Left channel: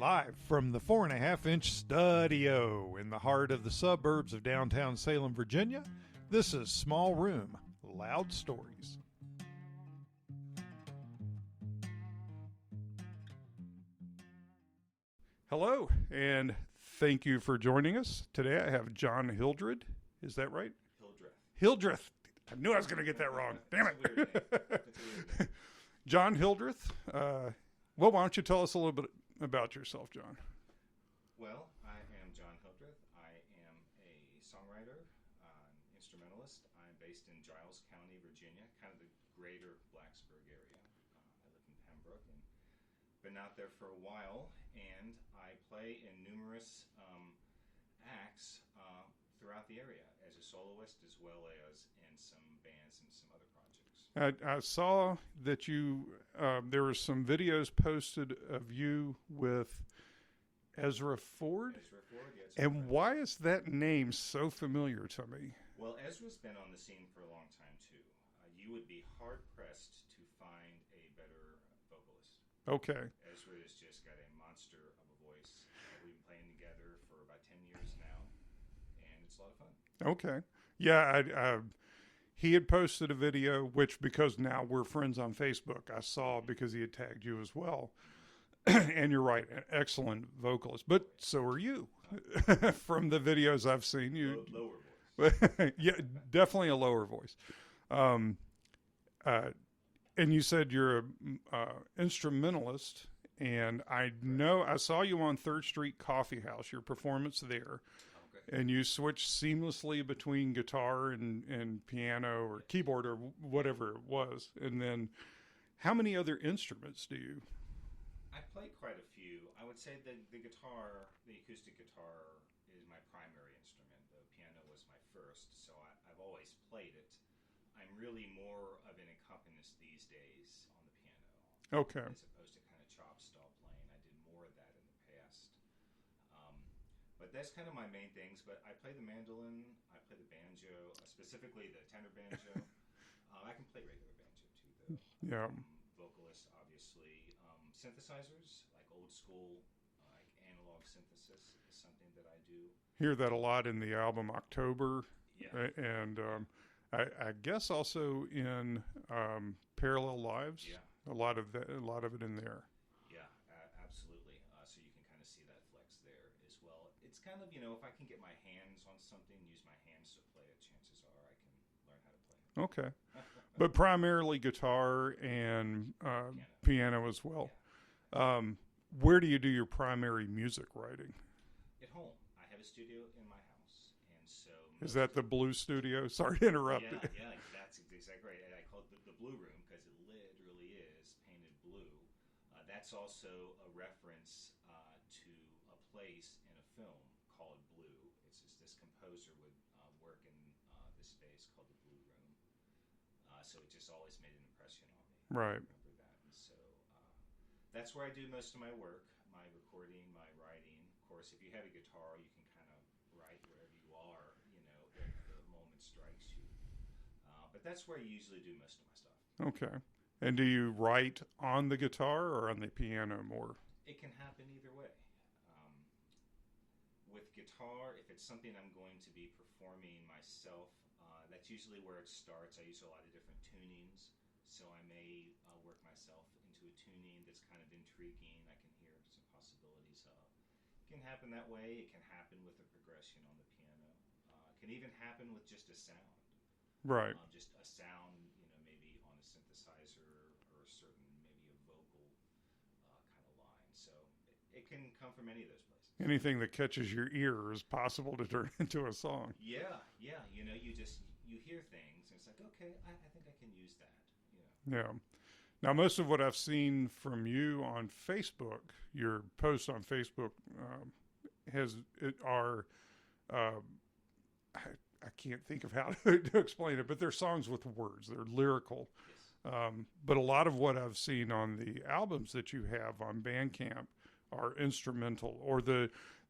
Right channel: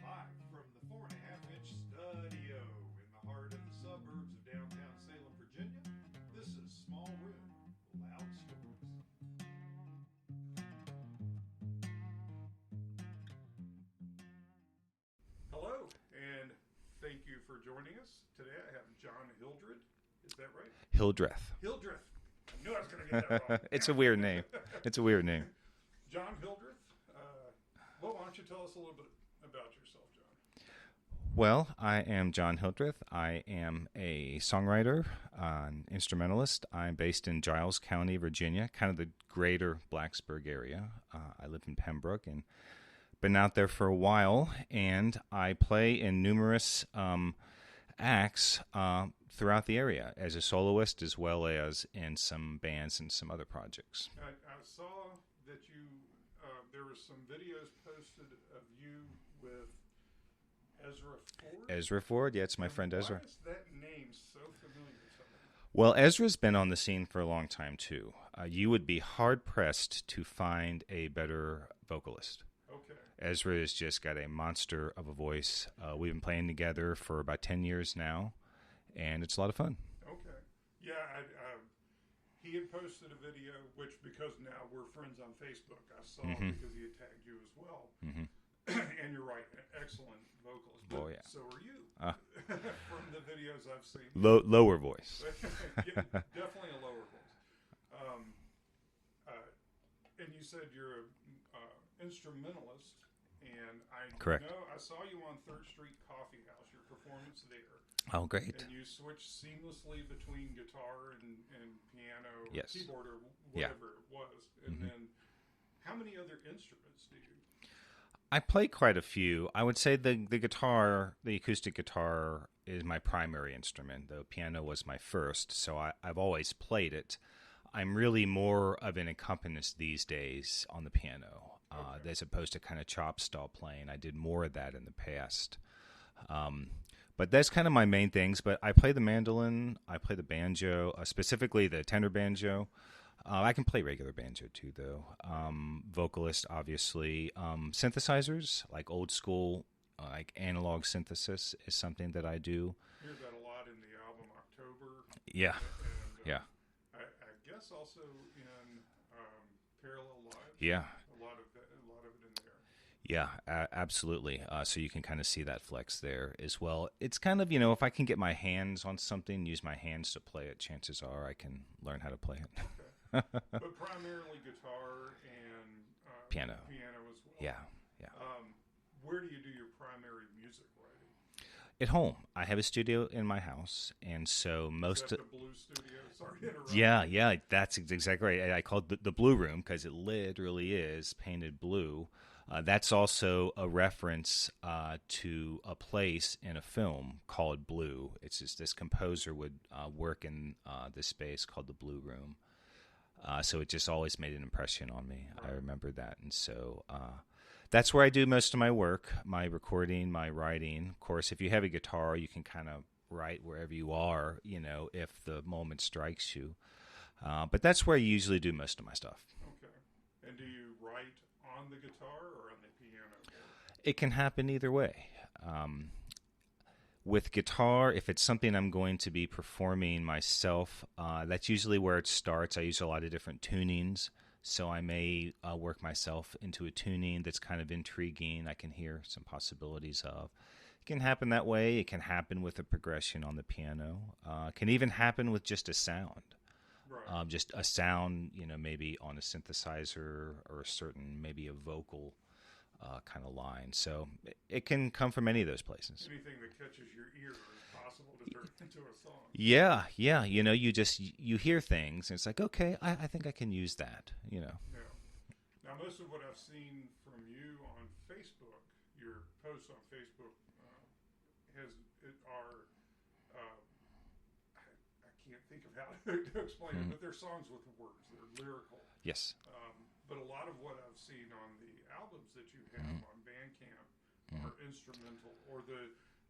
Live from the 4.5-inch studio in the heart of the suburbs of downtown Salem, Virginia, this is Small Room, Loud Stories. Hello, and thank you for joining us. Today I have John Hildreth. Is that right? Hildreth. Hildreth. I knew I was going to get that wrong. It's a weird name. It's a weird name. John Hildreth. Well, why don't you tell us a little bit about yourself, John? Well, I am John Hildreth. I am a songwriter, an instrumentalist. I'm based in Giles County, Virginia, kind of the greater Blacksburg area. I live in Pembroke and been out there for a while, and I play in numerous acts throughout the area as a soloist as well as in some bands and some other projects. I saw that you there were some videos posted of you with Ezra Ford. Ezra Ford, yeah, it's my friend Ezra. Ezra. Why is that name so familiar to me? Well, Ezra's been on the scene for a long time, too. You would be hard-pressed to find a better vocalist. Okay. Ezra has just got a monster of a voice. We've been playing together for about 10 years now, and it's a lot of fun. Okay. Yeah, he had posted a video, which because now we're friends on Facebook, I saw because he had tagged you as well. And you're right, an excellent vocalist. But so are you. From the videos I've seen. Lower voice. Yeah, definitely a lower voice. And you said you're a instrumentalist, and Correct. know I saw you on 3rd Street Coffee House, your performance there. Oh, great. And you switched seamlessly between guitar and piano or keyboard or whatever it was. And then how many other instruments do you? I play quite a few. I would say the guitar, the acoustic guitar, is my primary instrument. The piano was my first, so I've always played it. I'm really more of an accompanist these days on the piano, as opposed to kind of chop style playing. I did more of that in the past. But that's kind of my main things. But I play the mandolin, I play the banjo, specifically the tenor banjo. I can play regular banjo too, though. Vocalist, obviously. Synthesizers, like old school, like analog synthesis is something that I do. Hear that a lot in the album October. Yeah. And I guess also in Parallel Lives. Yeah. A lot of it in there. Yeah, absolutely. So you can kind of see that flex there as well. It's kind of, if I can get my hands on something, use my hands to play it, chances are I can learn how to play it. Okay. But primarily guitar and piano as well. Yeah. Where do you do your primary music writing? At home. I have a studio in my house, and so most... Is that the Blue Studio? Sorry to interrupt. Yeah, that's exactly right. I call it the Blue Room because it literally is painted blue. That's also a reference to a place in a film called Blue. It's just this composer would work in this space called the Blue Room. So it just always made an impression on me. Right. I remember that. And so that's where I do most of my work, my recording, my writing. Of course, if you have a guitar, you can kind of write wherever you are, if the moment strikes you. But that's where I usually do most of my stuff. Okay. And do you write on the guitar or on the piano more? It can happen either way. With guitar, if it's something I'm going to be performing myself, that's usually where it starts. I use a lot of different tunings, so I may work myself into a tuning that's kind of intriguing. I can hear some possibilities of. It can happen that way. It can happen with a progression on the piano. It can even happen with just a sound. Right. Just a sound, maybe on a synthesizer or a certain, maybe a vocal kind of line. So it can come from any of those places. Anything that catches your ear is possible to turn into a song. Yeah. You hear things, and it's like, okay, I think I can use that, Yeah. Now, most of what I've seen from you on Facebook, your posts on Facebook, I can't think of how to explain it, but they're songs with words. They're lyrical. Yes. But a lot of what I've seen on the albums that you have on Bandcamp are instrumental, or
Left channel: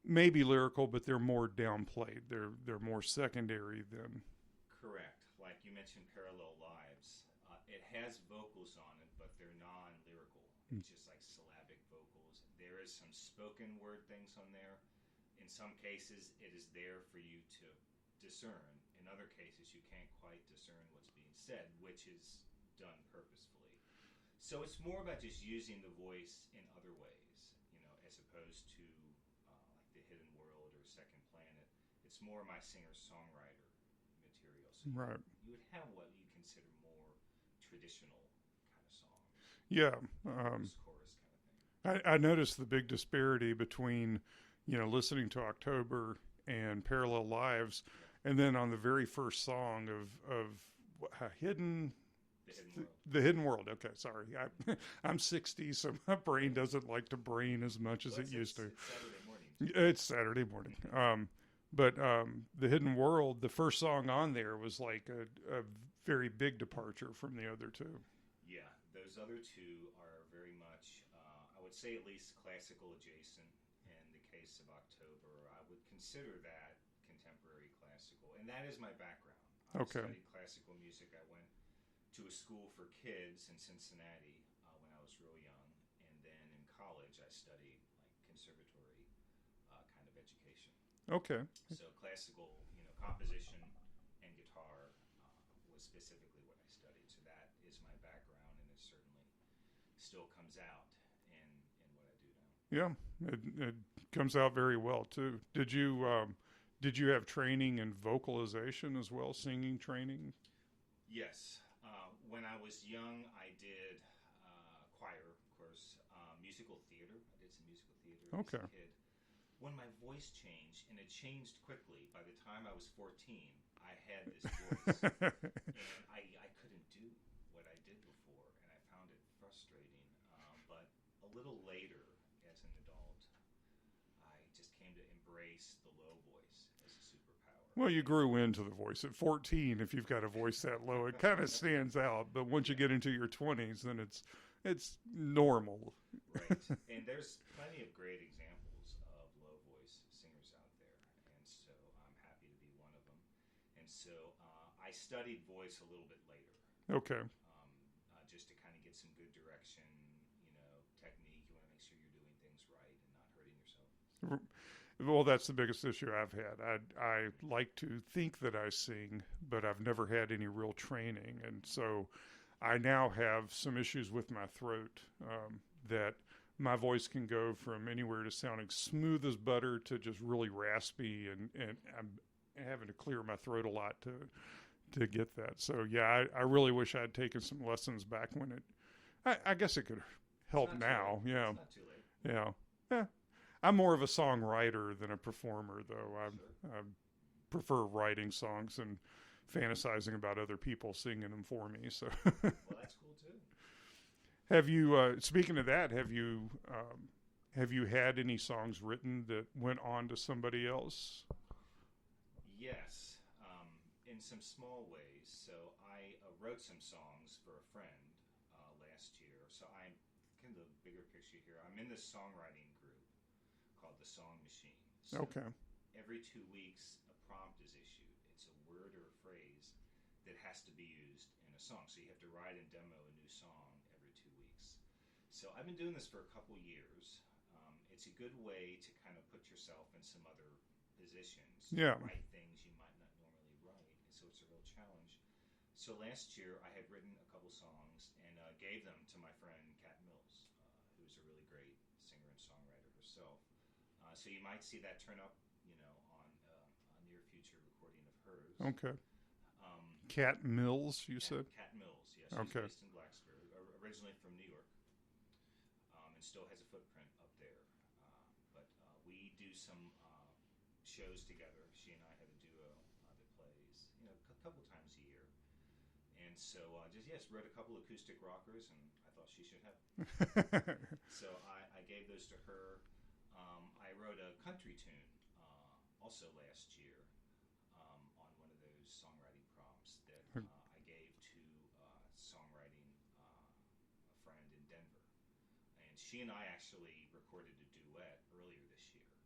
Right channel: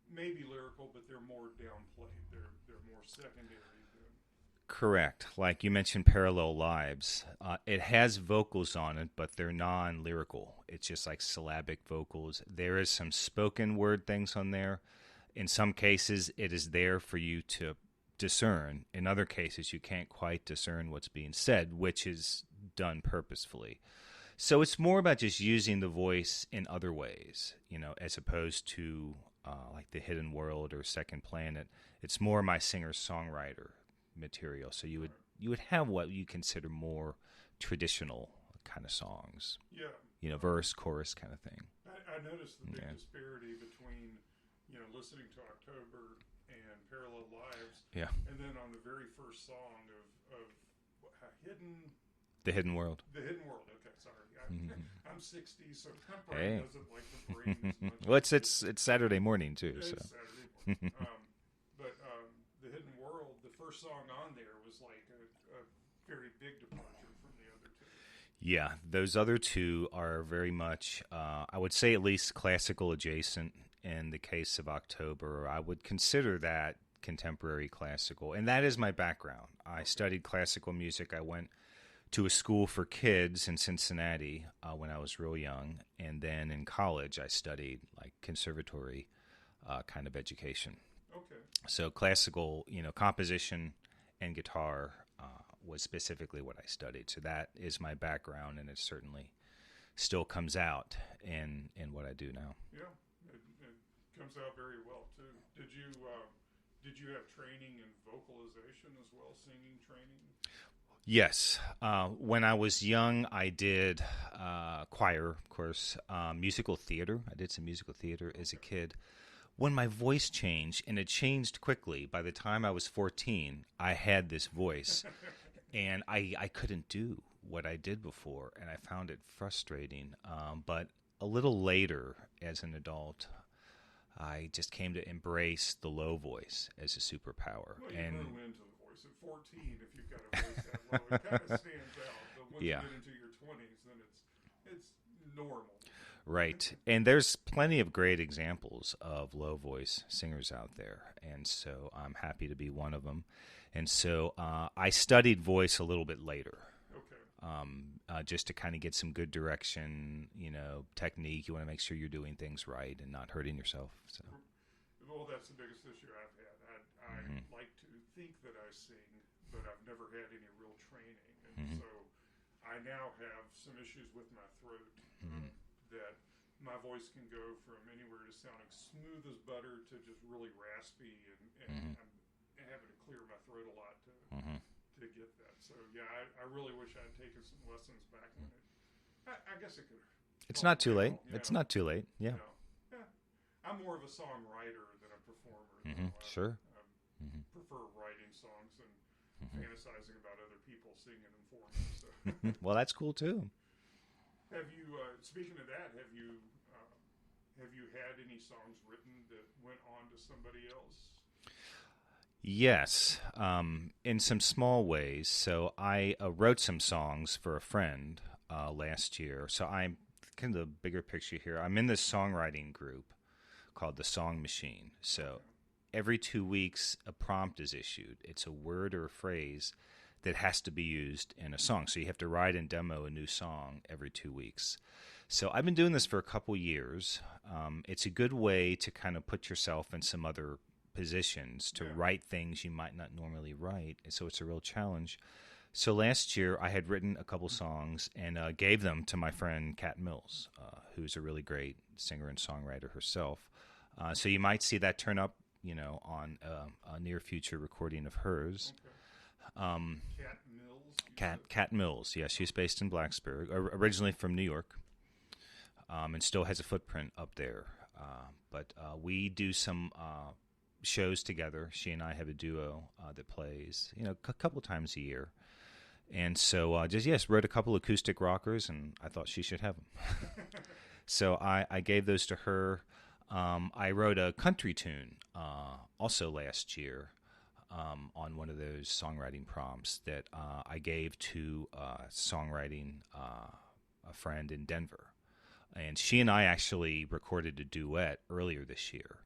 maybe lyrical, but they're more downplayed. They're more secondary than Correct. Like you mentioned, Parallel Lives. It has vocals on it, but they're non-lyrical. It's just like syllabic vocals. There is some spoken word things on there. In some cases, it is there for you to discern. In other cases, you can't quite discern what's being said, which is done purposefully. So it's more about just using the voice in other ways, as opposed to like The Hidden World or Second Planet. It's more my singer-songwriter material. So you would have what you consider more traditional kind of songs. Yeah. Verse, chorus kind of thing. I noticed the big disparity between, listening to October and Parallel Lives. Yeah. And then on the very first song of The Hidden World. The Hidden World. Okay, sorry. I'm 60, so my brain doesn't like to brain as much as it's Saturday morning, too. It's Saturday morning. But The Hidden World, the first song on there was like a very big departure from the other two. Yeah, those other two are very much, I would say at least classical adjacent in the case of October. I would consider that contemporary classical, and that is my background. I studied classical music. I went to a school for kids in Cincinnati when I was real young, and then in college I studied like conservatory kind of education. Okay. So classical, composition and guitar was specifically what I studied. So that is my background, and it certainly still comes out in what I do now. Yeah, it comes out very well too. Did you have training in vocalization as well, singing training? Yes. When I was young, I did choir, of course, musical theater. I did some musical theater as a kid. When my voice changed, and it changed quickly, by the time I was 14, I had this voice, and I couldn't do what I did before, and I found it frustrating. But a little later, as an adult, I just came to embrace the low voice as a superpower. Well, you grew into the voice. At 14, if you've got a voice that low, it kind of stands out. But once you get into your 20s, then it's normal. Right. And there's plenty of great examples of low voice singers out there. And so I'm happy to be one of them. And so I studied voice a little bit later. Okay. Just to kind of get some good direction, technique. You want to make sure you're doing things right and not hurting yourself. So. Well, that's the biggest issue I've had. I like to think that I sing, but I've never had any real training. And so I now have some issues with my throat that my voice can go from anywhere to sounding smooth as butter to just really raspy, and I'm having to clear my throat a lot to get that. So, yeah, I really wish I had taken some lessons back when I guess it could help. It's not too late. You know? It's not too late. Yeah. Yeah. I'm more of a songwriter than a performer, though. I prefer writing songs and fantasizing about other people singing them for me. So, well, that's cool too. Have you? Speaking of that, have you had any songs written that went on to somebody else? Yes, in some small ways. So I wrote some songs for a friend last year. So I'm kind of the bigger picture here. I'm in this songwriting group called the Song Machine. So every 2 weeks, a prompt is issued. It's a word or a phrase that has to be used in a song. So you have to write and demo a new song every 2 weeks. So I've been doing this for a couple years. It's a good way to kind of put yourself in some other positions to write things you might not normally write. So it's a real challenge. So last year I had written a couple songs and gave them to my friend Kat Mills, who's a really great singer and songwriter herself. So you might see that turn up, on a near future recording of hers. Okay. Kat Mills, you said? Kat Mills, yes. She's based in Blacksburg, originally from New York, and still has a footprint up there. But we do some shows together. She and I have a duo that plays, a couple times a year. And so wrote a couple acoustic rockers, and I thought she should have them. So I gave those to her. I wrote a country tune also last year on one of those songwriting prompts that I gave to songwriting a friend in Denver. And she and I actually recorded a duet earlier this year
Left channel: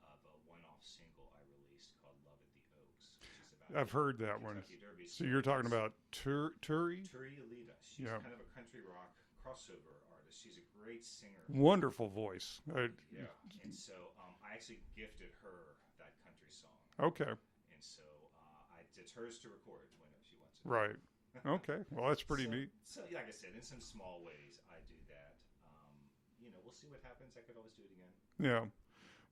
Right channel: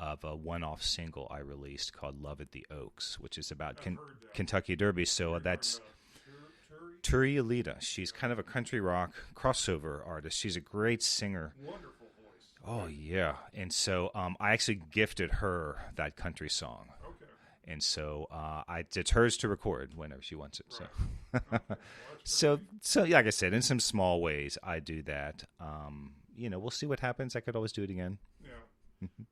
of a one-off single I released called "Love at the Oaks," which is about I've heard that Kentucky Derby. So you're that's talking about Turi? Turi Alita. She's kind of a country rock crossover artist. She's a great singer. Wonderful voice. Oh, yeah. And so I actually gifted her that country song. Okay. And so it's hers to record whenever she wants it. Right. So. Okay. Well, that's pretty neat. So, like I said, in some small ways, I do that. We'll see what happens. I could always do it again. Yeah.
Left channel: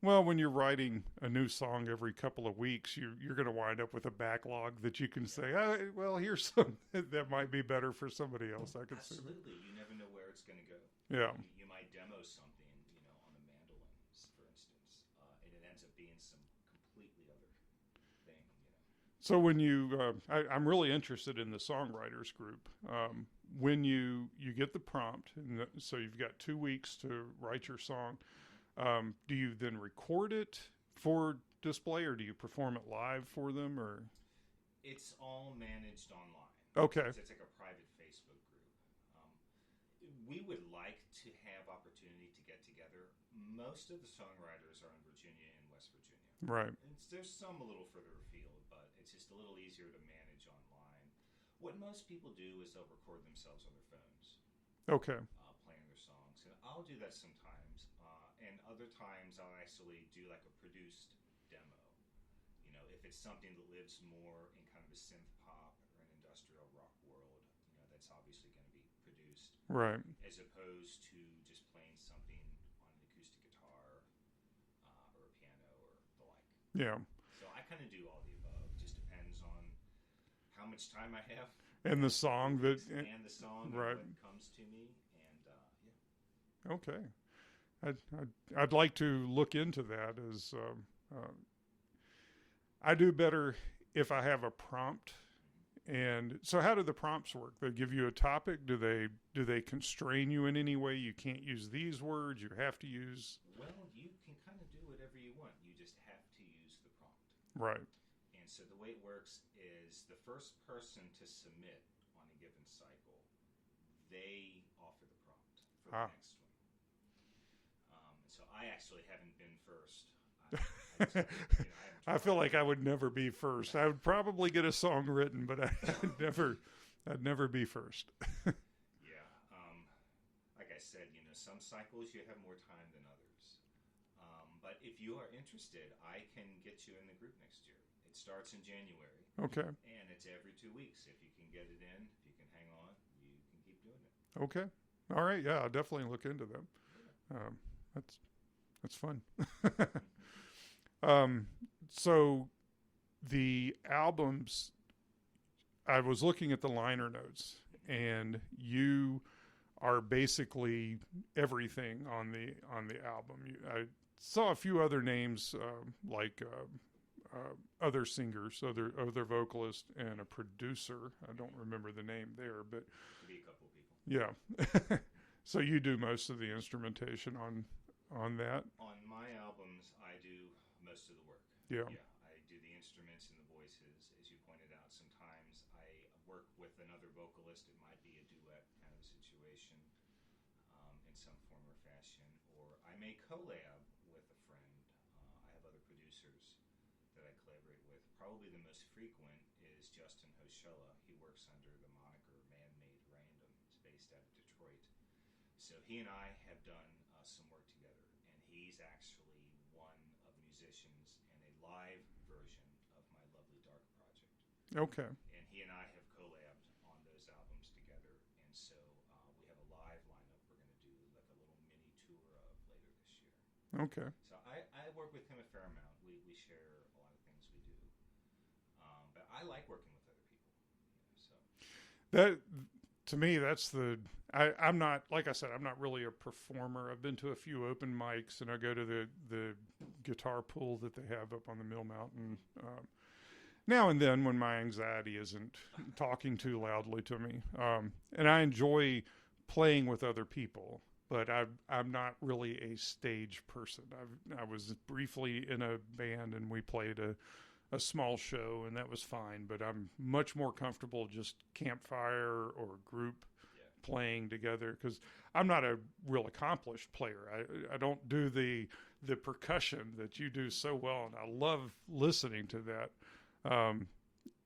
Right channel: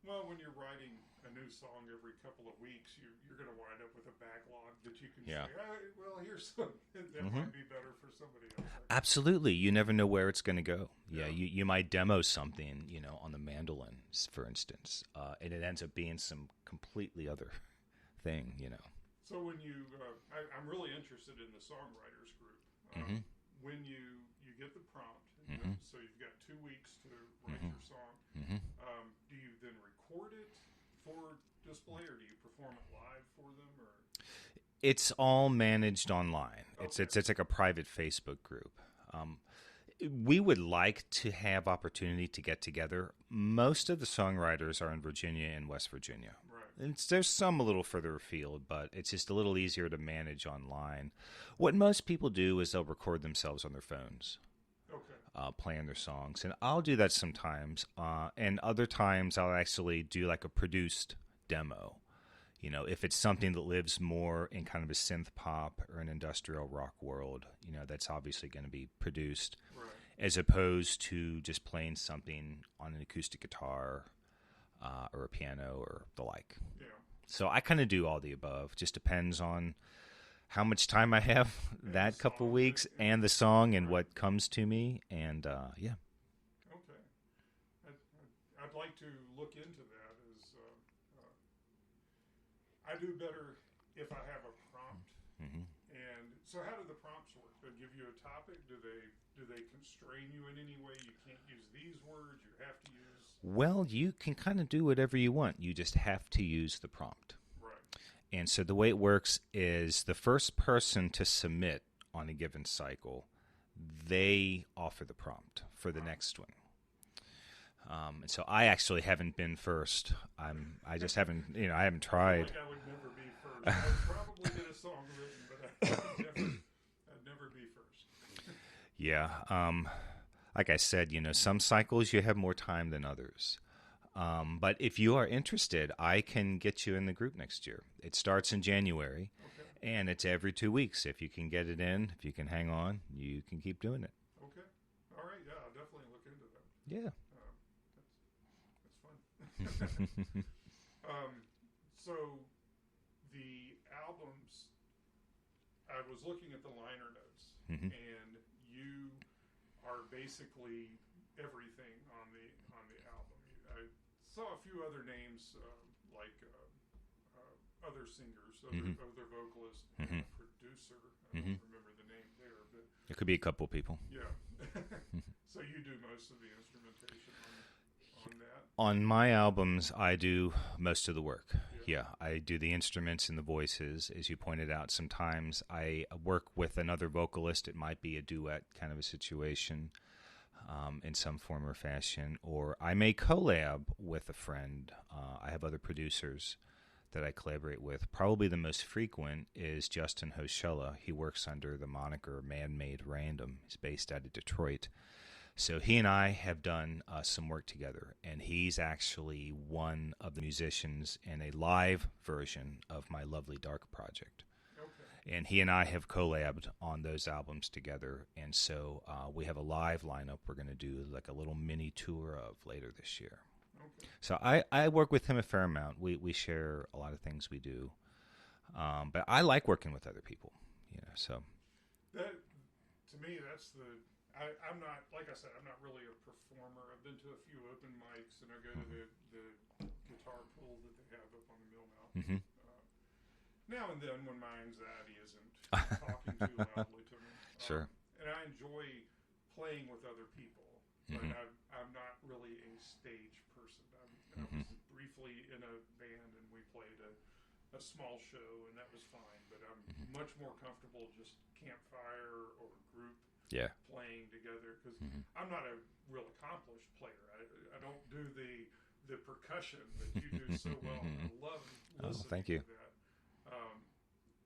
Well, when you're writing a new song every couple of weeks, you're going to wind up with a backlog that you can say, oh, well, here's some that might be better for somebody else. Absolutely. You never know where it's going to go. Yeah. You might demo something, on the mandolin, for instance, and it ends up being some completely other thing, So when you, I'm really interested in the songwriters group. When you get the prompt, and so you've got 2 weeks to write your song, do you then record it for display, or do you perform it live for them, or? It's all managed online. Okay. It's like a private Facebook group. We would like to have opportunity to get together. Most of the songwriters are in Virginia and West Virginia. Right. There's some a little further afield, but it's just a little easier to manage online. What most people do is they'll record themselves on their phones. Okay. Playing their songs. And I'll do that sometimes. And other times I'll actually do like a produced demo. If it's something that lives more in kind of a synth pop or an industrial rock world, that's obviously going to be produced. Right. As opposed to just playing something on an acoustic guitar or a piano or the like. Yeah. So I kind of do all the above. Just depends on how much time I have and that couple of weeks and the song and what comes to me. And yeah. Okay. I'd like to look into that as I do better if I have a prompt. And so how do the prompts work? They give you a topic. Do they constrain you in any way? You can't use these words. You have to use. Well, you can kind of do whatever you want. You just have to use the prompt. Right. And so the way it works is the first person to submit on a given cycle, they offer the prompt for the next one. And so I actually haven't been first. I just haven't, I haven't tried. I feel like I would never be first. I would probably get a song written, but I'd never be first. Yeah. Like I said, some cycles you have more time than others. But if you are interested, I can get you in the group next year. It starts in January. Okay. And it's every 2 weeks. If you can get it in, if you can hang on, you can keep doing it. Okay. All right. Yeah, I'll definitely look into them. Yeah. That's fun. So the albums, I was looking at the liner notes, and you are basically everything on the album. I saw a few other names like other singers, other vocalists, and a producer. I don't remember the name there, but it could be a couple people. Yeah. So you do most of the instrumentation on that? On my albums, I do most of the work. Yeah. I do the instruments and the voices, as you pointed out. Sometimes I work with another vocalist. It might be a duet kind of a situation in some form or fashion, or I may collab with a friend. I have other producers that I collaborate with. Probably the most frequent is Justin Hoshella. He works under the moniker Man-Made Random. He's based out of Detroit. So he and I have done some work together, and he's actually one of the musicians in a live version of my Lovely Dark project. Okay. And he and I have collabed on those albums together, and so we have a live lineup we're going to do like a little mini tour of later this year. Okay. So I work with him a fair amount. We share a lot of things we do, but I like working with other people. So that to me, that's the. I'm not, like I said, I'm not really a performer. I've been to a few open mics, and I go to the guitar pool that they have up on the Mill Mountain. Now and then when my anxiety isn't talking too loudly to me. Sure. And I enjoy playing with other people, but I'm not really a stage person. I was briefly in a band, and we played a small show, and that was fine, but I'm much more comfortable just campfire or group. playing together, because I'm not a real accomplished player. I don't do the percussion that you do so well, and I love listening to that.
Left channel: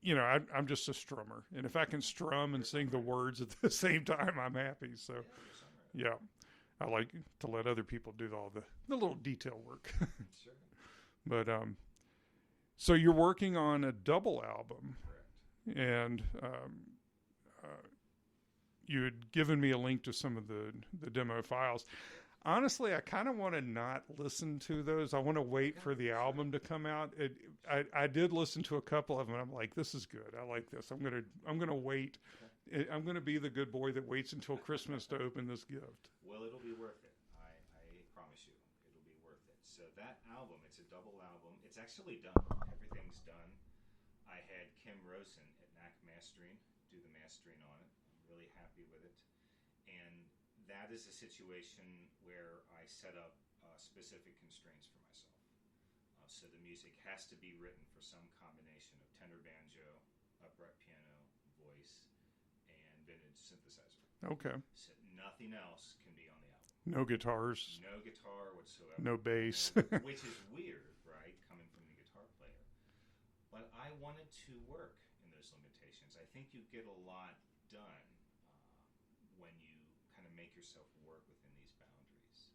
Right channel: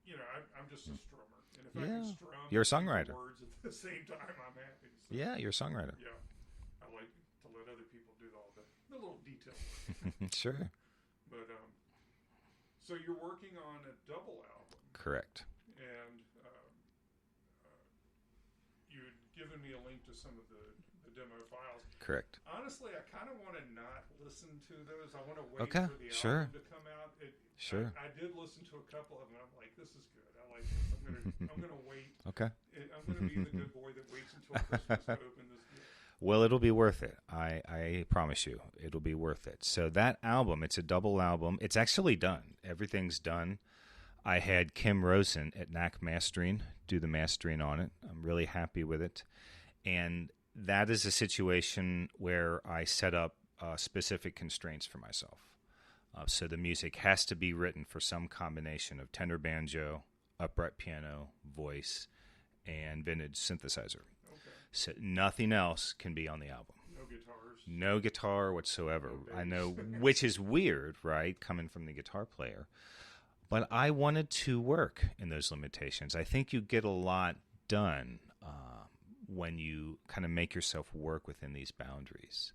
You know, I'm just a strummer, and if I can strum and sing the words at the same time, I'm happy. So yeah, you're a songwriter. Yeah, I like to let other people do all the little detail work. Sure. But so you're working on a double album, correct? And you had given me a link to some of the demo files. Correct. Honestly, I kind of want to not listen to those. I want to wait for the album to come out. I did listen to a couple of them. I'm like, this is good. I like this. I'm gonna wait. Okay. I'm gonna be the good boy that waits until Christmas to open this gift. Well, it'll be worth it. I promise you, it'll be worth it. So that album, it's a double album. It's actually done. Everything's done. I had Kim Rosen at Knack Mastering do the mastering on it. I'm really happy with it. And that is a situation where I set up specific constraints for myself. So the music has to be written for some combination of tenor banjo, upright piano, voice, and vintage synthesizer. Okay. So nothing else can be on the album. No guitars. No guitar whatsoever. No bass. I know, which is weird, right, coming from the guitar player. But I wanted to work in those limitations. I think you get a lot done when you kind of make yourself work within these boundaries.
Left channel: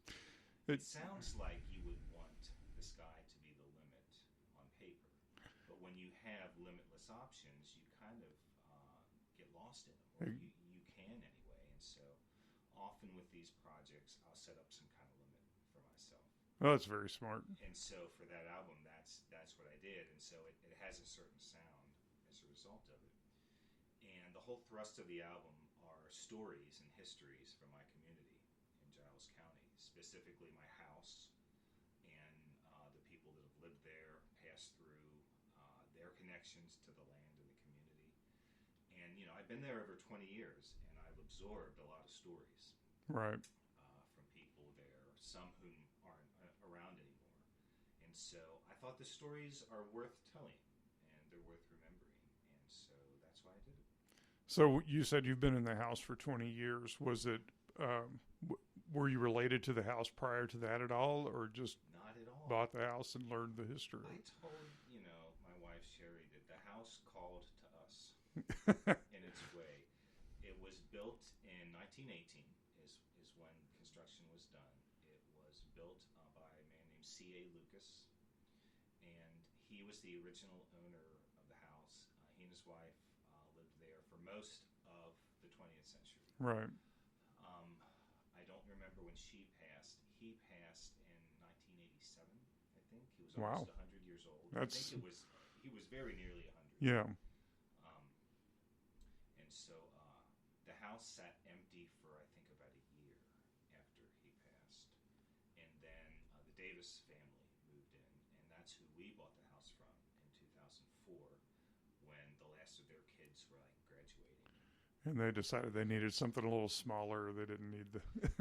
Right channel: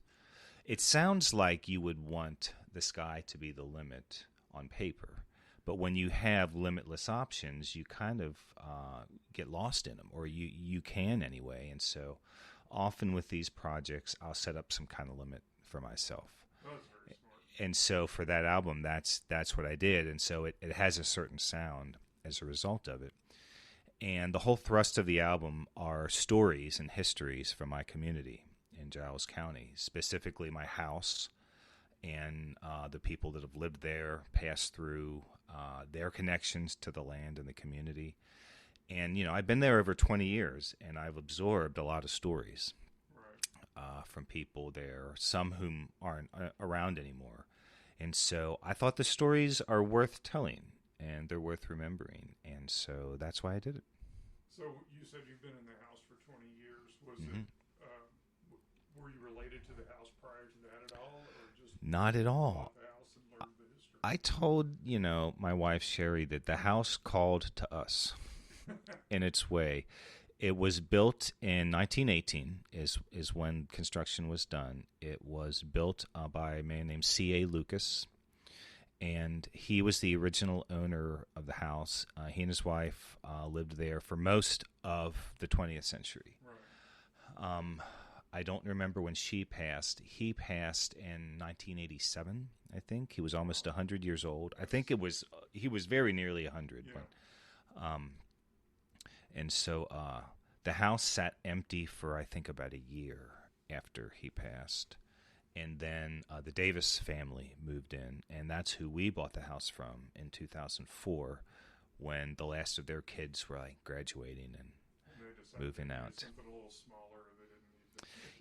It sounds like you would want the sky to be the limit on paper. But when you have limitless options, you kind of get lost in them, or you can anyway. And so often with these projects, I'll set up some kind of limit for myself. Oh, that's very smart. And so for that album, that's what I did. And so it has a certain sound as a result of it. And the whole thrust of the album are stories and histories from my community in Giles County, specifically my house and the people that have lived there, passed through their connections to the land and the community. And, you know, I've been there over 20 years, and I've absorbed a lot of stories. Right. From people there, some whom aren't around anymore. And so I thought the stories are worth telling, and they're worth remembering. And so that's why I did it. So you said you've been in the house for 20 years. Was it, were you related to the house prior to that at all, or just not at all? Bought the house and learned the history? I told, my wife, Sherry, that the house called to us in its way. It was built in 1918 is when construction was done. It was built by a man named C.A. Lucas, and he was the original owner of the house. He and his wife lived there for most of the 20th century. Right. I don't remember when she passed. He passed in 1987, I think. He was almost 100 years old. I think he was very nearly 100. Yeah. And so the house sat empty for, I think, about a year after he passed. And then the Davis family moved in, and that's who we bought the house from in 2004 when the last of their kids were graduating. And they decided they needed something a little smaller. They didn't need the...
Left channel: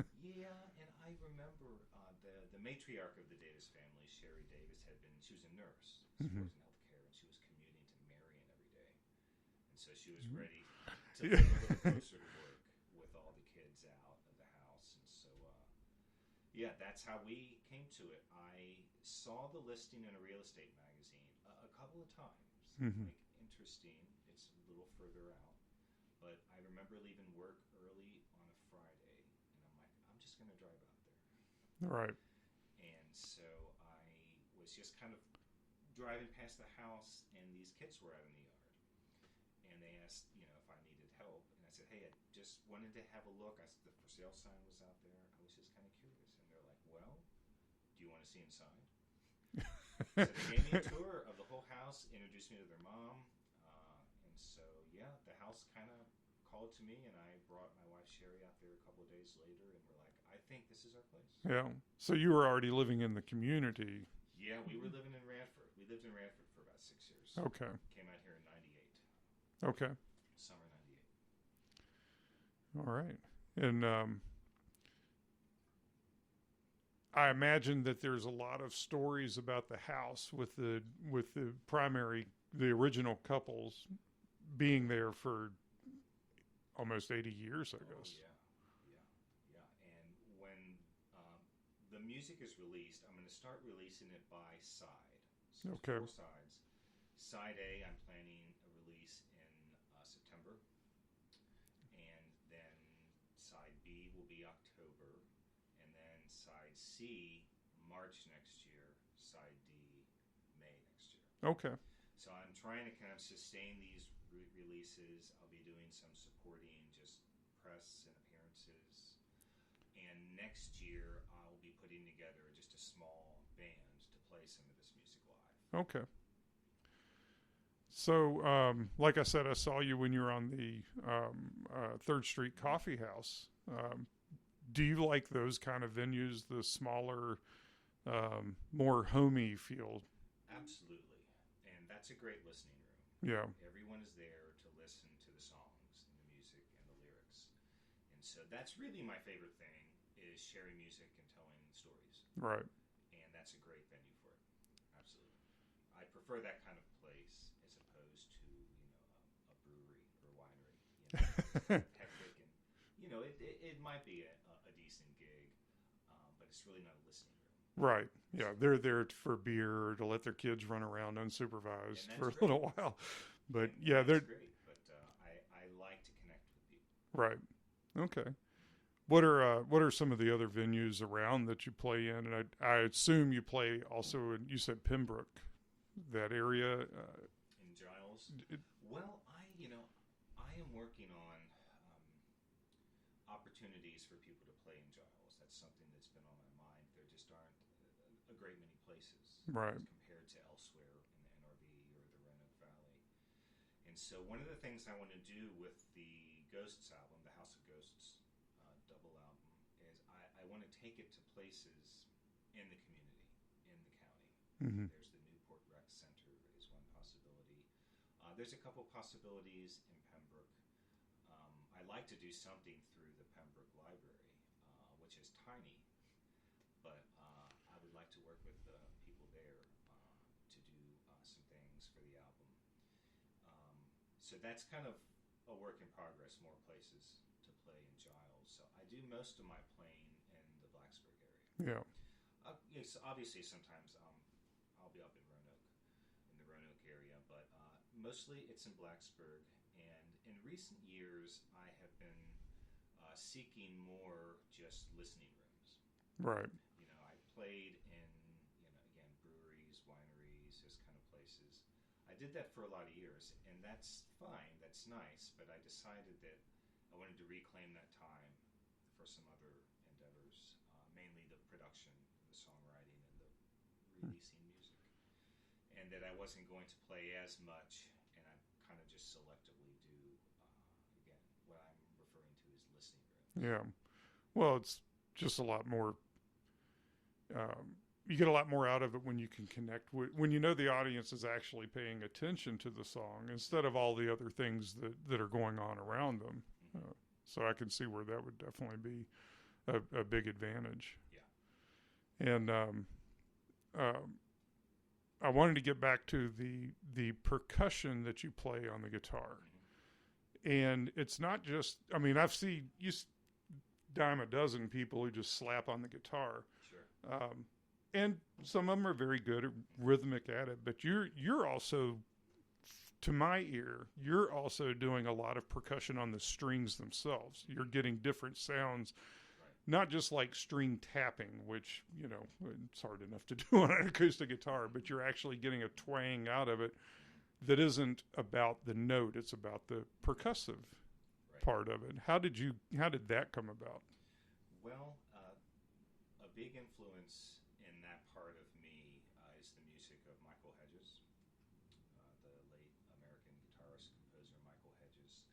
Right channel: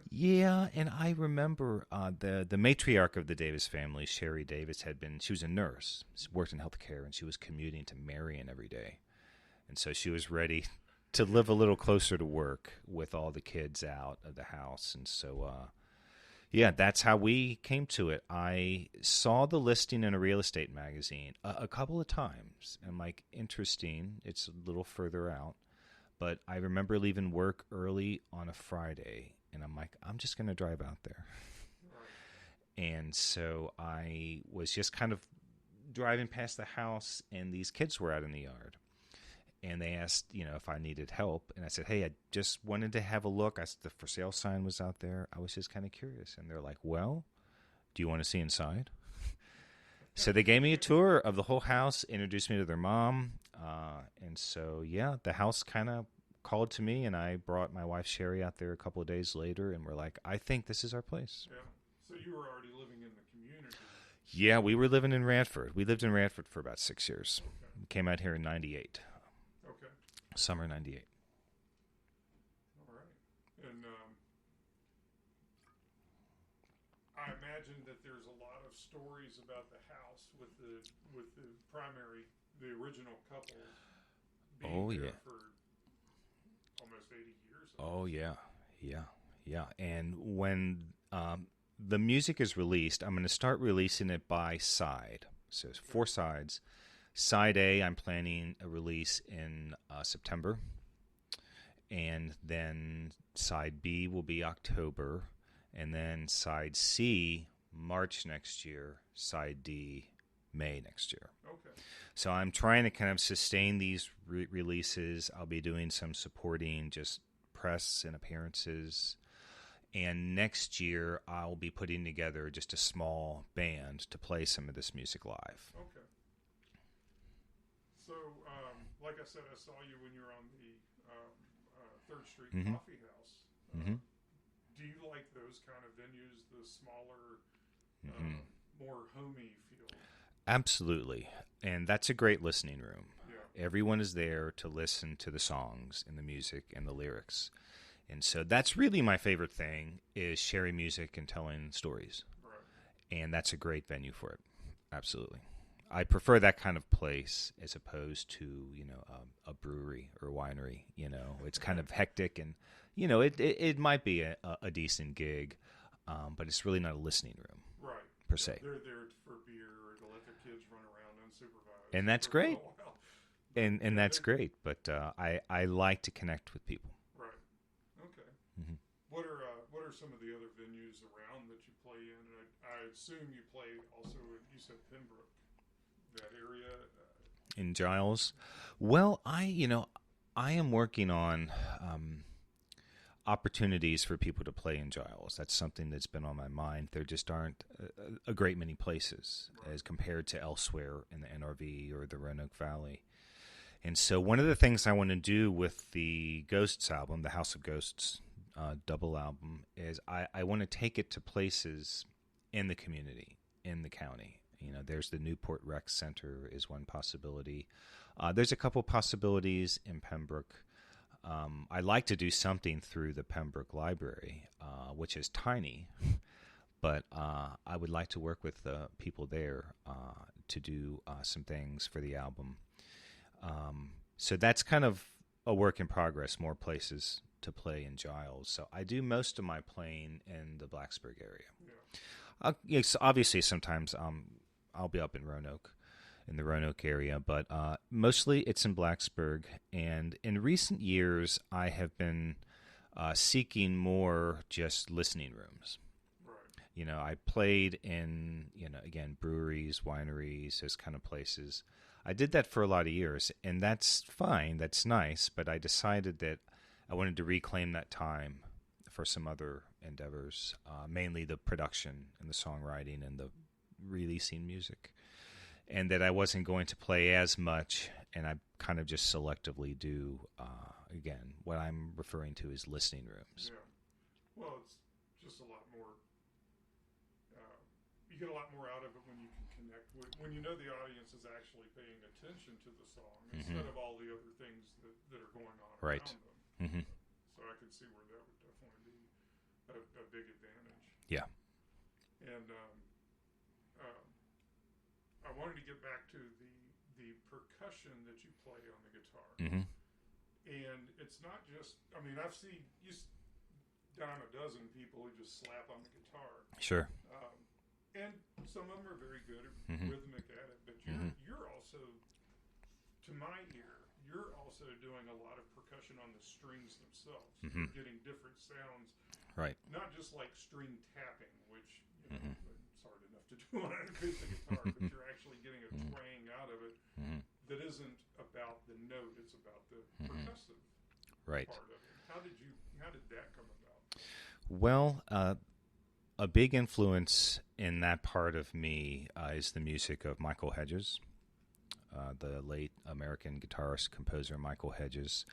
Yeah, and I remember the matriarch of the Davis family, Sherry Davis, she was a nurse, worked in healthcare, and she was commuting to Marion every day. And so she was ready to live a little closer to work with all the kids out of the house. And so, that's how we came to it. I saw the listing in a real estate magazine a couple of times. I'm like, interesting. It's a little further out. But I remember leaving work early on a Friday, and I'm like, I'm just going to drive out there. Right. And so I was just kind of driving past the house, and these kids were out in the yard. And they asked, if I needed help. And I said, hey, I just wanted to have a look. The for sale sign was out there. I was just kind of curious. And they're like, well, do you want to see inside? So they gave me a tour of the whole house, introduced me to their mom. And so, the house kind of called to me, and I brought my wife, Sherry, out there a couple of days later, and we're like, I think this is our place. Yeah. So you were already living in the community. Yeah, we were living in Radford. We lived in Radford for about 6 years. Okay. Came out here in 98. Okay. Summer 98. All right. And I imagine that there's a lot of stories about the house with the original couples being there for almost 80 years. Oh, yeah. And when the music is released, I'm going to start releasing it by side. So there's 4 sides. Side A, I'm planning a release in September. And then side B will be October. And then side C, March next year. Side D, May next year. Okay. So I'm trying to kind of sustain these releases. I'll be doing some supporting just press and appearances. And next year, I'll be putting together just a small band to play some of this music live. Okay. So, like I said, I saw you when you were on the 3rd Street Coffee House. Do you like those kind of venues, the smaller, more homey feel? Absolutely. And that's a great listening room. Yeah. Everyone is there to listen to the songs and the music and the lyrics. And so that's really my favorite thing, is sharing music and telling stories. Right. And that's a great venue for it. Absolutely. I prefer that kind of place as opposed to, a brewery or winery. It's kind of hectic, and, it might be a decent gig, but it's really not a listening room. Right. Per se. They're there for beer, to let their kids run around unsupervised. And that's for great. A while. But, and that's great. But I like to connect with people. Right. Okay. What are some of the other venues around that you play in? And I assume you play also in, you said Pembroke, that area. In Giles? Well, I am working on opportunities for people to play in Giles. That's something that's been on my mind. There just aren't a great many places as compared to elsewhere in the NRV or the Roanoke Valley. And so one of the things I want to do with the Ghosts album, the House of Ghosts double album, is I want to take it to places in the community, in the county. There's the Newport Rec Center is one possibility. There's a couple possibilities in Pembroke. I like to do something through the Pembroke Library, which is tiny, but I would like to work with the people there to do some things for the album. So that's kind of a work in progress, more places to play in Giles. So I do most of my playing in the Blacksburg area. Yeah. Yes, obviously, sometimes I'll be up in the Roanoke area, but mostly it's in Blacksburg. And in recent years, I have been seeking more just listening rooms. Right. I played in, again, breweries, wineries, those kind of places. I did that for a lot of years, and that's fine. That's nice, but I decided that I wanted to reclaim that time for some other endeavors, mainly the production and the songwriting and the releasing music, and that I wasn't going to play as much, and I kind of just selectively do, again, what I'm referring to as listening rooms. Yeah. Well, it's just a lot more... you get a lot more out of it when you can connect with, when the audience is actually paying attention to the song instead of all the other things that are going on around them. So I can see where that would definitely be a big advantage. Yeah. And I wanted to get back to the percussion that you play on the guitar. And it's not just, I've seen you dime a dozen people who just slap on the guitar. Sure. And some of them are very good at rhythmic at it, but you're also, to my ear, you're also doing a lot of percussion on the strings themselves. You're getting different sounds, right? Not just like string tapping, which it's hard enough to do on an acoustic guitar, but you're actually getting a twang out of it that isn't about the note; it's about the percussive part of it. How did that come about? Well, a big influence in that part of me is the music of Michael Hedges, the late American guitarist, composer Michael Hedges.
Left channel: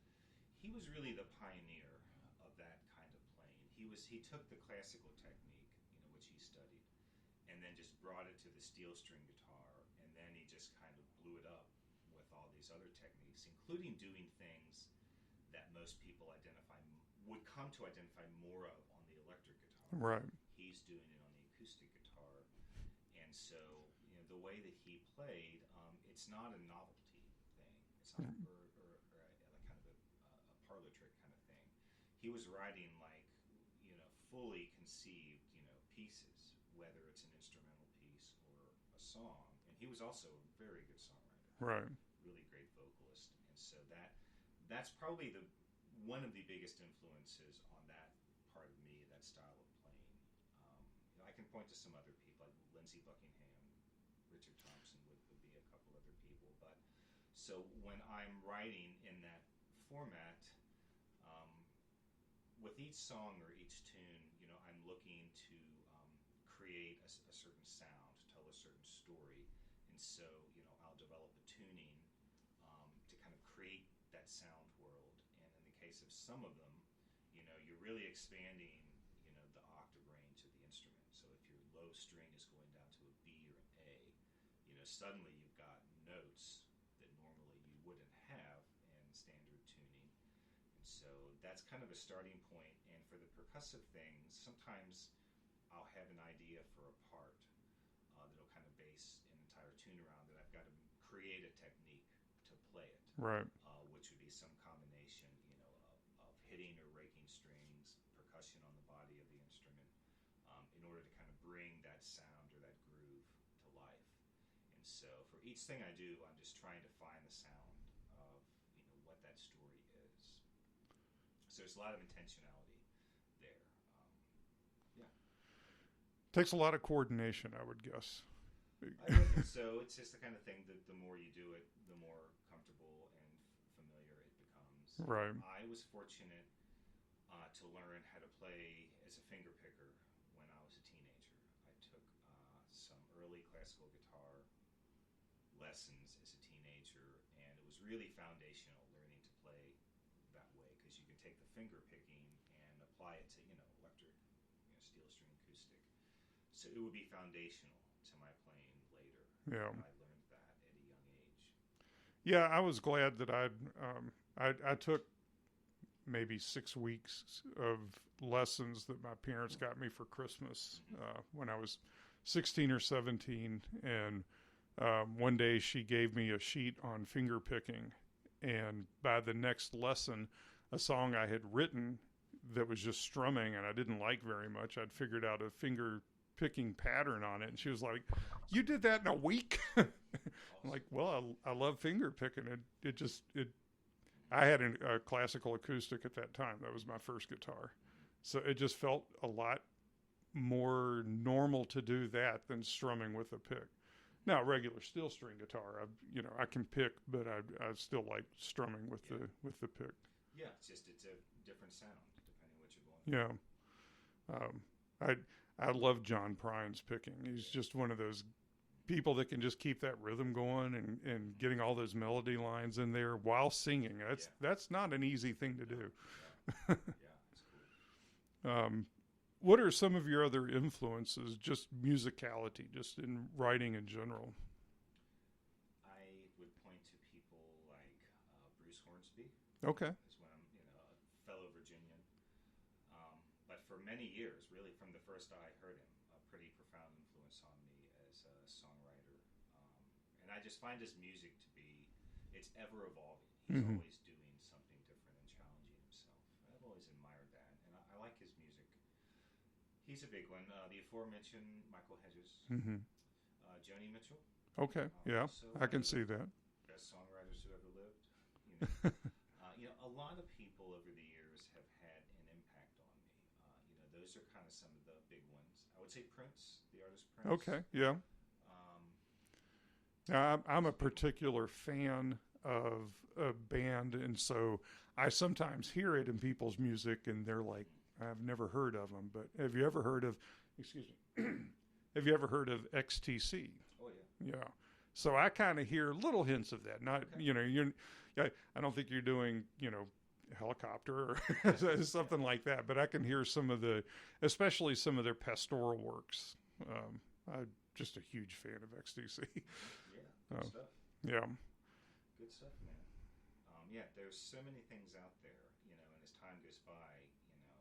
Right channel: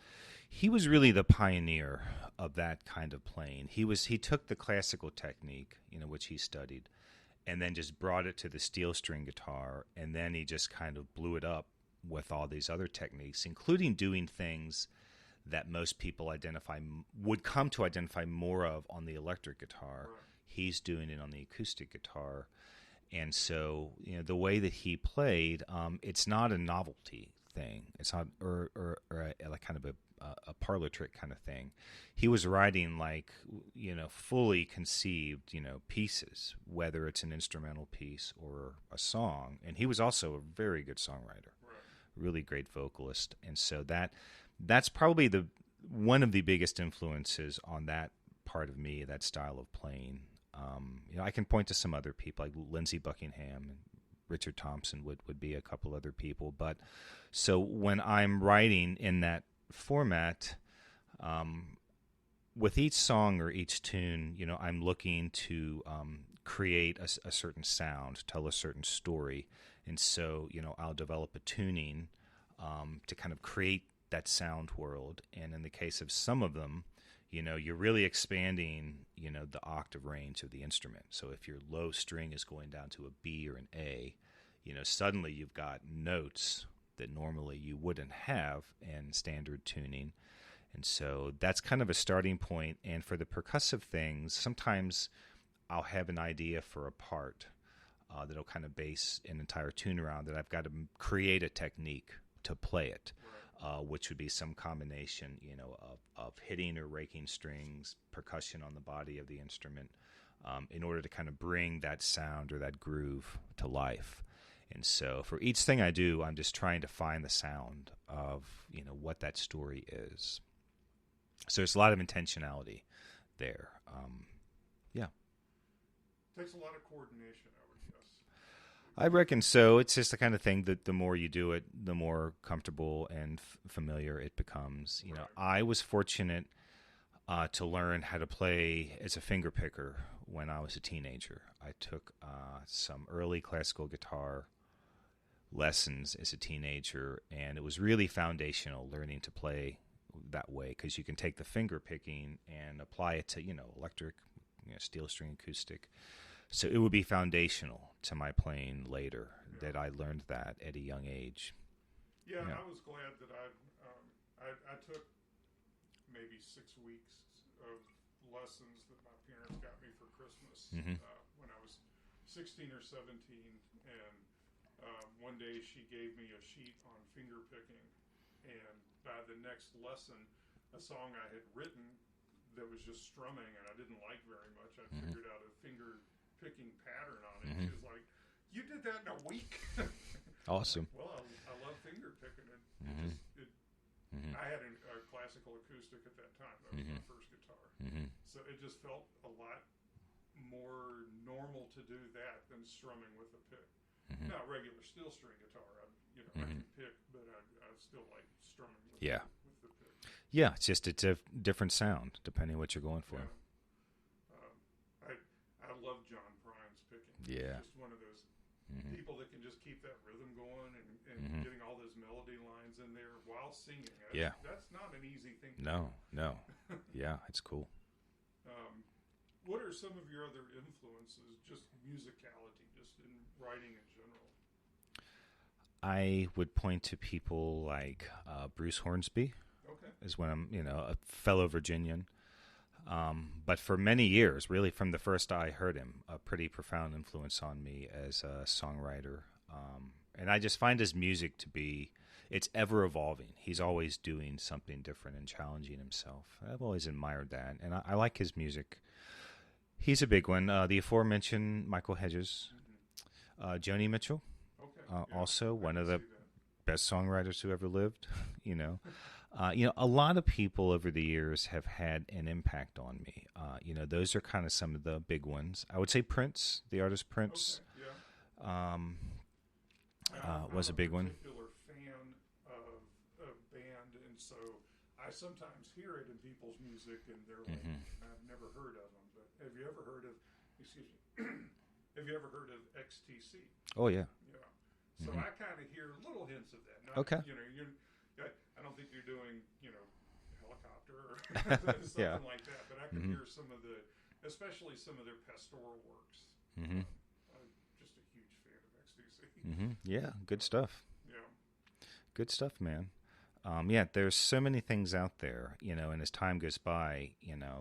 He was really the pioneer of that kind of playing. He took the classical technique, which he studied, and then just brought it to the steel string guitar, and then he just kind of blew it up with all these other techniques, including doing things that most people would come to identify more of on the electric guitar. Right. He's doing it on the acoustic guitar. And so, the way that he played, it's not a novelty thing. It's not, or a kind of a parlor trick kind of thing. He was writing like, fully conceived, pieces, whether it's an instrumental piece or a song. And he was also a very good songwriter, Right. really great vocalist. And so that's probably one of the biggest influences on that part of me, that style of playing. I can point to some other people like Lindsey Buckingham and Richard Thompson would be a couple other people. But so when I'm writing in that format, with each song or each tune, I'm looking to create a certain sound, tell a certain story. And so, I'll develop a tuning to kind of create that sound world. And in the case of some of them, you're really expanding, the octave range of the instrument. So if your low string is going down to a B or an A, suddenly you've got notes that normally you wouldn't have in standard tuning. And so that's kind of a starting point. And for the percussive things, sometimes I'll have an idea for a part that'll kind of base an entire tune around that I've got to create a technique to play it, right? Which would be some combination, of hitting or raking strings, percussion on the body of the instrument, in order to kind of bring that sound or that groove to life. And so for each thing I do, I'm just trying to find the sound of, what that story is. So there's a lot of intentionality there. Yeah. Takes a lot of coordination, I would guess. I reckon so. It's just the kind of thing that the more you do it, the more comfortable and familiar it becomes. Right. I was fortunate to learn how to play as a finger picker when I was a teenager. I took some early classical guitar lessons as a teenager, and it was really foundational learning to play that way, because you can take the finger picking and apply it to, electric, steel string acoustic. So it would be foundational to my playing later that I learned that at a young age. Yeah, I was glad that I took maybe 6 weeks of lessons that my parents got me for Christmas when I was 16 or 17. And one day she gave me a sheet on finger picking. And by the next lesson, a song I had written that was just strumming and I didn't like very much, I'd figured out a finger picking pattern on it. And she was like, "You did that in a week?" Awesome. Like, well, I love finger picking. I had a classical acoustic at that time. That was my first guitar. So it just felt a lot more normal to do that than strumming with a pick. Now, regular steel string guitar, I can pick, but I still like strumming with the pick. Yeah, it's a different sound depending on what you're going for. Yeah. I love John Prine's picking. He's just one of those people that can just keep that rhythm going and getting all those melody lines in there while singing. That's not an easy thing to do. No. Yeah, it's cool. What are some of your other influences, just musicality, just in writing in general? I would point to people like Bruce Hornsby. Okay. Is when I'm, a fellow Virginian. But for many years, really from the first I heard him, a pretty profound influence on me as a songwriter. And I just find his music to be, it's ever evolving. He's always doing something different and challenging himself. I've always admired that. And I like his music. He's a big one. The aforementioned Michael Hedges, Joni Mitchell. Okay. Also one I of the see that. best songwriters who ever lived. A lot of people over the years have had an impact on me. Those are kind of some of the big ones. I would say Prince, the artist Prince. Okay. Yeah. I'm was a a big particular fan of a band, and so I sometimes hear it in people's music, and they're like, "I've never heard of them." But have you ever heard of? Excuse me. Have you ever heard of XTC? Oh yeah. Yeah. So I kind of hear little hints of that. Not, okay. I don't think you're doing, helicopter or something like that, but I can hear some of especially some of their pastoral works. I'm just a huge fan of XTC. Yeah, good stuff. Yeah. Good stuff, man. There's so many things out there, and as time goes by,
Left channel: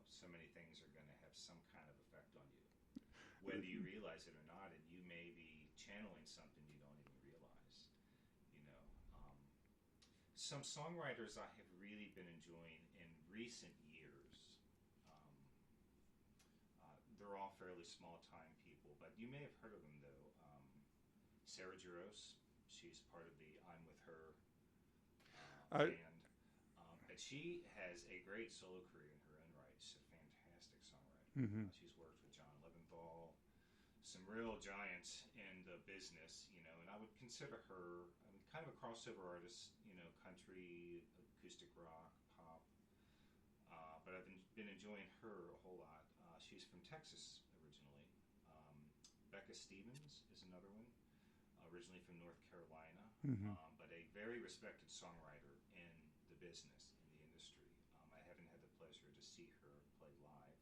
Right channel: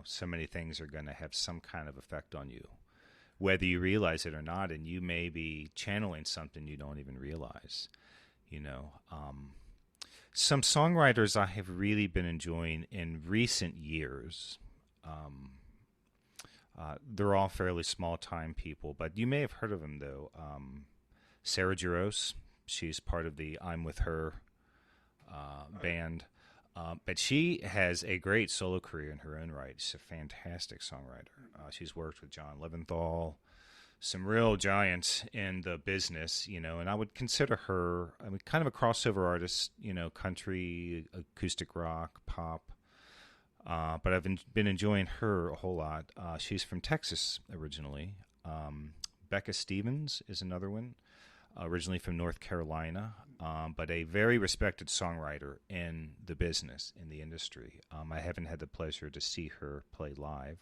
so many things are going to have some kind of effect on you, whether you realize it or not, and you may be channeling something you don't even realize, Some songwriters I have really been enjoying in recent years. They're all fairly small-time people, but you may have heard of them, though. Sarah Jaros, she's part of the I'm With Her band. But she has a great solo career in her own right. She's a fantastic songwriter. Mm-hmm. She's worked with John Leventhal, some real giants in the business, and I would consider her kind of a crossover artist, country, acoustic rock, pop. But I've been enjoying her a whole lot. She's from Texas originally. Becca Stevens is another one, originally from North Carolina, but a very respected songwriter in the business, in the industry. I haven't had the pleasure to see her play live,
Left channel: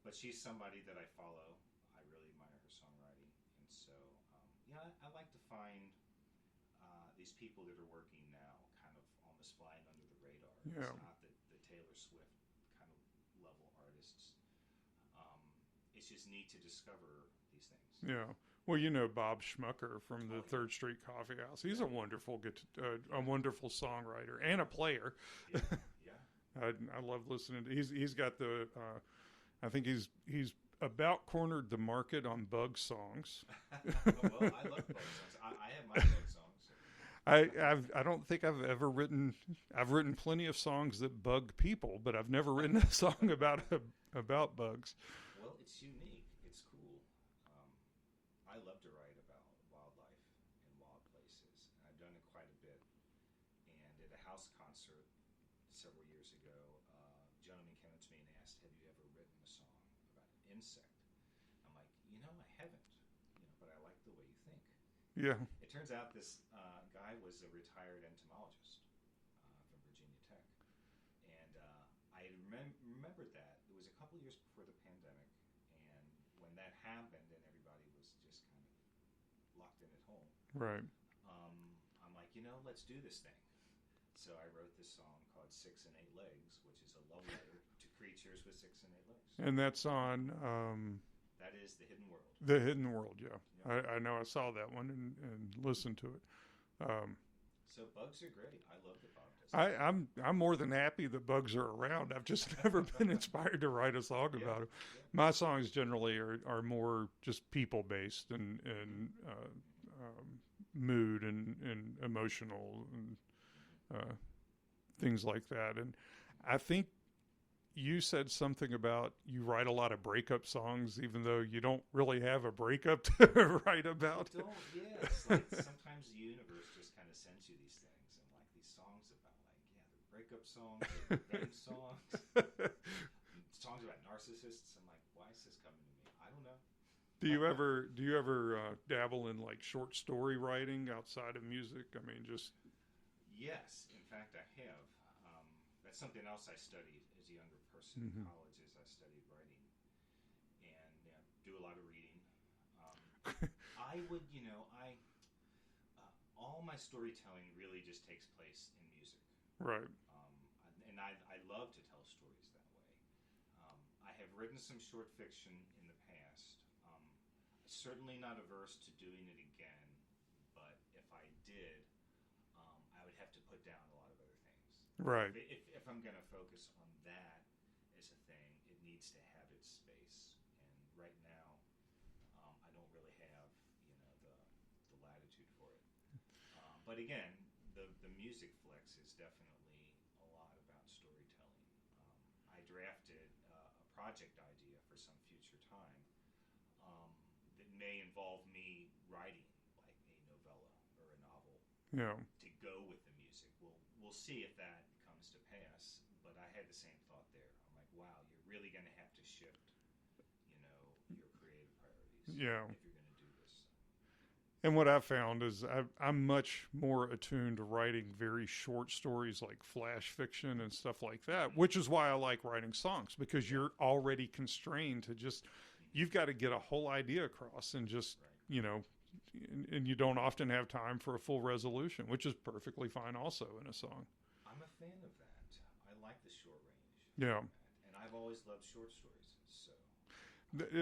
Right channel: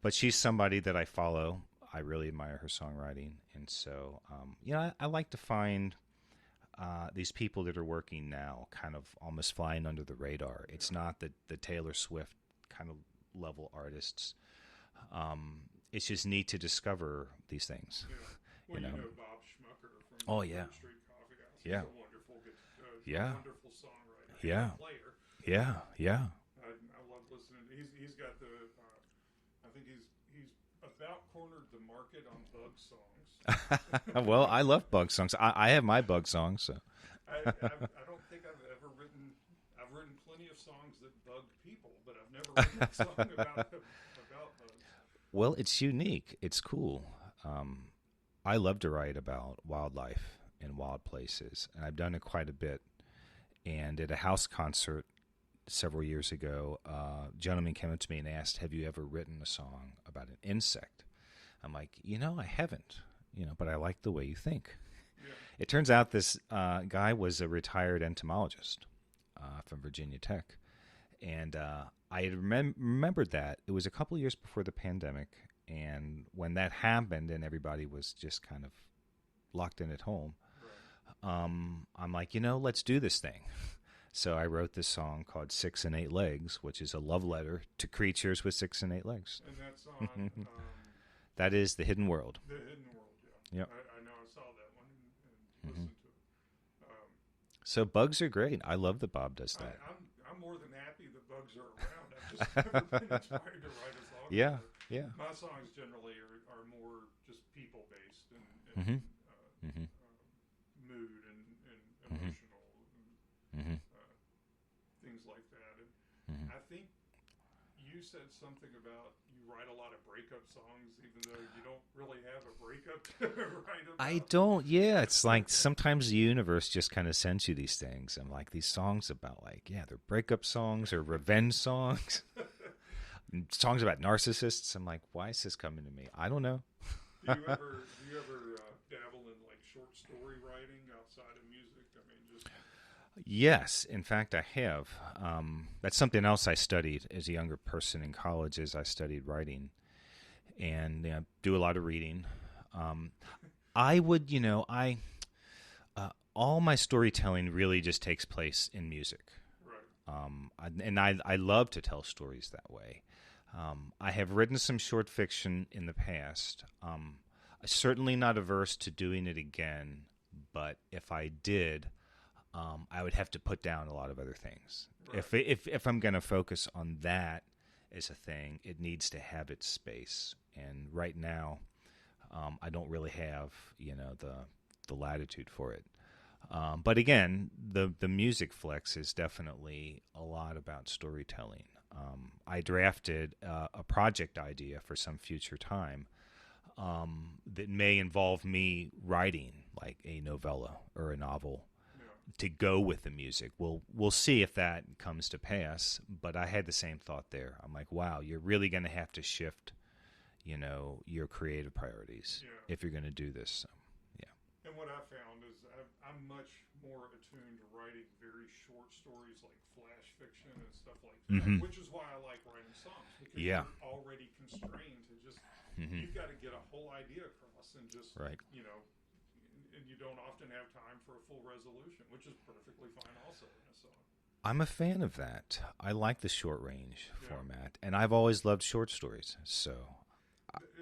but she's somebody that I follow. I really admire her songwriting. And so, I like to find these people that are working now kind of almost flying under the radar. Yeah. It's not the Taylor Swift kind of level artists. It's just neat to discover these things. Yeah. Well, Bob Schmucker from the Third Street Coffee House. He's a wonderful a wonderful songwriter and a player. Yeah, yeah. I love listening to. He's got the. I think he's about cornered the market on bug songs. Well, I love bug songs. I have my bug songs. So. I don't think I've ever written. I've written plenty of songs that bug people, but I've never written a song about bugs. Well, it's unique. It's cool. I love to write about wildlife and wild places, and I've done it quite a bit. And at a house concert several years ago, a gentleman came up to me and asked, "Have you ever written a song about an insect?" I'm like, I haven't, but I like the way you think. Yeah. It turns out this guy was a retired entomologist from Virginia Tech, and I had remembered that. It was a couple of years before the pandemic, and when that happened and everybody was just kind of locked in at home, right? I'm like, let's do this thing. So I wrote this song called 6 and 8 Legs, which is a love letter to creatures with 6 and 8 legs. And that's on... that is The Hidden World. The Hidden World, yeah. Yep. I know I saw that one and listened to it. So bugs are great. I love that Bob does that. I'm more than happy that bugs are around. I've just never been inspired to write a song about it. Yeah. My songs generally are more just people-based and mood and emotional and things like that. And I think you said something about you write a lot of breakup songs, even though you don't really have a breakup to write about. I don't. Yeah, it's like sometimes the universe just kind of sends you these things. And like these songs about they're breakup songs or revenge songs, songs about narcissists. I'm like, why is this coming to me? I don't know. Do you ever dabble in like short story writing outside of music? I mean, just. Yes, in fact, I have. That's something else I studied as a younger person in college. As I studied writing, and do a lot of reading. I would, all my storytelling really just takes place in music, right? And I love to tell stories that way. I have written some short fiction in the past. Certainly not averse to doing it again, but if I did. I would have to put down a lot of other things. Right. If I'm going to focus on that as a thing, it needs to have its space. And right now, I don't really have the latitude for it. But again, the music flex is definitely a lot about storytelling. I drafted a project idea for some future time that may involve me writing like a novella or a novel. Yeah. To go with the music. We'll see if that comes to pass, but I had the same thought there. I'm like, wow, you're really going to have to shift, your creative priorities if you're going to do this. So, yeah. And what I've found is I'm much more attuned to writing very short stories like flash fiction and stuff like that, which is why I like writing songs, because you're already constrained to just, you've got to get a whole idea across and just, and you don't often have time for a full resolution, which is perfectly fine also in a song. I'm a fan of that. I like the short range format, and I've always loved short stories. So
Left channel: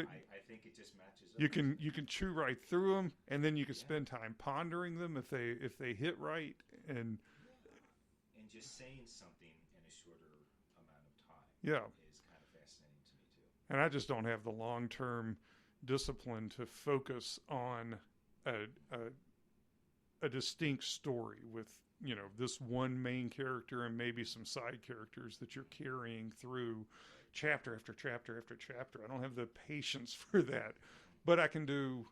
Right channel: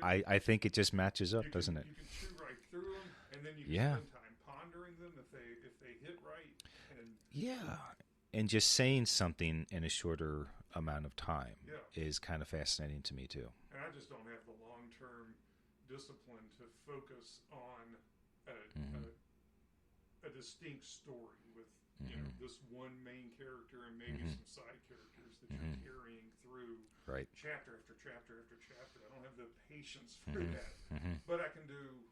I think it just matches up, doesn't it? You can chew right through them, and then you can spend time pondering them if they hit right. And and just saying something in a shorter amount of time Yeah. is kind of fascinating to me too. And I just don't have the long-term discipline to focus on a distinct story with, you know, this one main character and maybe some side characters that you're carrying through Right. chapter after chapter after chapter. I don't have the patience for that. But I can do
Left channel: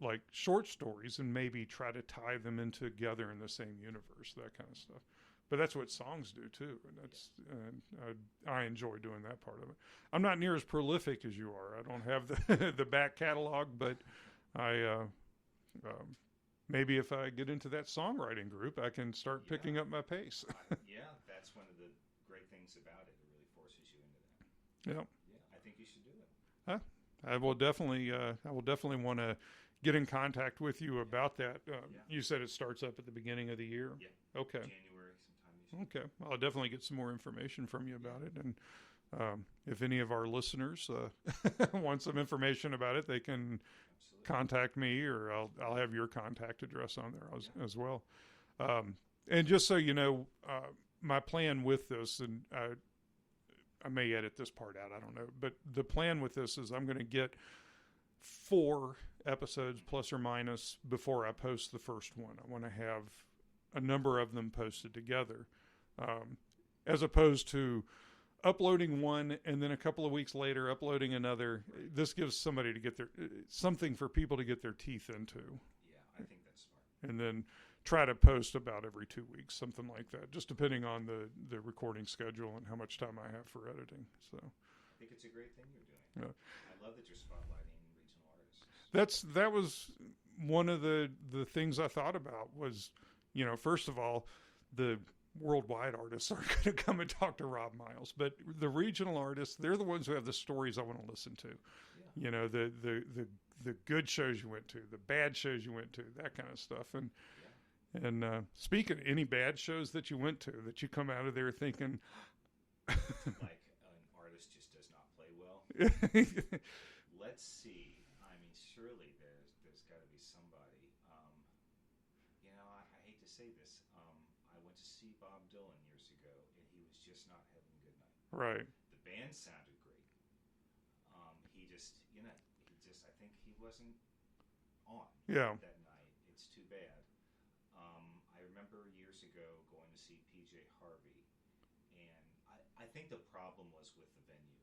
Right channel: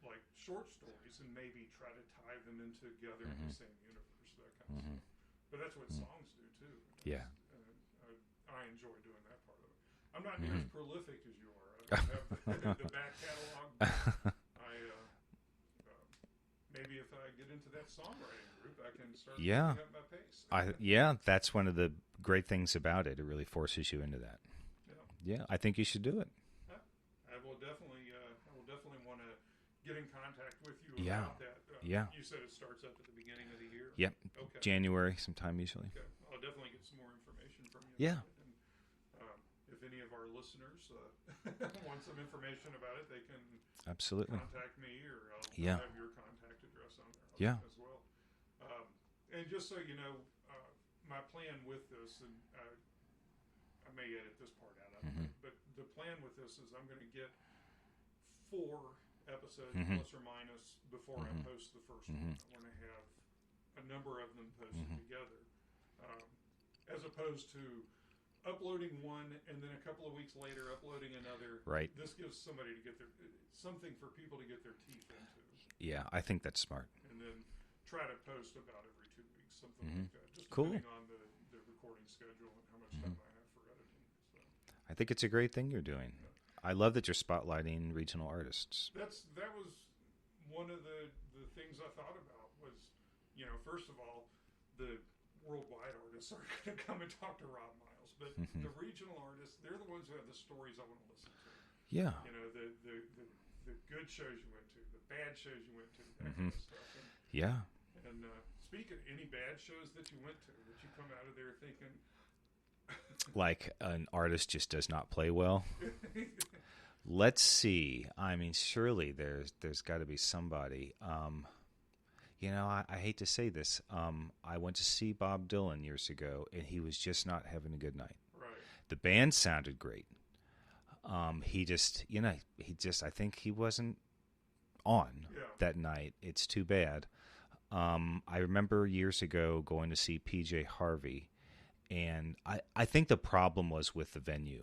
like short stories and maybe try to tie them in together in the same universe, that kind of stuff. But that's what songs do too. And I enjoy doing that part of it. I'm not near as prolific as you are. I don't have the back catalog, but maybe if I get into that songwriting group, I can start picking up my pace. That's one of the great things about it. It really forces you into that. Yeah, I think you should do it. I will definitely want to get in contact with you about that. You said it starts up at the beginning of the year. Yep. Okay. January sometime usually. Okay. Well, I'll definitely get some more information from you about it. And if any of our listeners want some information about it, they can absolutely contact me, or I'll have your contact address on there as well. And just so you know, my plan with this, and I may edit this part out, I don't know, but the plan with this is I'm going to get 4 episodes plus or minus before I post the first one. I want to have a number of them posted together, as opposed to uploading one and then a couple of weeks later uploading another. Right. This gives somebody to get something for people to get their teeth into. Yeah, I think that's smart. And then try to post about every 2 weeks, something like that, just depending on the recording schedule and how much time I have for editing. So I think it's a great thing you're doing. Yeah. I love that you're spotlighting regional artists. That was one of the things I thought about was, you know, first of all, the worldwide artists are going to come and talk to Rob Miles, but the regional artists, they're the ones who have the stories I want to listen to. Yeah. You know, the good shows you went to, the bad shows you went to, that kind of stuff. And And speaking, any bad shows that you went to that you come out of there thinking, like an artist just does not play well? Let's see. I mean, surely there's got to be somebody. You know, I hate to say this. I went to see Bob Dylan years ago, and he was just not having a good night. Right. The band sounded great. He just, I think he wasn't on that night. It's too bad. I remember years ago going to see PJ Harvey, and I think the problem was with the venue.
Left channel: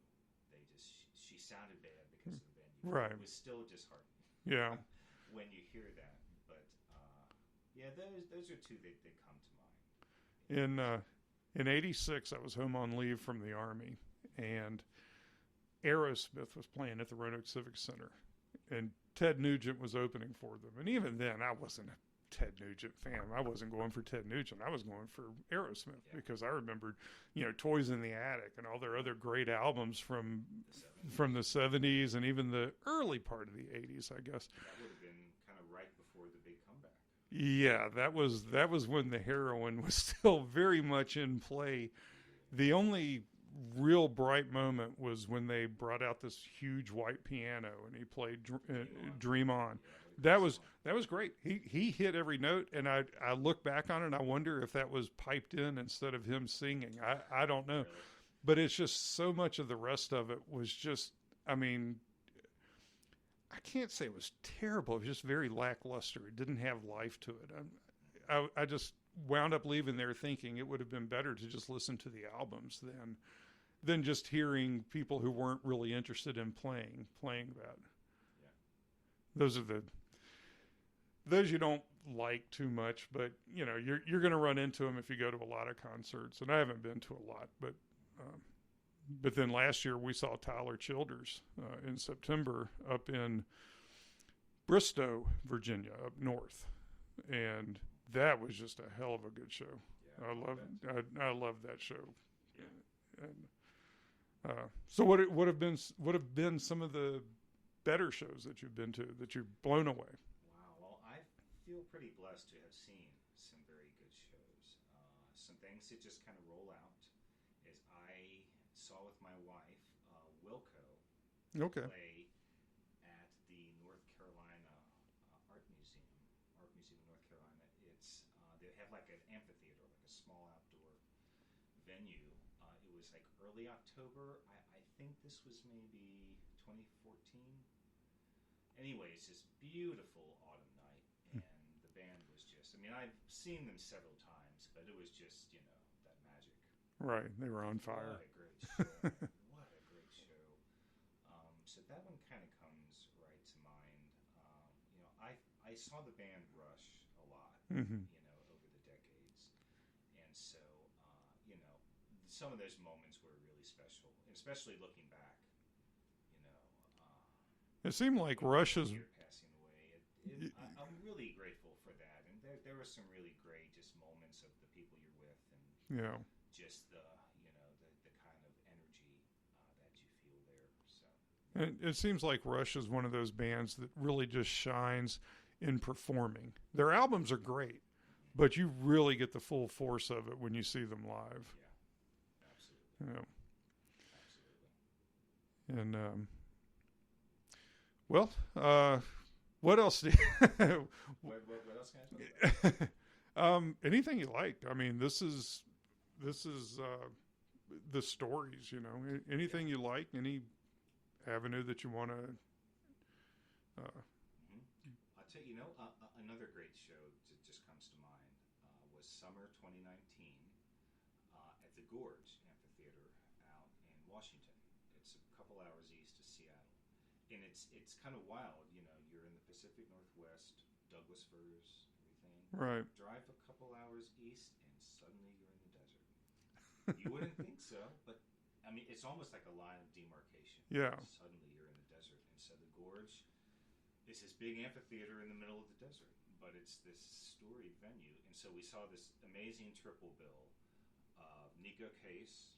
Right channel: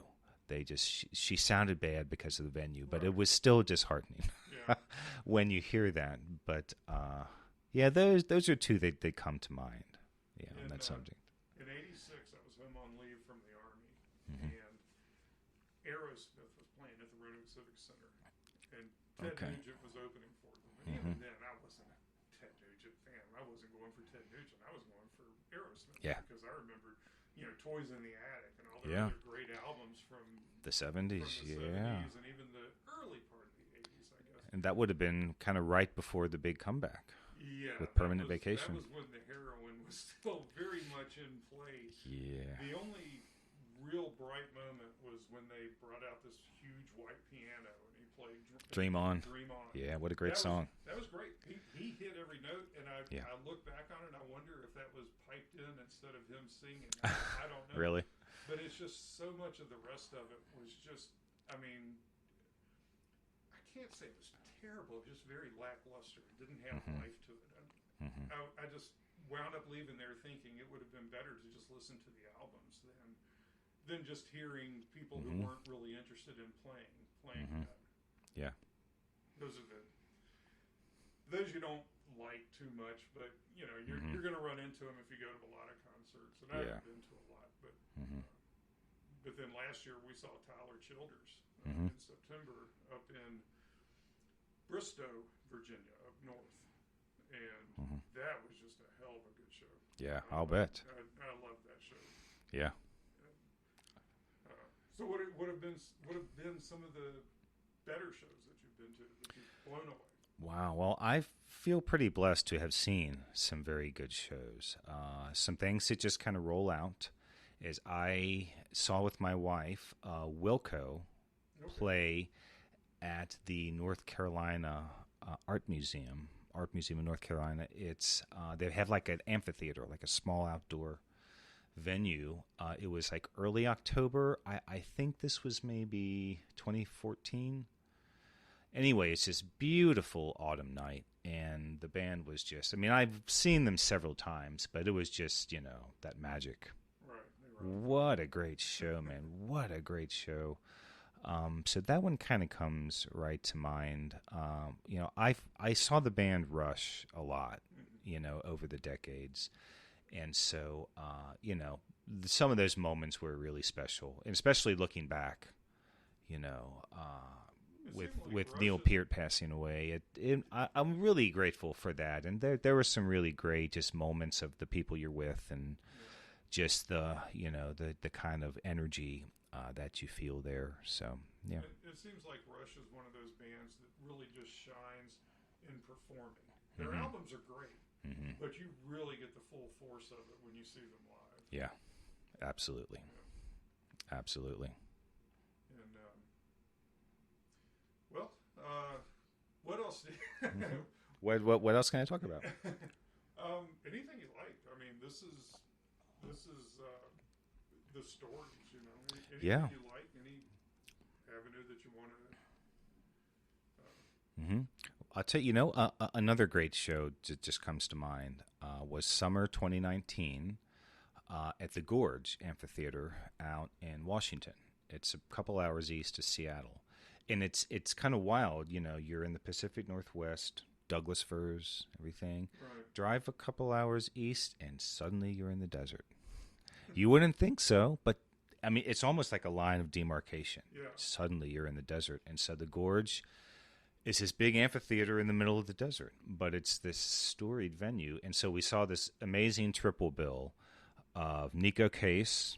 She sounded bad because of the venue, but it was still disheartening. Yeah. When you hear that. But those are two that come to mind. Yeah, in '86, I was home on leave from the Army, and Aerosmith was playing at the Roanoke Civic Center, and Ted Nugent was opening for them. And even then, I wasn't a Ted Nugent fan. I wasn't going for Ted Nugent. I was going for Aerosmith because I remembered, Toys in the Attic and all their other great albums from the 70s. From the 70s and even the early part of the 80s, I guess. And that would have been kind of right before the big comeback. Yeah, that was when the heroin was still very much in play. Yeah. The only real bright moment was when they brought out this huge white piano and he played Dream On. Yeah, what a great song. That was great. He hit every note, and I look back on it and I wonder if that was piped in instead of him singing. I don't know. Really? But it's just so much of the rest of it was just, I mean, I can't say it was terrible. It was just very lackluster. It didn't have life to it. I just wound up leaving there thinking it would have been better to just listen to the albums than just hearing people who weren't really interested in playing that. Yeah. Those you don't like too much, but you're going to run into them if you go to a lot of concerts, and I haven't been to a lot, but then last year we saw Tyler Childers in September up in Bristow, Virginia, up north. And that was just a hell of a good show. Yeah, I'll bet. I love that show. Yeah. And, so what have been some of the better shows that you've been to that you've blown away? Wow. Well, I feel pretty blessed to have seen some very good shows. Some things that just kind of roll out is I saw with my wife Wilco play at the North Carolina Art Museum Art Museum in North Carolina. It's they have like an amphitheater, like a small outdoor venue. It was like early October. I think this was maybe 2014. Anyway, it's this beautiful autumn night, and the band was just, I mean, I've seen them several times, but it was just, that magic. Right. They were on fire. What a great show, man. What a great show. So that one kind of comes right to mind. I saw the band Rush a lot, over the decades. And so, some of those moments were really special, and especially looking back, it seemed like with Rush Neil Peart passing away. I'm really grateful for that. And there were some really great just moments of the people you're with, and just the kind of energy that you feel there. So yeah, it seems like Rush is one of those bands that really just shines in performing. Their albums are great, but you really get the full force of it when you see them live. Yeah, absolutely. Absolutely. And what else? What else can I talk about? Anything you like. I mean, this is the stories. Anything you like, any avenue that you want to. I'll tell you. Another great show just comes to mind was summer 2019 at the Gorge Amphitheater out in Washington. It's a couple hours east of Seattle. And it's kind of wild, you're in the Pacific Northwest, Douglas firs, everything. Right. Drive a couple hours east, and suddenly you're in the desert. You wouldn't think so, but, I mean, it's almost like a line of demarcation. Yeah. Suddenly you're in the desert. And so the Gorge is this big amphitheater in the middle of the desert, but it's this storied venue. And so we saw this amazing triple bill of Nico Case,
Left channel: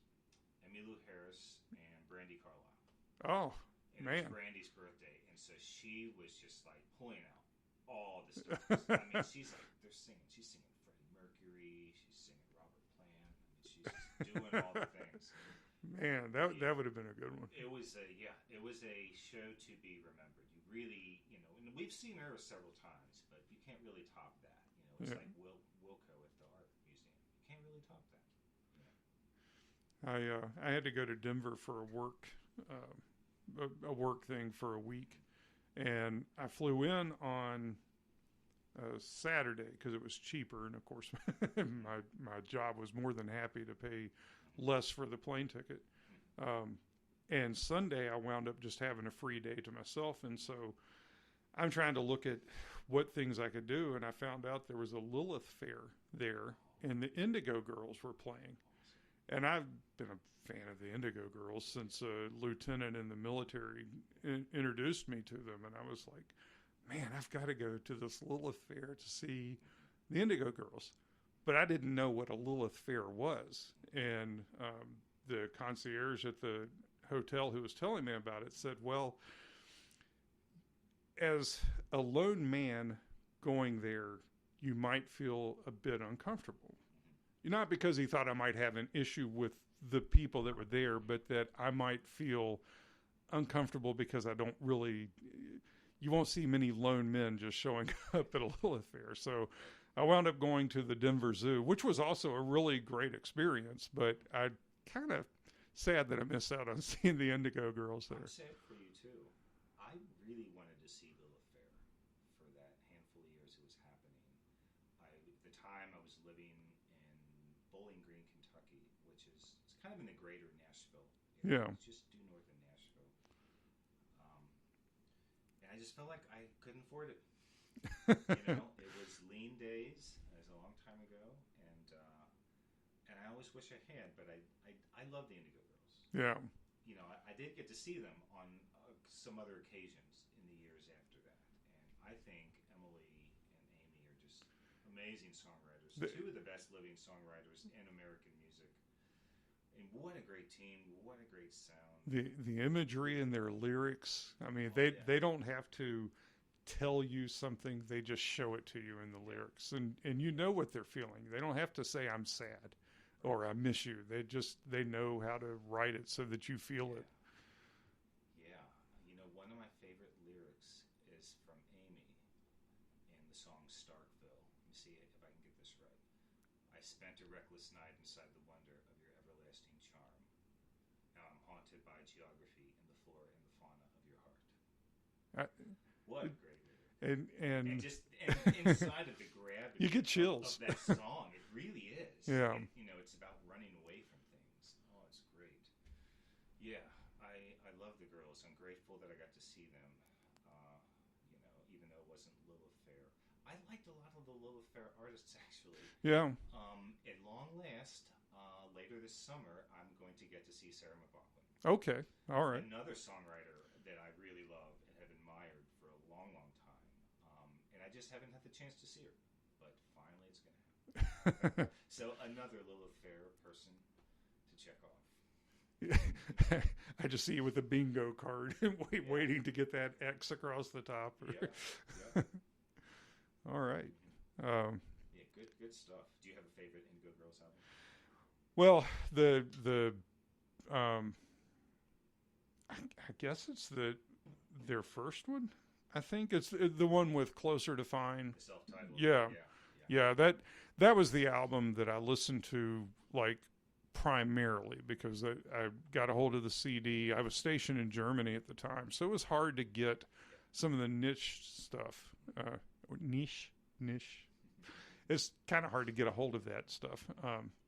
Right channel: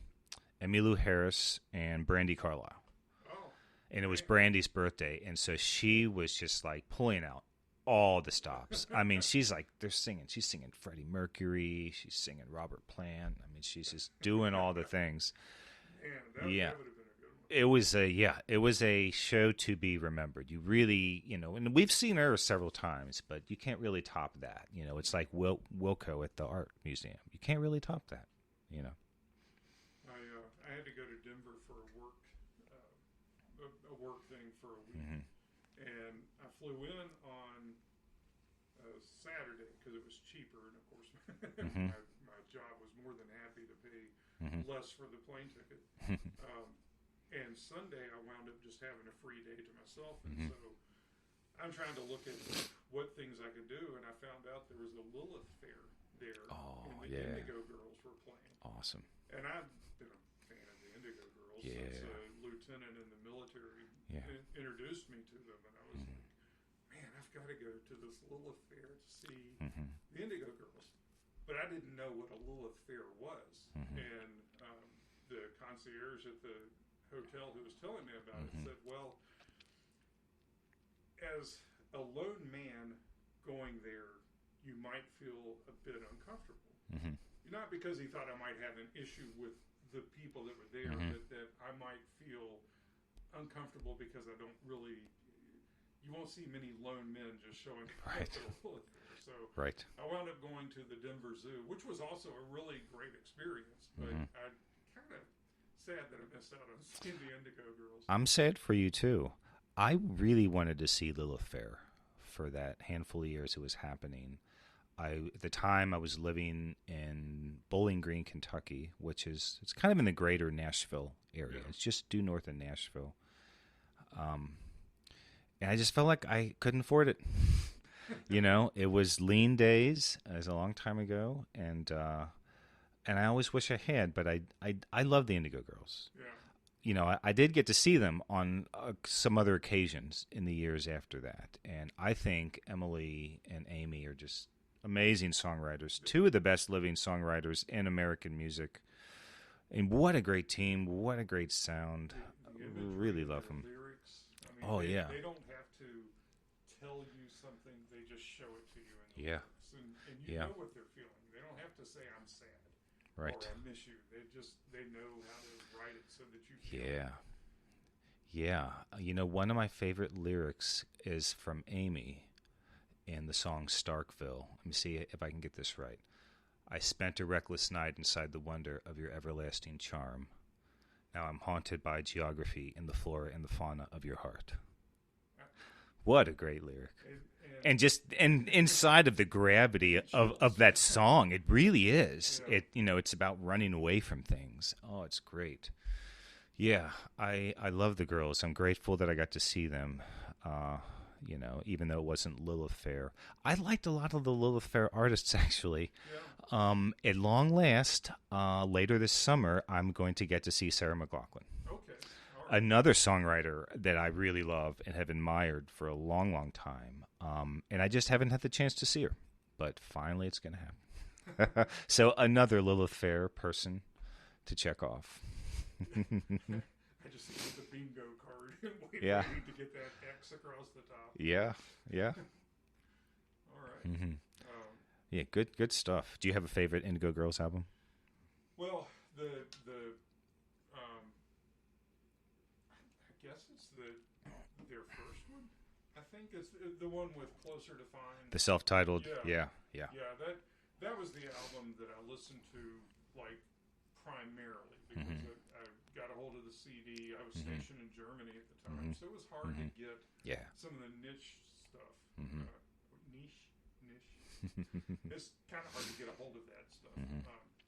Emmylou Harris, and Brandi Carlile. Oh. And it was Brandy's birthday, and so she was just like pulling out all the stops. I mean, she's singing Freddie Mercury, she's singing Robert Plant. I mean, she's just doing all the things. Man, that would have been a good one. It was a show to be remembered. You really, and we've seen her several times, but you can't really top that. It's like Wilco at the Art Museum. You can't really top that. I had to go to Denver for a work thing for a week, and I flew in on Saturday because it was cheaper, and of course my job was more than happy to pay less for the plane ticket. And Sunday I wound up just having a free day to myself, and so I'm trying to look at what things I could do, and I found out there was a Lilith Fair there, and the Indigo Girls were playing. Awesome. And I've been a fan of the Indigo Girls since a lieutenant in the military introduced me to them, and I was like, man, I've got to go to this Lilith Fair to see the Indigo Girls. But I didn't know what a Lilith Fair was. And the concierge at the hotel who was telling me about it said, well, as a lone man going there, you might feel a bit uncomfortable. Not because he thought I might have an issue with the people that were there, but that I might feel uncomfortable because I don't really, you won't see many lone men just showing up at a Lilith Fair. So I wound up going to the Denver Zoo, which was also a really great experience, but I kind of sad that I missed out on seeing the Indigo Girls. I'm sad for you too. I really wanted to see Lilith Fair for that handful of years it was happening. At the time, I was living in Bowling Green, Kentucky, it's kind of in the greater Nashville area. It's just due north of Nashville. And I just felt like I couldn't afford it. It was lean days. It was a long time ago, and I always wish I had. But I love the Indigo Girls. Yeah. I did get to see them on some other occasions in the years after that, and I think Emily and Amy are just amazing songwriters, two of the best living songwriters in American music. And what a great team, what a great sound. The imagery really in their lyrics. I mean, they don't have to tell you something, they just show it to you in the lyrics. And you know what they're feeling. They don't have to say, I'm sad or I miss you. They know how to write it so that you feel it. Yeah. One of my favorite lyrics is from Amy. in the song Starkville. Let me see if I can get this right. I spent a reckless night inside the wonder of your everlasting charm. Now I'm haunted by geography in the flora and the fauna of your heart. What a great lyric. And just inside of the gravity of that song, it really is. Yeah. It's about running away from things. Oh, it's great. Yeah, I love the girls. I'm grateful that I got to see them, even though it wasn't Lilith Fair. I liked a lot of the Lilith Fair artists, actually. Yeah. At long last, later this summer, I'm going to get to see Sarah McLachlan. Okay, all right. Another songwriter that I really love and have admired for a long, long time. And I just haven't had the chance to see her. But finally, it's going to happen. So another Lilith Fair person to check off. I just see you with a bingo card waiting to get that X across the top. Yeah. All right. Mm-hmm. Yeah, good stuff. Do you have a favorite Indigo Girls album? Well, I guess it's their first one. I think it's the one with Closer to Find. The self-titled. Yeah. That was the album that I listened to primarily because I got a hold of the CD. I was stationed in Germany at the time, so it was hard to get some of the niche stuff. Niche. It's kind of hard to get a hold of that stuff.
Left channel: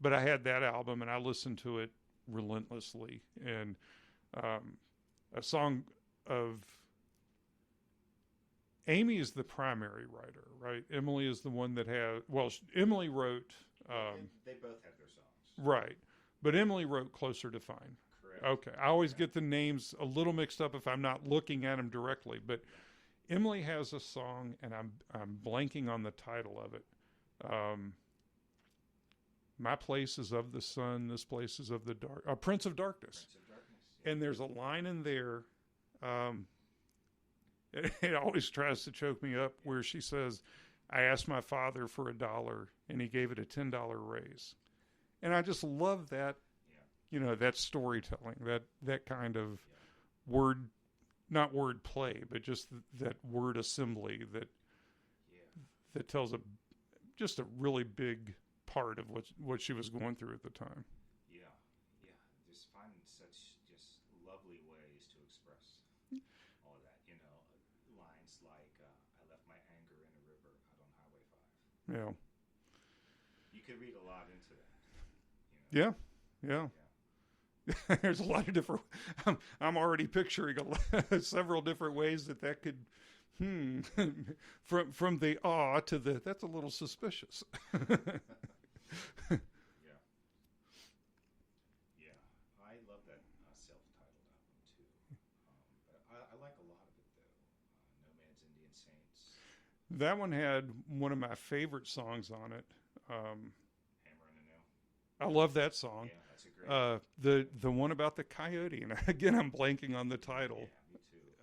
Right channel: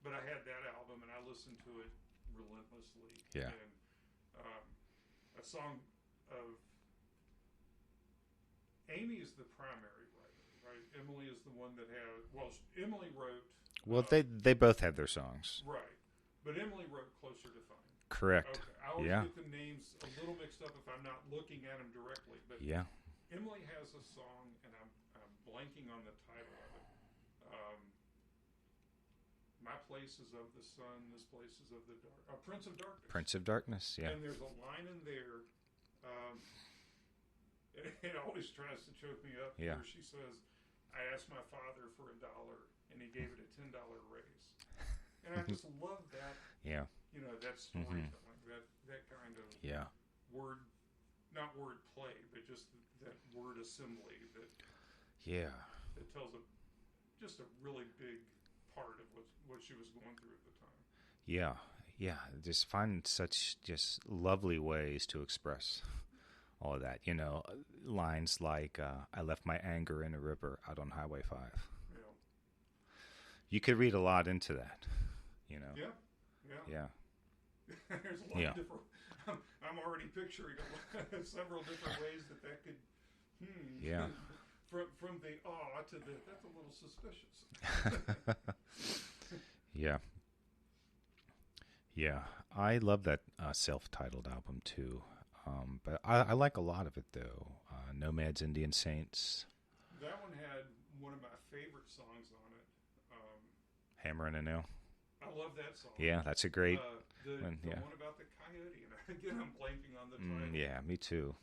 But I had that album, and I listened to it relentlessly. Yeah. And a song of Amy is the primary writer, right? Emily is the one that has. Well, Emily wrote. Well, they both had their songs, right? But Emily wrote Closer to Find. Correct. Okay. I always get the names a little mixed up if I'm not looking at them directly. But Emily has a song, and I'm blanking on the title of it. My place is of the sun. This place is of the dark. Prince of Darkness. Prince of Darkness, yeah. And there's a line in there. It always tries to choke me up where she says, I asked my father for $1, and he gave it a $10 raise. And I just love that, that storytelling, that kind of word, not word play, but just that word assembly that tells just a really big part of what she was going through at the time. Yeah, just find such just lovely ways to express all of that. Lines like, I left my anger in a river out on Highway 5. Yeah. You could read a lot into that. Yeah. There's a lot of different. I'm already picturing several different ways that could. From the awe to the that's a little suspicious. Yeah. I love that self-titled album too, but I like a lot of it though. Nomads, Indian Saints. That one had one of my favorite songs on it. Hammer and a Nail. I love that song. Yeah, that's a great the one about the coyote, and again I'm blanking on the title. Yeah, me too.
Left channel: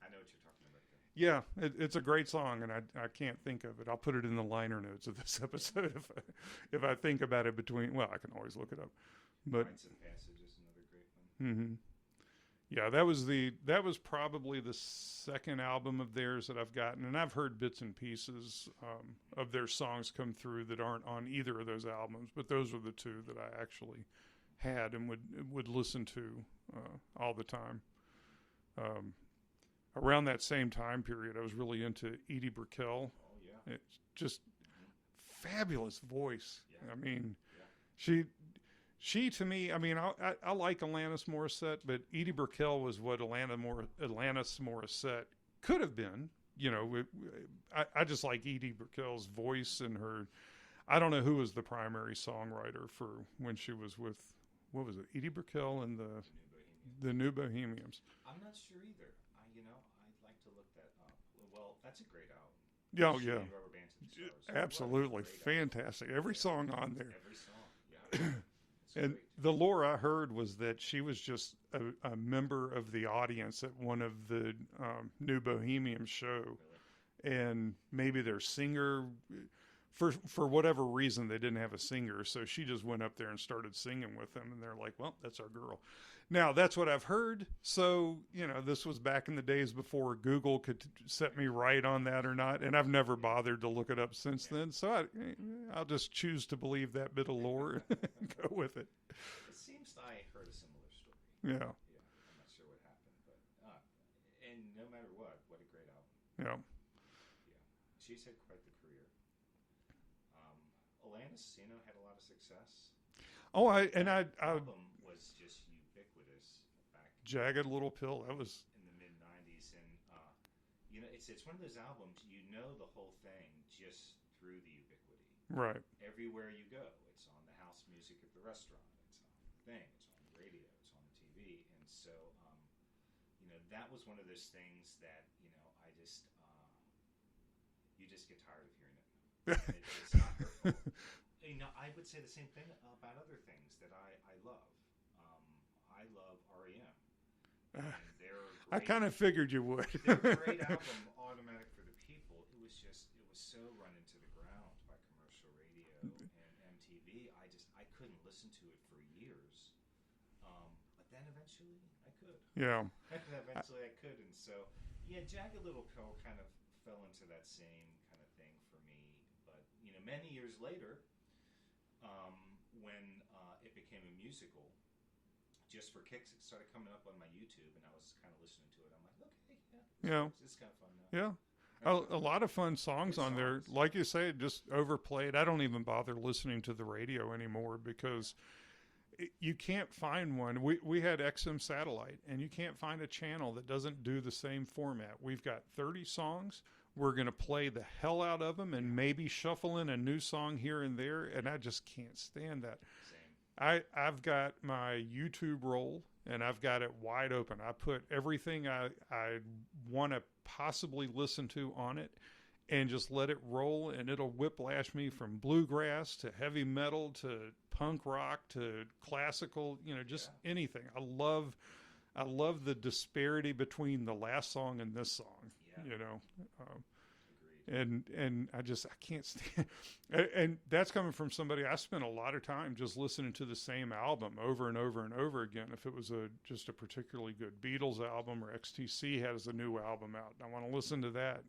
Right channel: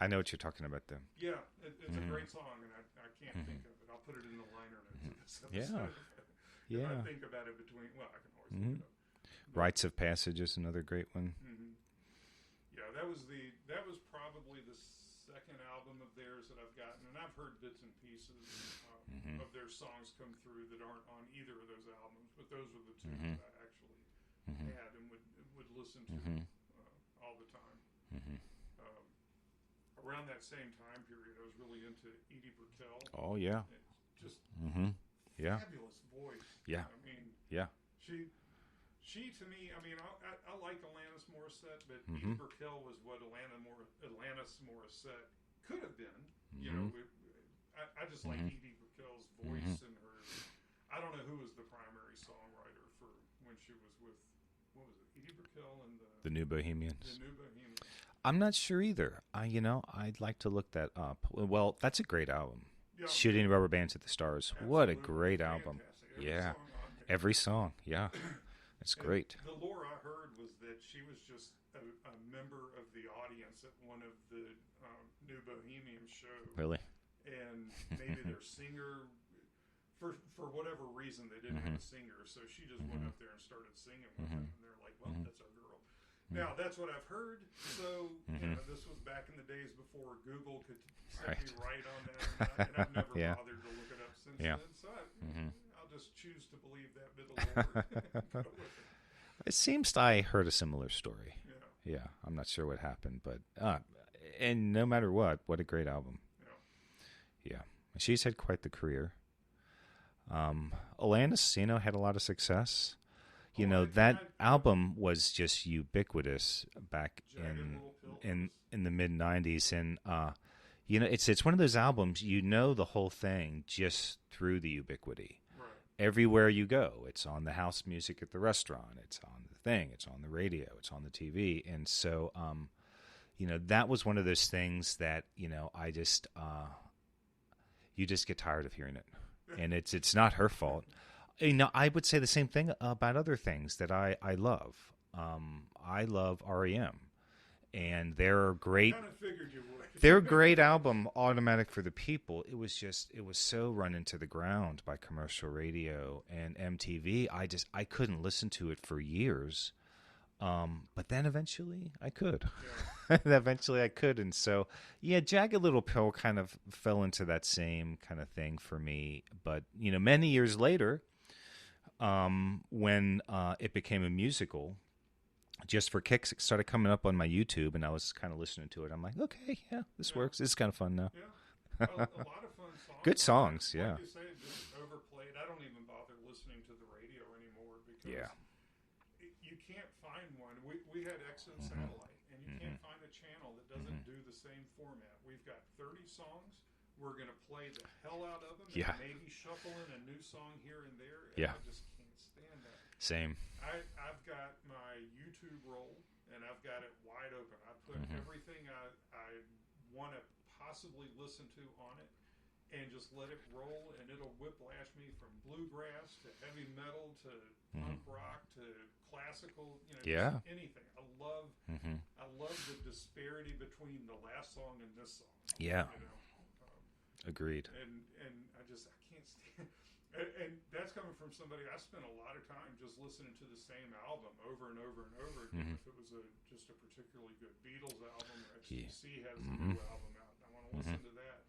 I know what you're talking about then. Yeah, it's a great song, and I can't think of it. I'll put it in the liner notes of this episode if I think about it between. Well, I can always look it up. But, Rites of Passage is another great one. Yeah, that was probably the second album of theirs that I've gotten, and I've heard bits and pieces of their songs come through that aren't on either of those albums, but those were the two that I actually had and would listen to all the time. Around that same time period, I was really into Edie Brickell. Oh yeah, it's just fabulous voice. Yeah, I mean, She to me, I mean, I like Alanis Morissette, but Edie Brickell was what Alanis Morissette could have been. I just like Edie Brickell's voice and her. I don't know who was the primary songwriter for when she was with, what was it, Edie Brickell and the New Bohemians. The New Bohemians. I'm not sure either. I'd like to look that up. Well, that's a great album. Yeah, Shooting Rubber Bands at the Stars. Absolutely. What a great album. Fantastic. Every song on there. Every song, yeah. It's great. The lore I heard was that she was just a member of the audience at one of the New Bohemian show. Really? And maybe their singer, for whatever reason, they didn't have a singer, so she just went up there and started singing with them, and they're like, well, that's our girl. Now, that's what I've heard. So, this was back in the days before Google could set me right on that or not. And I've never bothered to look it up since then. So I'll just choose to believe that bit of lore and go with it. It seems I heard a similar story. Yeah. Yeah. I'm not sure what happened, but, and no matter what a great album. Yeah. Yeah. She's had quite the career. Alanis, had a lot of success. That album was just ubiquitous back Jagged Little Pill in the mid 90s, and it's one of those albums the whole thing just through the ubiquity. Right. Everywhere you go, it's on the house music at the restaurant, it's on the thing, it's on the radio, it's on the TV, and so that was one of those things that I just you just get tired of hearing it, and it's not her fault. I would say the same thing about other things that I love. I love REM, and they're great. I kind of figured you would. Their great album, Automatic for the People, it was so run into the ground by commercial radio and MTV. I couldn't listen to it for years. But then eventually I could. Yeah. Eventually I could. And so, Jagged Little Pill kind of fell into that same kind of thing for me. But, many years later, when it became a musical, Just for Kicks, it started coming up on my YouTube, and I was kind of listening to it. I'm like, okay, this works. This is kind of fun now. Yeah. A lot of fun songs. Good songs. Like you say, just overplayed. I don't even bother listening to the radio anymore because you can't find one. We had XM satellite, and you can't find a channel that doesn't do the same format. We've got 30 songs. We're going to play the hell out of them and maybe shuffle in a new song here and there, and I just can't stand that. Same. I've got my YouTube roll, and I've got it wide open. I put everything I want to possibly listen to on it and just let it roll, and it'll whiplash me from bluegrass to heavy metal to punk rock to classical, just anything. I love the disparity between the last song and this song. Yeah. Agreed. And I can't stand, and that's coming from somebody. I spent a lot of time just listening to the same album over and over and over again. If it was just a particularly good Beatles album, or XTC has a new album out, I want to listen to that,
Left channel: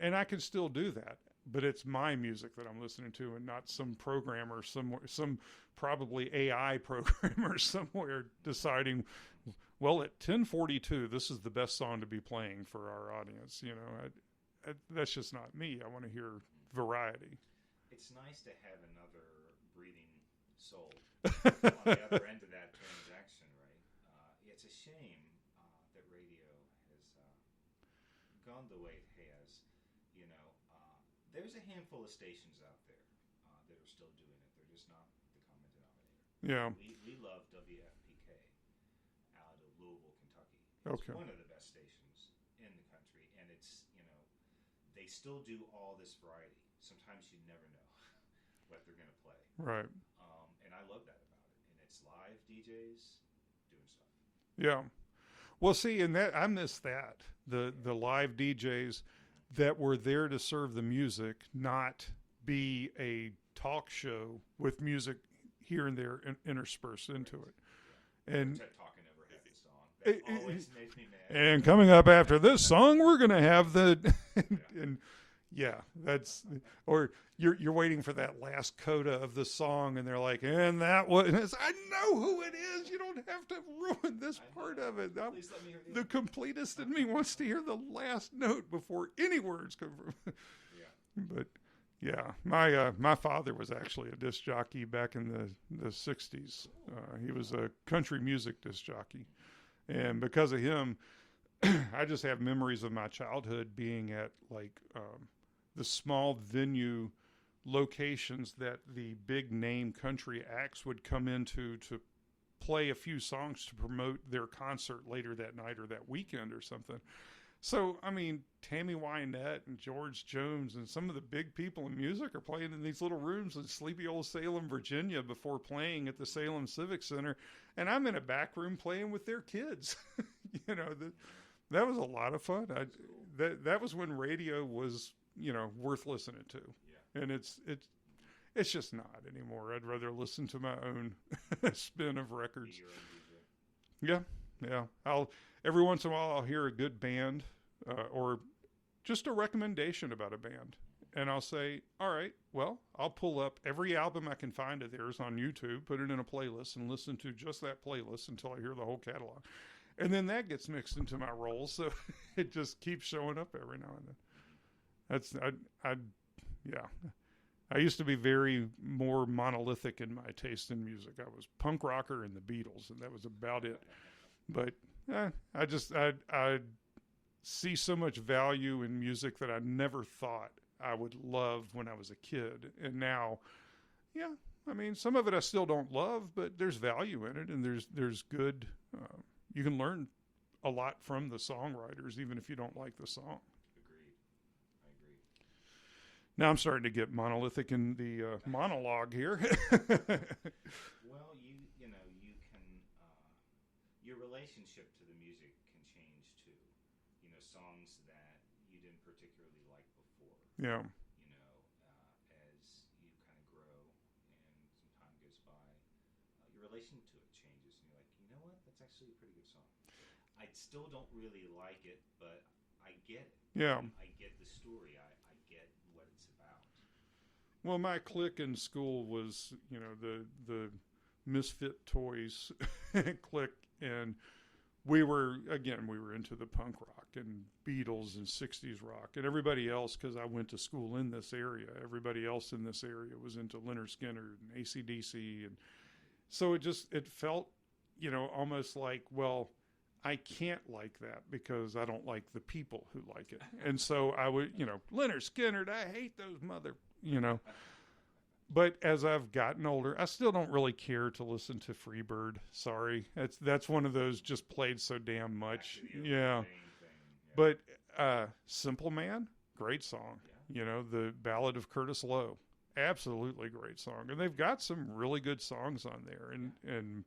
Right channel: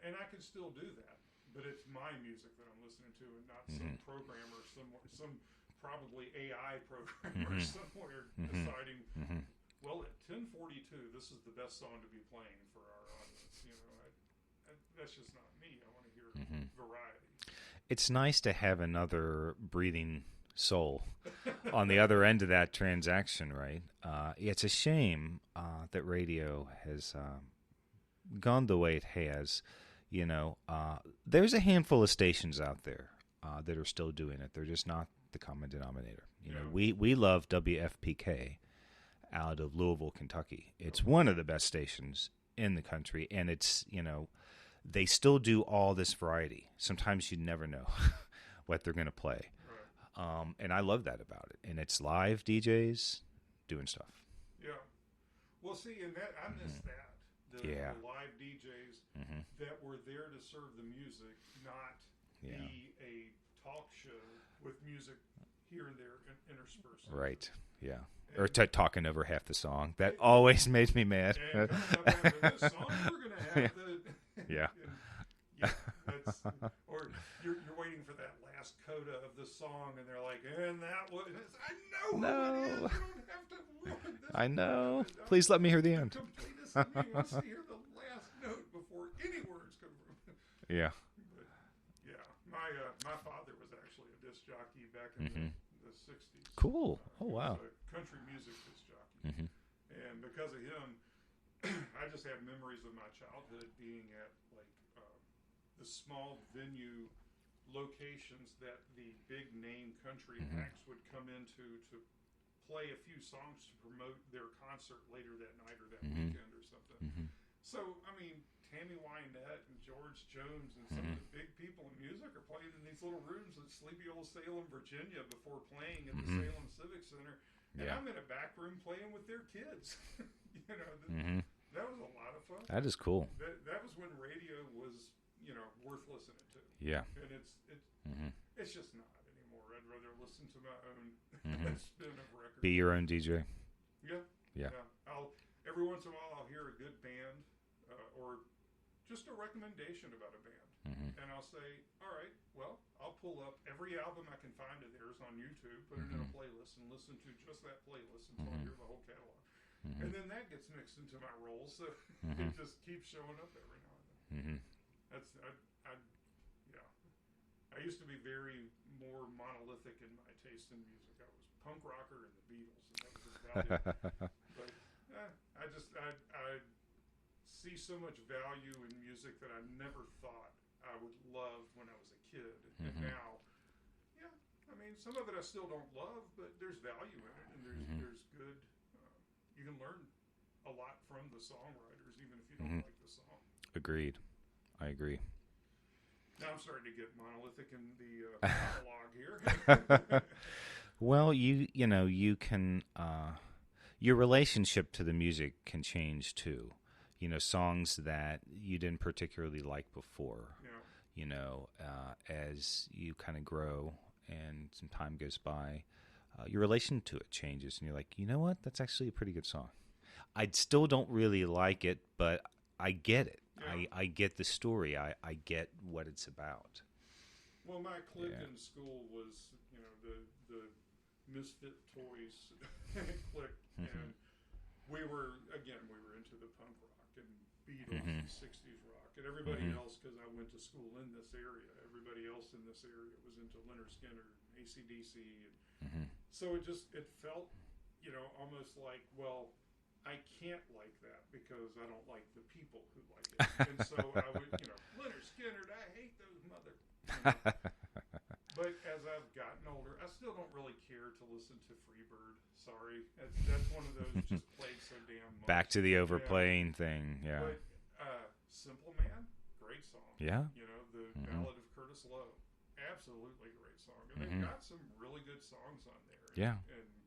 and I can still do that, but it's my music that I'm listening to, and not some programmer somewhere, some probably AI programmer somewhere deciding, well, at 10:42, this is the best song to be playing for our audience. That's just not me. I want to hear variety. It's nice to have another breathing soul on the other end of that transaction, right? It's a shame that radio has gone the way it has. There's a handful of stations out there that are still doing it. They're just not the common denominator. Yeah. We love WFPK out of Louisville, Kentucky. It's one of the best stations in the country, and it's, they still do all this variety. Sometimes you never know what they're going to play. Right. And I love that about it. And it's live DJs doing stuff. Yeah. Well, see, and that I miss that. The live DJs that were there to serve the music, not be a talk show with music here and there interspersed into it. Yeah. Or talking over half the song. That always made me mad. And coming up after this song, we're going to have the... that's... Or you're waiting for that last coda of the song, and they're like, and that was... And it's, I know who it is. You don't have to ruin this I know. part of it. Please let me hear the end. The completist in me wants to hear the last note before any words come from... Yeah. But... Yeah, my father was actually a disc jockey back in the 60s. Cool. He was a country music disc jockey. And because of him, I just have memories of my childhood being at the small venue locations that the big name country acts would come into to play a few songs to promote their concert later that night or that weekend or something. So, I mean, Tammy Wynette and George Jones and some of the big people in music are playing in these little rooms in sleepy old Salem, Virginia before playing at the Salem Civic Center. And I'm in a back room playing with their kids. That was a lot of fun. That is cool. That was when radio was, worth listening to. Yeah. And it's just not anymore. I'd rather listen to my own spin of records. Be your own DJ. Yeah, Yeah. yeah. I'll every once in a while I'll hear a good band or just a recommendation about a band, and I'll say, all right, well, I'll pull up every album I can find of theirs on YouTube, put it in a playlist, and listen to just that playlist until I hear the whole catalog, and then that gets mixed into my rolls, so it just keeps showing up every now and then. That's yeah. I used to be very more monolithic in my taste in music. I was punk rocker and the Beatles, and that was about it. But I see so much value in music that I never thought I would love when I was a kid. And now, yeah, I mean, some of it I still don't love, but there's value in it, and there's good. You can learn a lot from the songwriters, even if you don't like the song. Agreed. I agree. Now I'm starting to get monolithic in the monologue here. Well, you can your relationship to the music can change too. Songs that you didn't particularly like before. Yeah. As you kind of grow and some time goes by, your relation to it changes, and you're like, you know what? That's actually a pretty good song. I still don't really like it, but I get it. Yeah. I get the story. I get what it's about. Well, my clique in school was, the Misfit Toys clique, and we were into the punk rock and Beatles and 60s rock, and everybody else, because I went to school in this area, everybody else in this area was into Leonard Skinner and AC/DC, and so it felt, almost like, well, I can't like that because I don't like the people who like it. And so I would, Leonard Skinner, I hate those But as I've gotten older, I still don't really care to listen to Freebird. Sorry. That's one of those just played so damn much. Back to the overplaying thing. Yeah. But Simple Man, great song. Yeah. The Ballad of Curtis Lowe, absolutely great song. And they've got some really good songs on there. And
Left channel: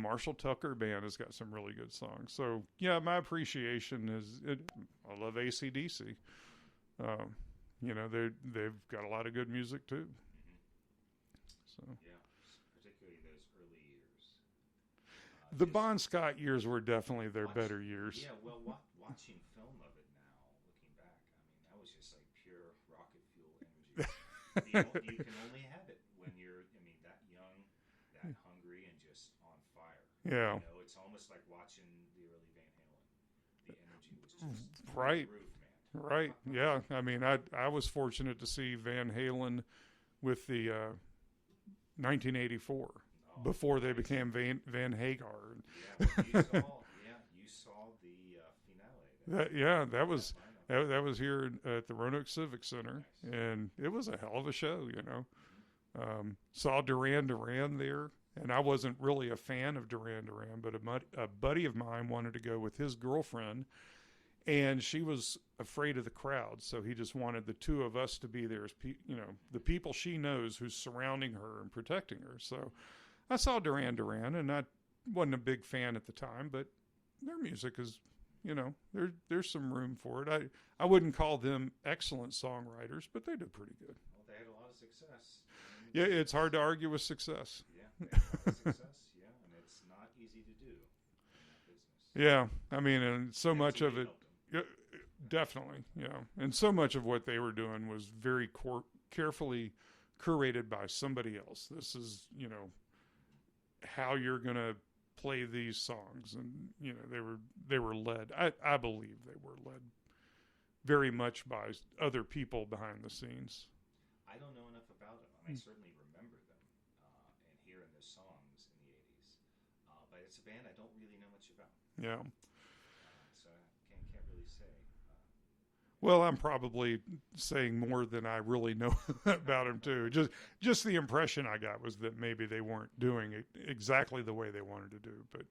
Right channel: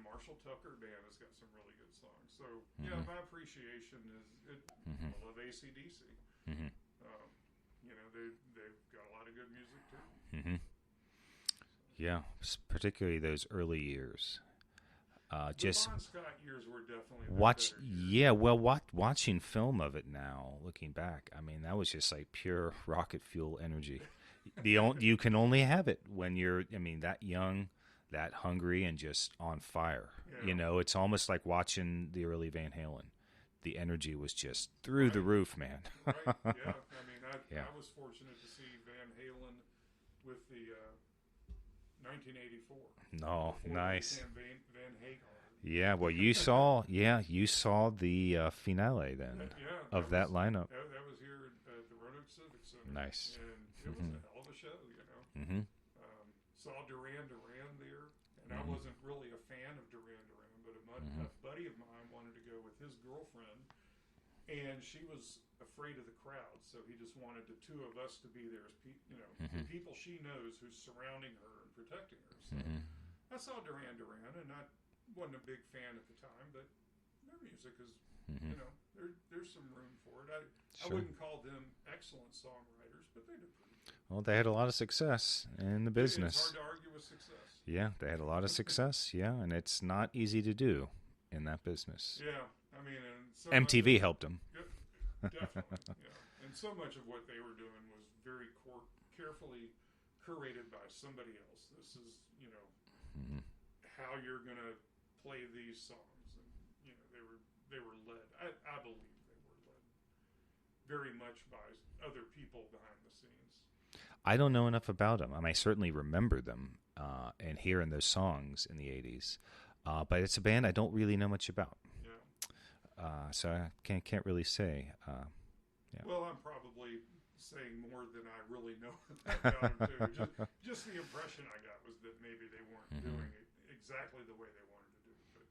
Marshall Tucker Band has got some really good songs. So, my appreciation is, I love AC/DC. They've got a lot of good music too. So. Yeah, particularly those early years. The Bon Scott years were definitely their better years. Yeah, well, watching film of it now, looking back, I mean, that was just like pure rocket fuel energy. You can only have it when you're, that young, that hungry, and just on fire. Yeah. It's almost like watching the early Van Halen. The energy was just through the roof, man. Right, yeah. I mean, I was fortunate to see Van Halen with the 1984. No, before nice. They became Van Hagar. Yeah, well, you saw the finale then. That was that lineup. That was here at the Roanoke Civic Center. Nice, and it was a hell of a show. Saw Duran Duran there, and I wasn't really a fan of Duran Duran, but a buddy of mine wanted to go with his girlfriend, and she was afraid of the crowd, so he just wanted the two of us to be there as the people she knows who's surrounding her and protecting her. So I saw Duran Duran, and I wasn't a big fan at the time, but their music is, there's some room for it. I wouldn't call them excellent songwriters, but they did pretty good. Well, they had a lot of success in the business. It's hard to argue with success. Yeah, they had a lot of success. Yeah, and it's not easy to do in that business. Yeah, I mean, and so much of MTV it, helped them. Yeah, definitely. And so much of what they were doing was very carefully curated by somebody else. This is, how you're going to play these songs, and they were led. I believe they were led very much by other people behind the scenes. I don't know enough about them. I mean, I certainly remember them and hearing those songs in the 80s, but it's a band I don't really know much about. Yeah. So I can't really say. Well, I'm probably saying more than I really know about them too. Just the impression I got was that maybe they weren't doing it exactly the way they wanted to do, but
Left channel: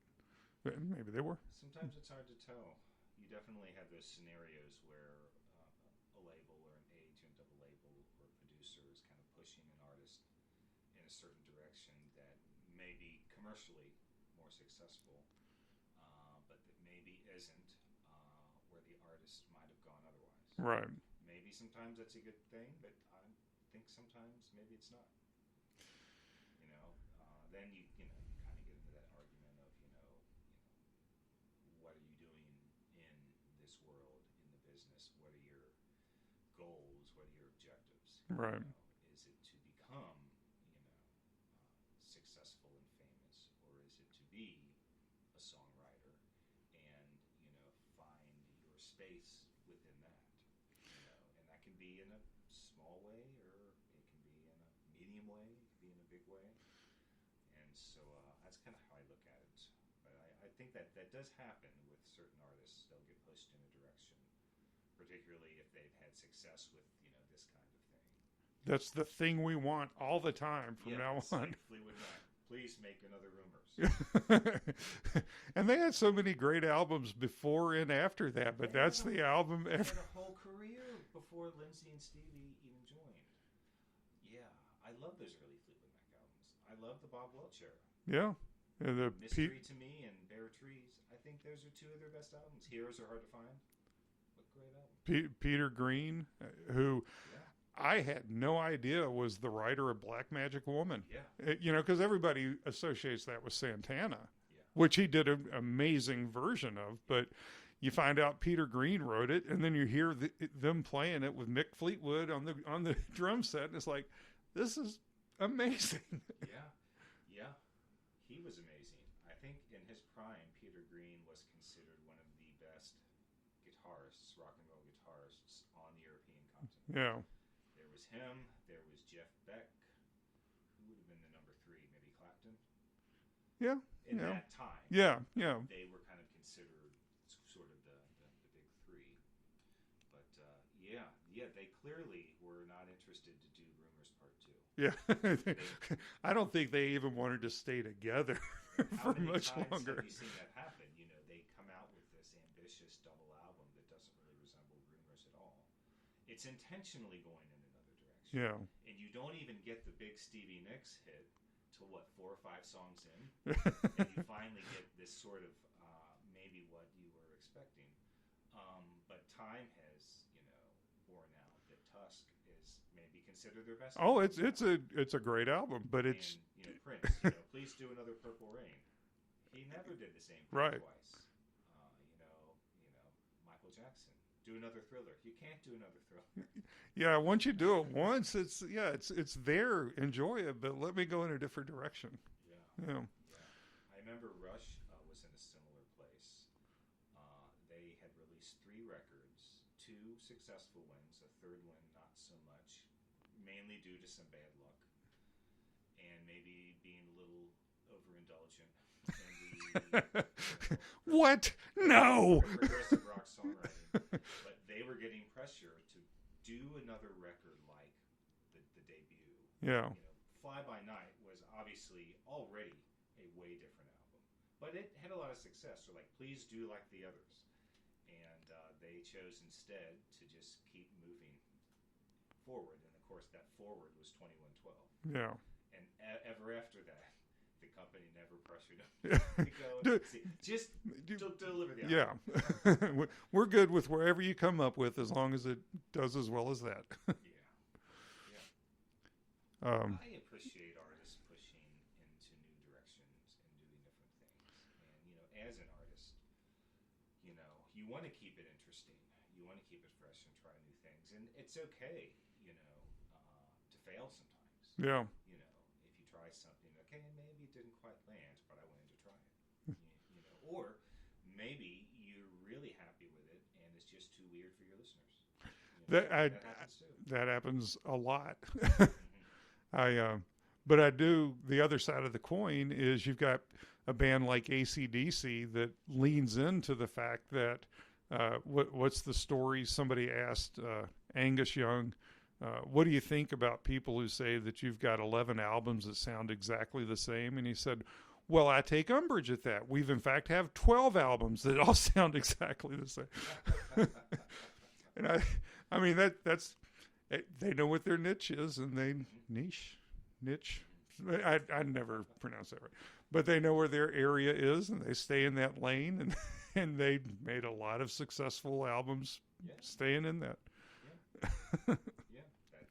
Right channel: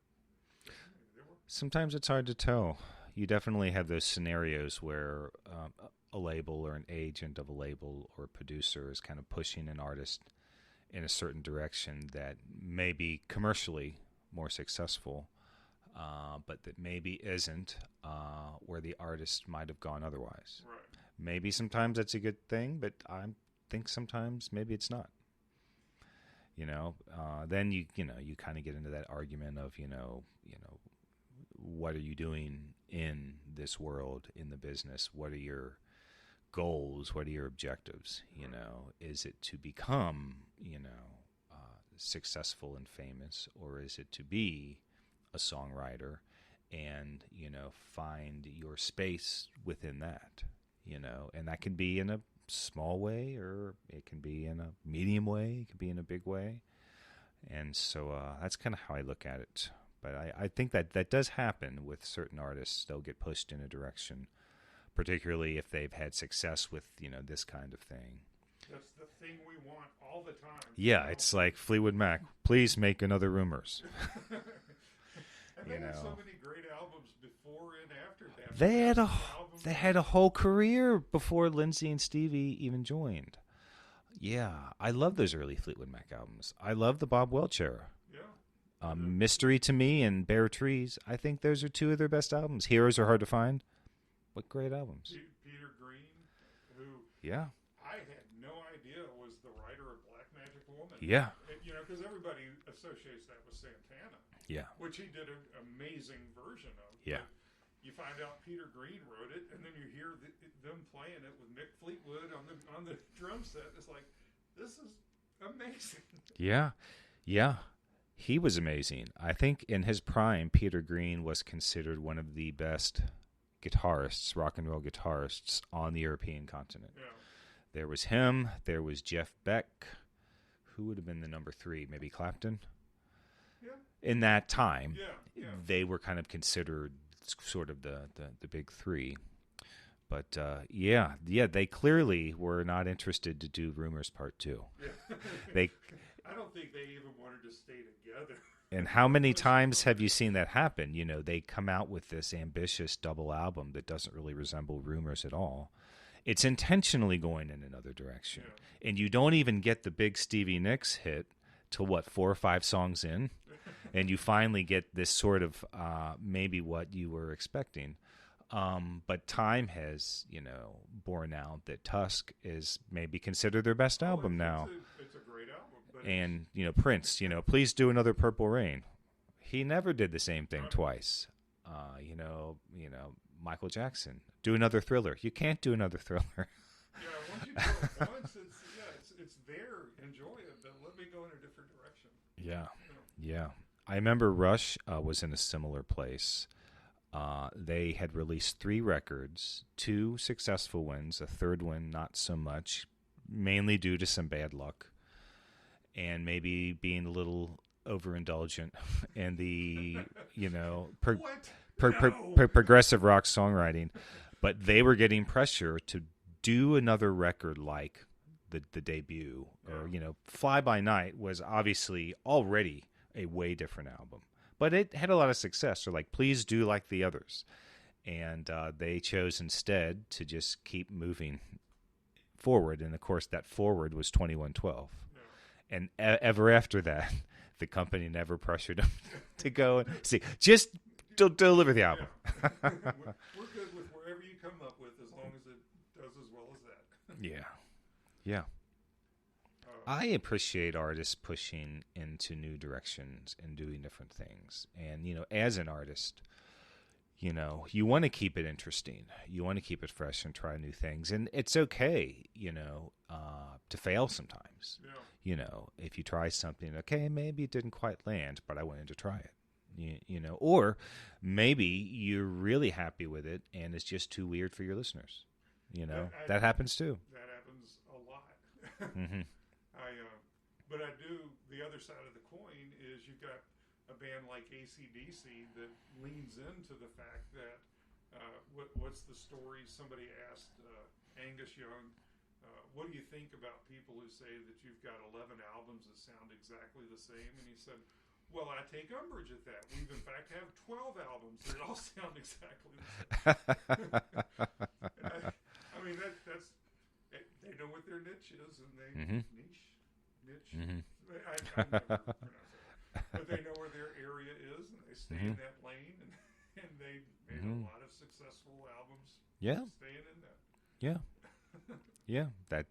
maybe they were. Sometimes it's hard to tell. You definitely have those scenarios where a label or an agent of a label or a producer is kind of pushing an artist in a certain direction that may be commercially more successful, but that maybe isn't where the artist might have gone otherwise. Right. Maybe sometimes that's a good thing, but I think sometimes maybe it's not. Then you kind of get into that argument of what are you doing in this world, in the business? What are your goals? What are your objectives? Right. You know, is it to become, successful and famous, or is it to be a songwriter and, find your space within that, and that can be in a small way, or it can be in a medium way, it can be in a big way. And so that's kind of how I look at it. But I think that does happen with certain artists. They'll get pushed in a direction, particularly if they've had success with, this kind of thing. That's the thing we want all the time. Yeah, it's like Fleetwood Mac. Please make another Rumors. And they had so many great albums before and after that. They had a whole career before Lindsey and Stevie even joined. Yeah, I love those early Fleetwood Mac albums. I love the Bob Welch era. Yeah. Mystery to Me and Bare Trees. I think those are two of their best albums. Heroes Are Hard to Find. What great albums. Peter Green, who... Yeah. I had no idea was the writer of Black Magic Woman. Yeah. Because everybody associates that with Santana. Yeah. Which he did an amazing version of. Yeah. But you find out Peter Green wrote it, and then you hear them playing it with Mick Fleetwood on the drum set, and it's like, this is amazing. Yeah. Yeah. He was amazing. I think in his prime, Peter Green was considered one of the best guitarists, rock and roll guitarists on the European continent. Yeah. There was him. There was Jeff Beck. Who would have been the number 3? Maybe Clapton? Yeah. In that time. Yeah, yeah. They were kind of considered sort of the big 3. But, they clearly were not interested to do Rumors Part 2. Yeah. I don't think they even wanted to stay together. And how many times have you seen that happen? They come out with this ambitious double album that doesn't really resemble Rumors at all. It's intentionally going in another direction. Yeah. And you don't even get the big Stevie Nicks hit till, 4 or 5 songs in? And you finally get this sort of maybe what you were expecting. But time has, borne out that Tusk is maybe considered their best album now. It's a great album. And, Prince, please do another Purple Rain. He never did the same thing twice. Michael Jackson, do another Thriller. You can't do another Thriller. Yeah, once you do it once, it's there. Enjoy it, but let me go in a different direction. Yeah. I remember Rush was in a similar place. They had released 3 records, 2 successful ones, a third one not so much, mainly due to some bad luck and maybe being a little overindulgent and the progressive rock songwriting. But they were getting pressure to do another record like the debut. Fly By Night was obviously already a way different album, but it had a lot of success. So please do like the others. And they chose instead to just keep moving forward. And of course that forward was 2112. Yeah. And ever after that, the company never pressured them to go and see. Just deliver the album. Yeah. We're good with wherever you come up with, as long as it does as well as that. Yeah. I appreciate artists pushing into new directions and doing different things. And, as an artist, you want to keep it interesting. You want to keep it fresh and try new things. And it's okay, to fail sometimes. Yeah. If you try something, okay, maybe it didn't quite land, but I wanted to try it. Or maybe you're really happy with it and it's just too weird for your listeners. That happens too. That happens a lot. Mm-hmm. But I do, the other side of the coin is you've got a band like AC/DC that leans into the fact that what's the story? Somebody asked Angus Young, what do you think about people who say that you've got 11 albums that sound exactly the same? And he said, well, I take umbrage at that. We've in fact have 12 albums that all sound exactly the same. And I mean, that's, they know what their niche is, and they niche. Mm-hmm. I never pronounce that right. But they know where their area is, and they stay in that lane, and they made a lot of successful albums staying in that. Yeah.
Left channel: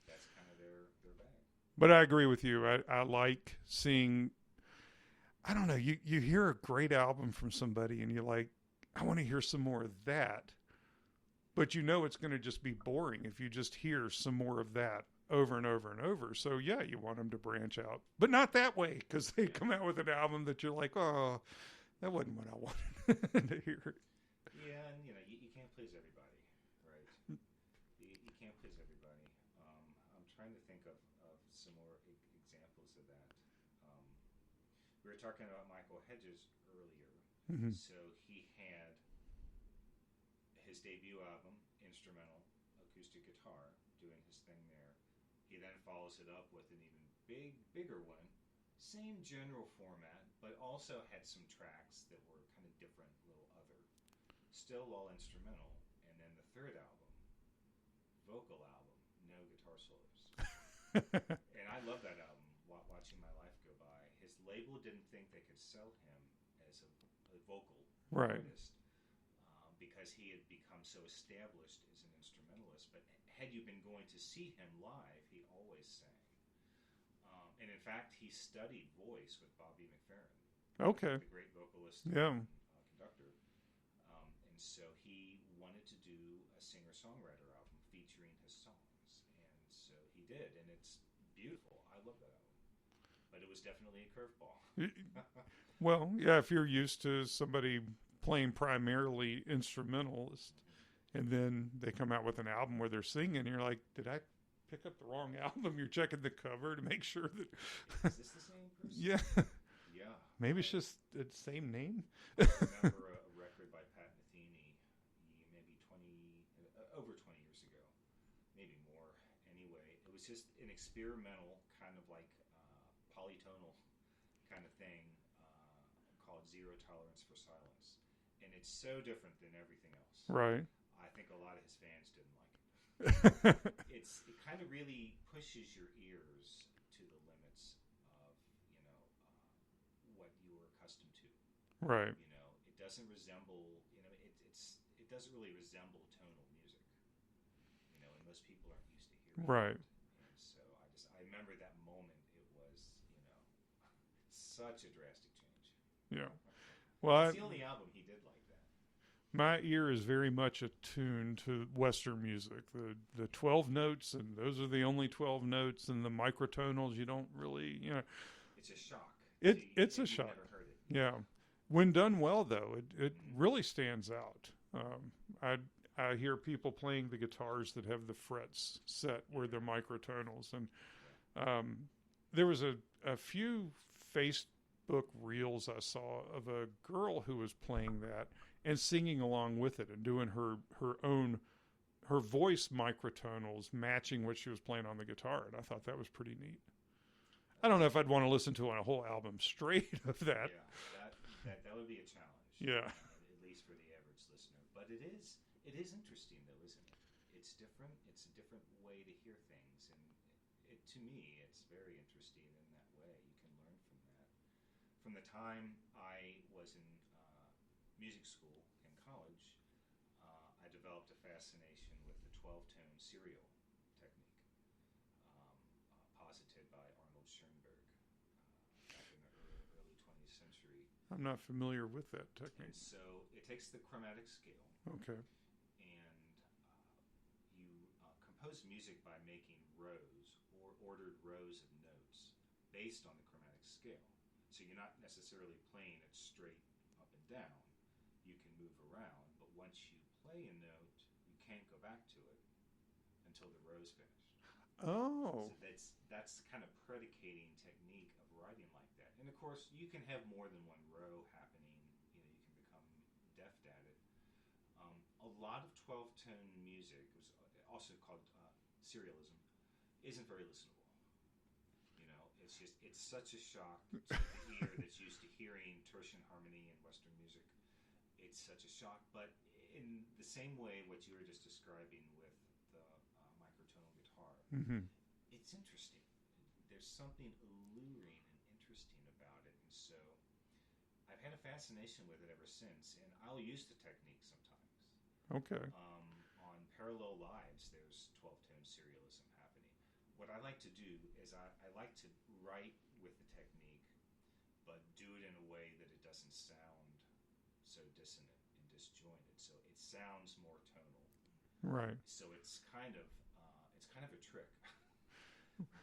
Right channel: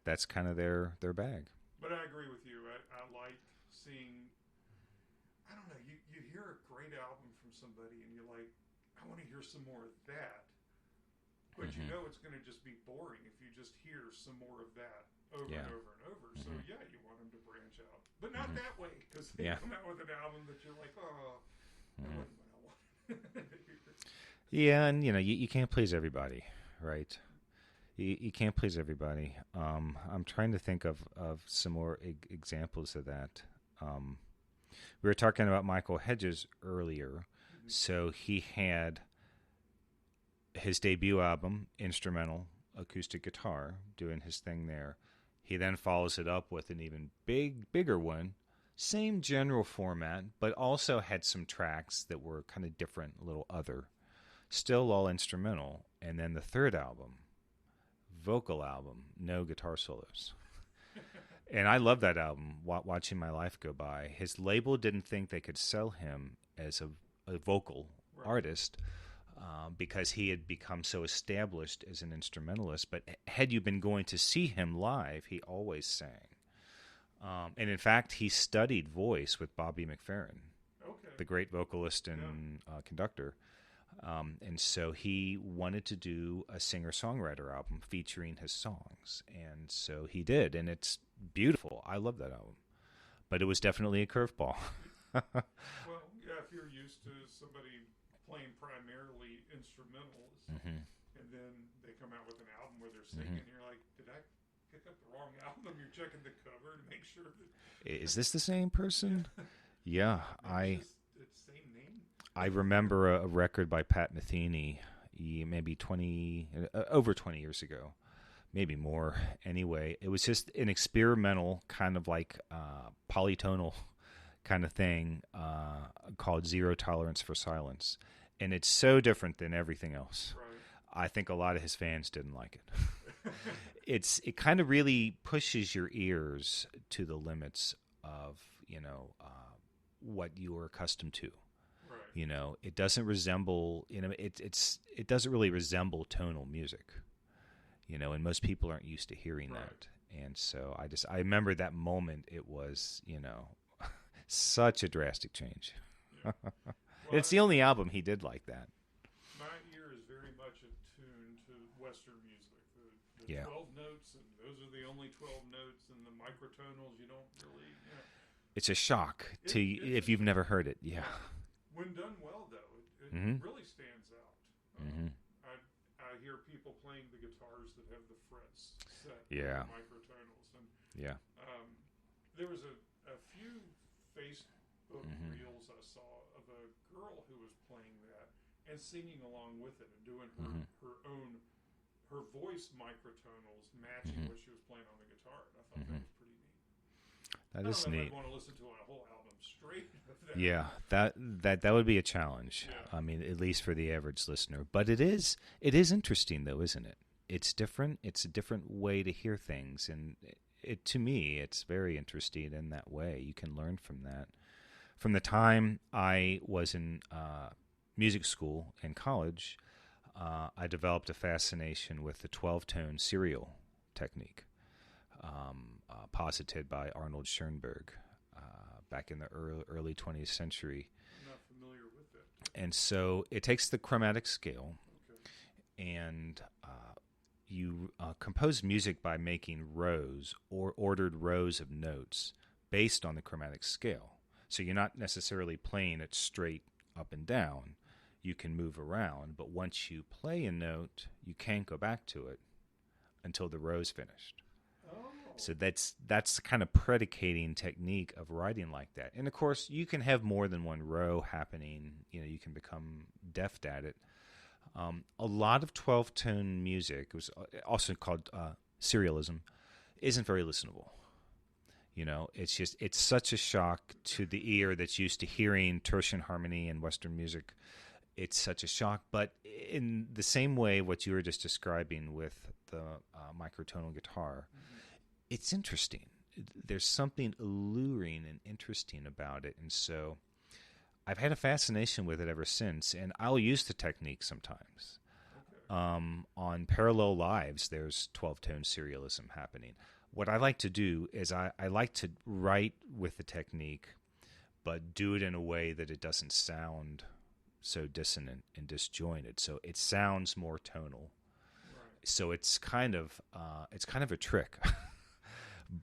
That's kind of their bag. But I agree with you. I like seeing, I don't know, you hear a great album from somebody and you're like, I want to hear some more of that. But you know it's going to just be boring if you just hear some more of that over and over and over. So, yeah, you want them to branch out. But not that way, because they come out with an album that you're like, oh, that wasn't what I wanted to hear. Yeah, and, you can't please everybody, right? You can't please everybody. I'm trying to think of some more examples of that. We were talking about Michael Hedges earlier. Mm-hmm. So he had his debut album, instrumental, acoustic guitar, doing his thing there. He then follows it up with an even bigger one, same general format, but also had some tracks that were kind of different, a little other, still all instrumental. And then the third album, vocal album, no guitar solos. And I love that album, watching my life go by. His label didn't think they could sell him as a vocal artist, because he had become so established as an instrumentalist. But had you been going to see him live, he always sang. And in fact, he studied voice with Bobby McFerrin, the great vocalist and conductor. And so he wanted to do a singer-songwriter album featuring his songs. And so he did, and it's beautiful. I love that album. But it was definitely a curveball. Well, yeah, if you're used to somebody playing primarily instrumentals, and then they come out with an album where they're singing, you're like, did I pick up the wrong album? You're checking the cover to make sure that... Is this the same person? Yeah. Maybe it's just the same name. I remember a record by Pat Metheny, maybe over 20 years ago, maybe more. Anyway, it was just an experimental kind of like polytonal kind of thing called Zero Tolerance for Silence. And it's so different than everything else. Right. I think a lot of his fans didn't like it. It kind of really pushes your ears to the limits of, what you are accustomed to. Right. It doesn't resemble, it doesn't really resemble tonal music, and most people aren't used to hearing it. And so I remember that moment. It was, such a drastic change. Yeah. Well, it's the only album he did like that. My ear is very much attuned to Western music. The 12 notes, and those are the only 12 notes, and the microtonals, you don't really, It's a shock if you've never heard it. Yeah. When done well, though, it really stands out. I hear people playing the guitars that have the frets set with the microtonals, and there was a few Facebook reels I saw of a girl who was playing that and singing along with it and doing her voice microtonals matching what she was playing on the guitar, and I thought that was pretty neat. I don't know if I'd want to listen to a whole album straight of that. Yeah, that would be a challenge. Yeah. I mean, at least for the average listener. But it is interesting, though, isn't it? It's different. It's a different way to hear things, and to me, it's very interesting in that way. You can learn from that. From the time I was in music school and college, I developed a fascination with the 12-tone serial technique. Posited by Arnold Schoenberg back in the early 20th century. I'm not familiar with that. And so it takes the chromatic scale. Okay. And you compose music by making rows or ordered rows of notes based on the chromatic scale. So you're not necessarily playing it straight up and down. You can move around, but once you play a note, you can't go back to it until the row's finished. Oh. So that's the kind of predicating technique of writing like that. And of course, you can have more than one row happening. You can become deft at it. A lot of 12-tone music, it was also called serialism, isn't very listenable. It's such a shock to the ear that's used to hearing tertian harmony and Western music. It's such a shock. But in the same way, what you were just describing with the microtonal guitar, it's interesting. There's something alluring and interesting about it. And so I've had a fascination with it ever since, and I'll use the technique sometimes. Okay. On Parallel Lives, there's 12-tone serialism happening. What I like to do is I like to write with the technique, but do it in a way that it doesn't sound so dissonant and disjointed. So it sounds more tonal. Right. So it's kind of a trick.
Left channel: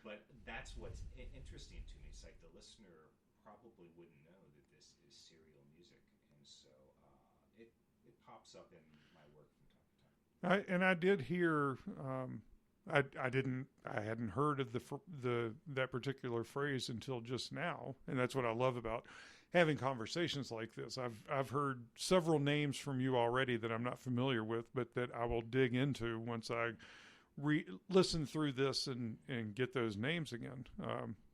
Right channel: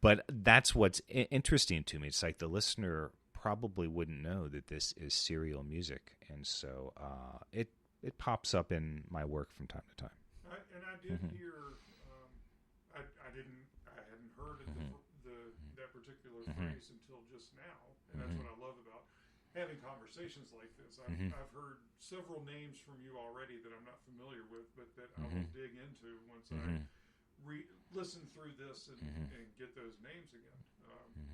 But that's what's interesting to me. It's like the listener probably wouldn't know that this is serial music, and so it pops up in my work from time to time. I did hear. I hadn't heard of that particular phrase until just now, and that's what I love about having conversations like this. I've heard several names from you already that I'm not familiar with, but that I will dig into once I listen through this and get those names again.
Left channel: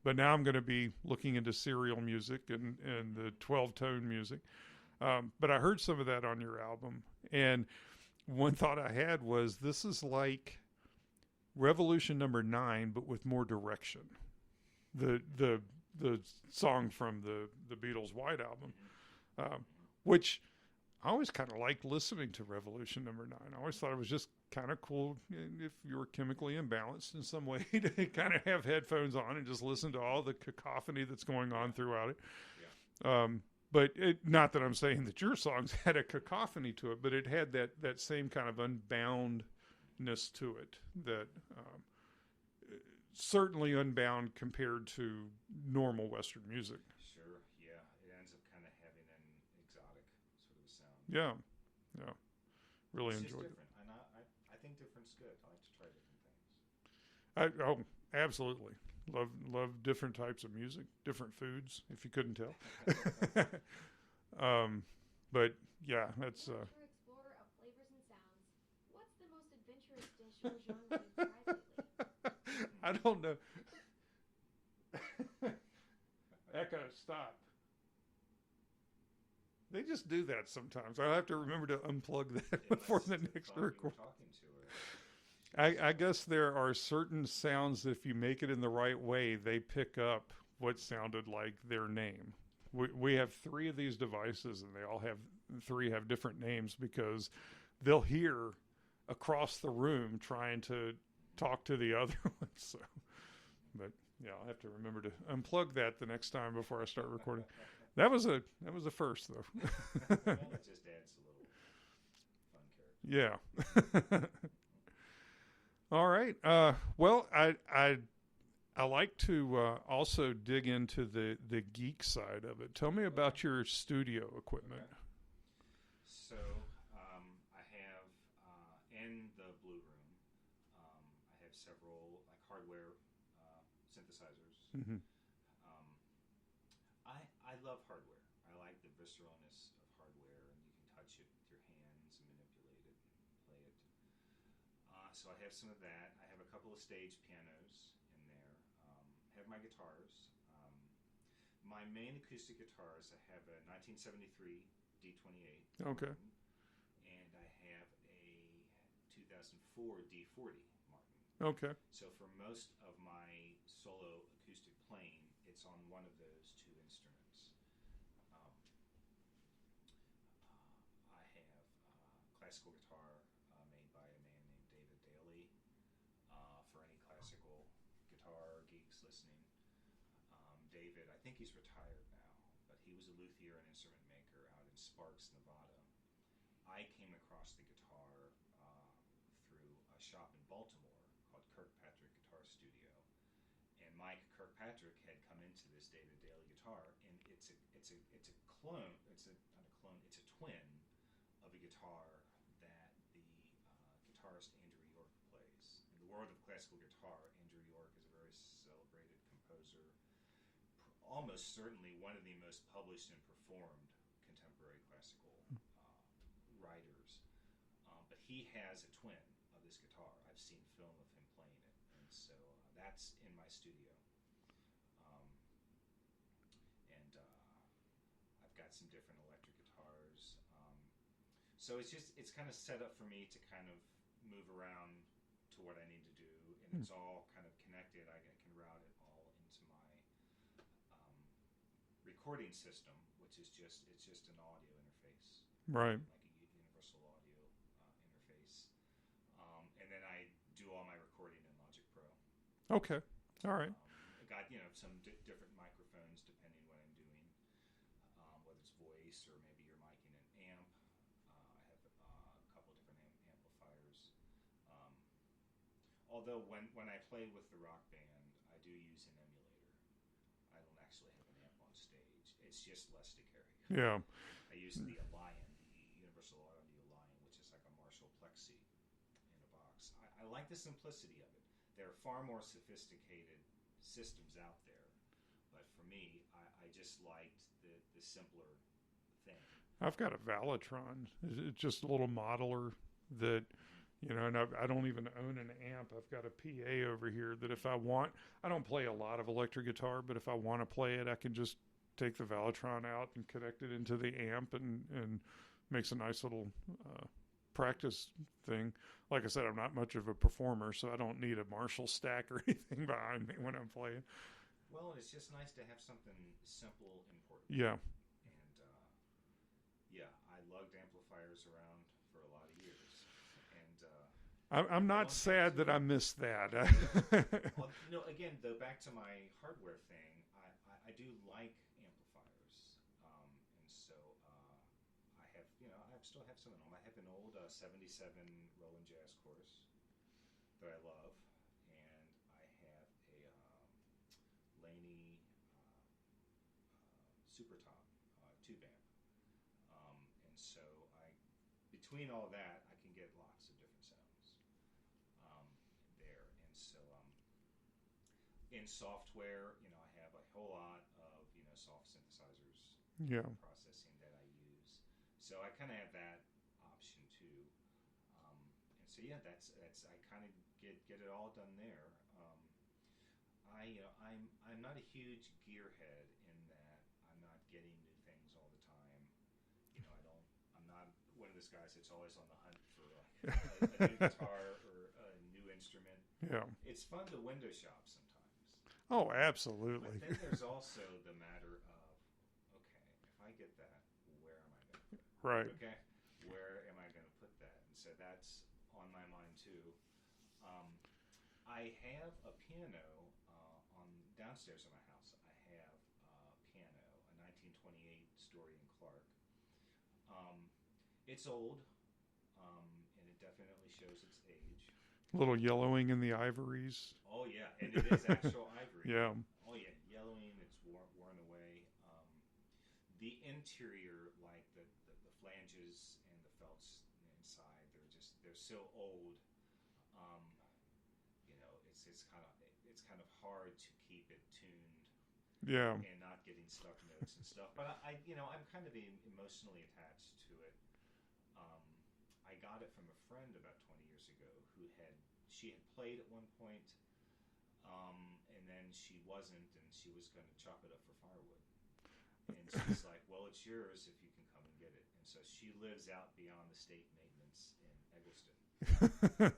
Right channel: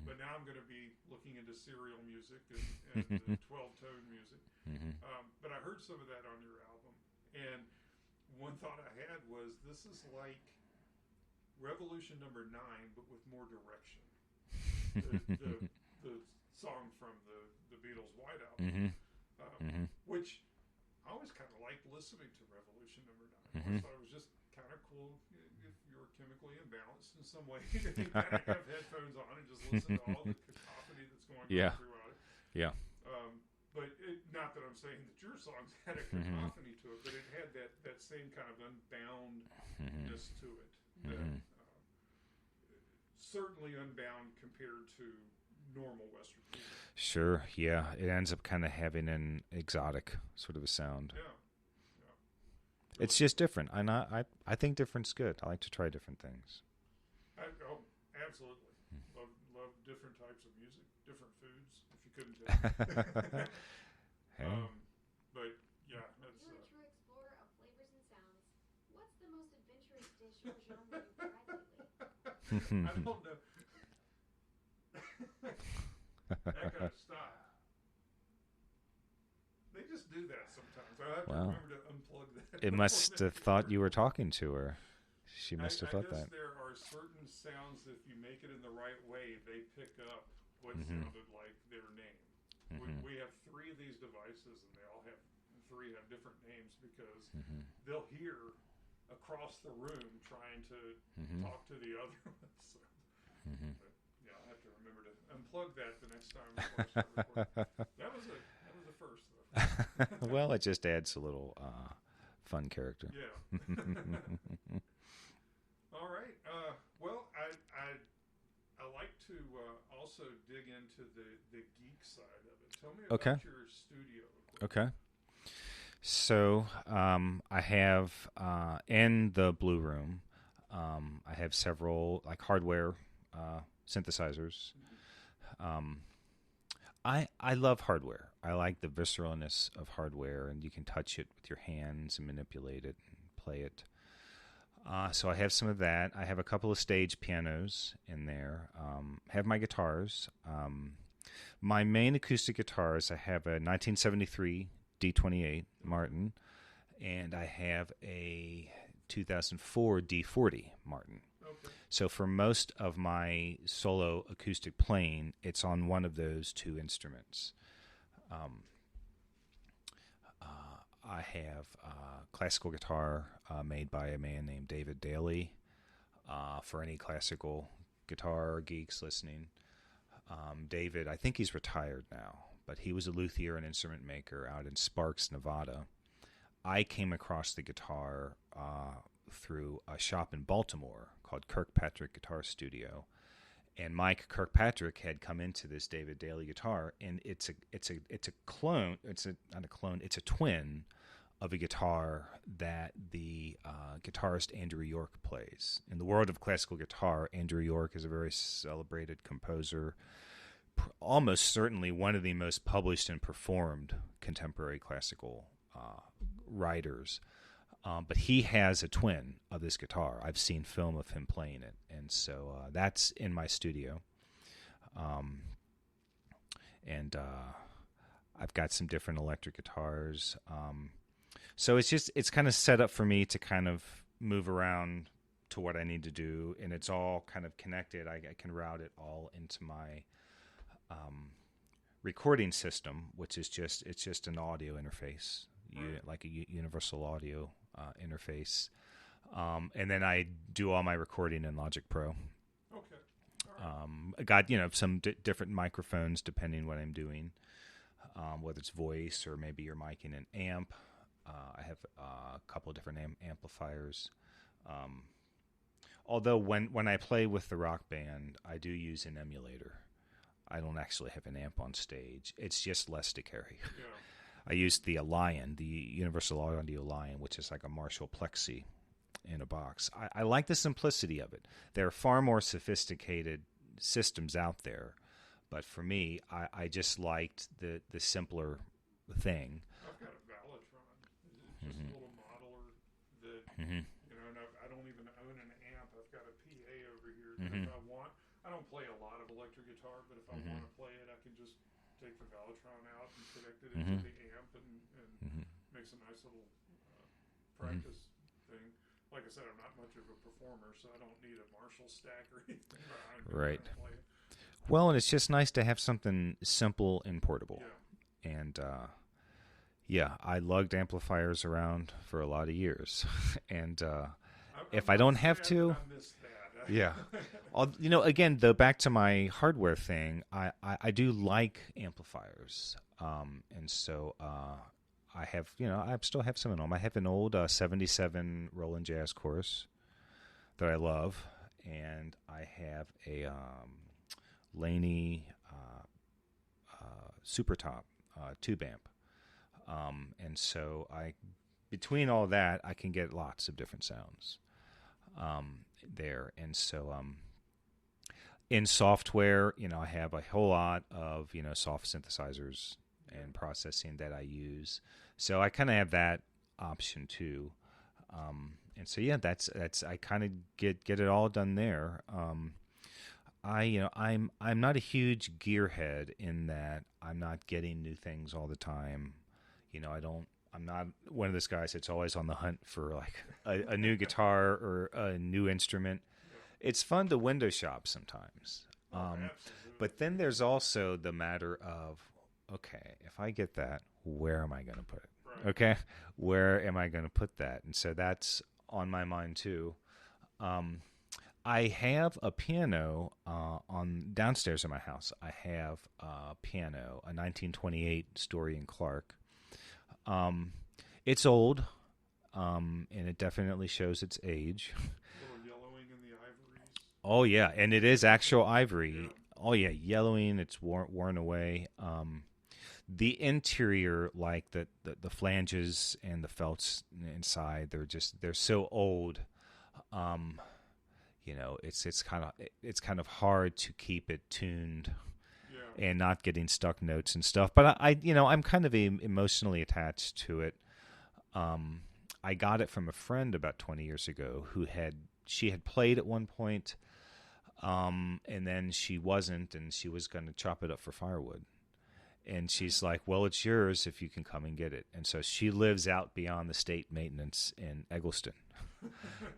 But now I'm going to be looking into serial music and the 12-tone music. But I heard some of that on your album, and one thought I had was, this is like Revolution Number 9, but with more direction. The song from the Beatles' White Album, which I always kind of liked listening to Revolution Number 9. I always thought it was just kind of cool if you were chemically imbalanced in some way to kind of have headphones on and just listen to all the cacophony that's going on throughout it. Yeah. But not that I'm saying that your songs had a cacophony to it, but it had that same kind of unboundness to it that certainly unbound compared to normal Western music. Sure, yeah. It ends up kind of having an exotic sort of a sound. Yeah. Really it's just different. And I think different's good. I like to try different things. Absolutely. Love different types of music, different foods, if you couldn't tell. But yeah, that's Explorer of flavors and sounds. What's the most adventurous dish or genre you've tried lately? I don't know. Echo, stop. They just do that sometimes. I have to remember to unplug that. It must have thought you were talking to her. She must have I thought guess that. there are certain sounds, if you make it in the right way, they pick up what sounded like their name. We have 3 of these devices, and they all have 3 have different names because they'll hear across the room trying to talk to the other one. So, but yeah, I'll have to remember to unplug that the next time before I start recording. That was a first, though. Well, it just adds a little fun character. Yeah. All right. Well, I like to also dig into the geek side of it. Tell me about your studio equipment. Okay. So I have in the Blue Room, I have several like hardware synthesizers. I love hardware. I like the visceralness of hardware, and you can touch it with your hands and manipulate it and play it. So I have some of that. I have a couple of stage pianos in there. Have my guitars. My main acoustic guitars, I have a 1973 D28 Martin, and I have a 2004 D40 Martin. Okay. So for most of my solo acoustic playing, it's on one of those 2 instruments. I have a classical guitar made by a man named David Daly. For any classical guitar geeks listening, David, I think he's retired now, but he was a luthier and instrument maker out in Sparks, Nevada. I came across the guitar through a shop in Baltimore called Kirkpatrick Guitar Studio, and Mike Kirkpatrick had come into this David Daly guitar, and it's a clone. It's not a clone. It's a twin of a guitar that the guitarist Andrew York plays. In the world of classical guitar, Andrew York is a very celebrated composer, almost certainly one of the most published and performed contemporary classical writers. But he has a twin of this guitar. I've seen film of him playing it, and so that's in my studio. And I've got some different electric guitars. So it's kind of set up for me to kind of move around to what I need to do, and it's all kind of connected. I can route it all into my recording system, which is just an audio interface, right? Like a universal audio interface, and then I do all my recording in Logic Pro. Okay, all right. I got some different microphones depending what I'm doing. whether it's voice or maybe you're micing an amp. I have a couple of different amplifiers. Although when I play with the Rock Band, I do use an emulator. I don't actually have an amp on stage. It's just less to carry. Yeah. I used the Lion, the Universal Audio Lion, which is like a Marshall Plexi in a box. I like the simplicity of it. There are far more sophisticated systems out there, but for me, I just liked the simpler thing. I've got a Valitron. It's just a little modeler that, you know, and I don't even own an amp. I've got a PA over here that if I want, I don't play a lot of electric guitar, but if I want to play it, I can just take the Valitron out and connect it into the amp and makes a nice little practice thing. Like I said, I'm not much of a performer, so I don't need a Marshall stack or anything behind me when I'm playing. Well, and it's just nice to have something simple and portable. Yeah. And, I lugged amplifiers around for a lot of years. And if I don't have to... I miss that. Yeah. You know, again, though, back to my hardware thing, I do like amplifiers. And so I have, you know, I still have some at home. I have an old 77 Roland Jazz Chorus that I love. And I have a Laney Super Top tube amp. And so between all that, I can get lots of different sounds there. And so in software, you know, I have a whole lot of, you know, soft synthesizers and processing that I use. So I kind of have that option too. And so, that's I kind of get it all done there. I'm not a huge gearhead in that I'm not getting new things all the time. You know, I'm not one of those guys that's always on the hunt for like a new guitar or a new instrument. Yeah. It's fun to window shop sometimes. Oh, absolutely. But then there's also the matter of, okay, if I get that, where am I going to put it? Right. Okay. Where am I going to put that? And so that's on my mind too. I have a piano on downstairs in my house. I have a piano, a 1928 Story and Clark. It's old, and it definitely shows its age. A little yellowing in the ivories. Oh yeah, and it is actual ivory. Yeah. Oh yeah, yellowing. It's worn away. The interior, like the flanges and the felts inside, they're so old. You know, it's kind of hard to keep it tuned. Yeah. And not getting stuck notes and stuff. But I'm kind of emotionally attached to it. I got it from a friend about 20 years ago she had played at one point, and then she wasn't, and she was going to chop it up for firewood. And she's like, well, it's yours if you can come and get it. And so she lives out beyond the state maintenance in Eggleston.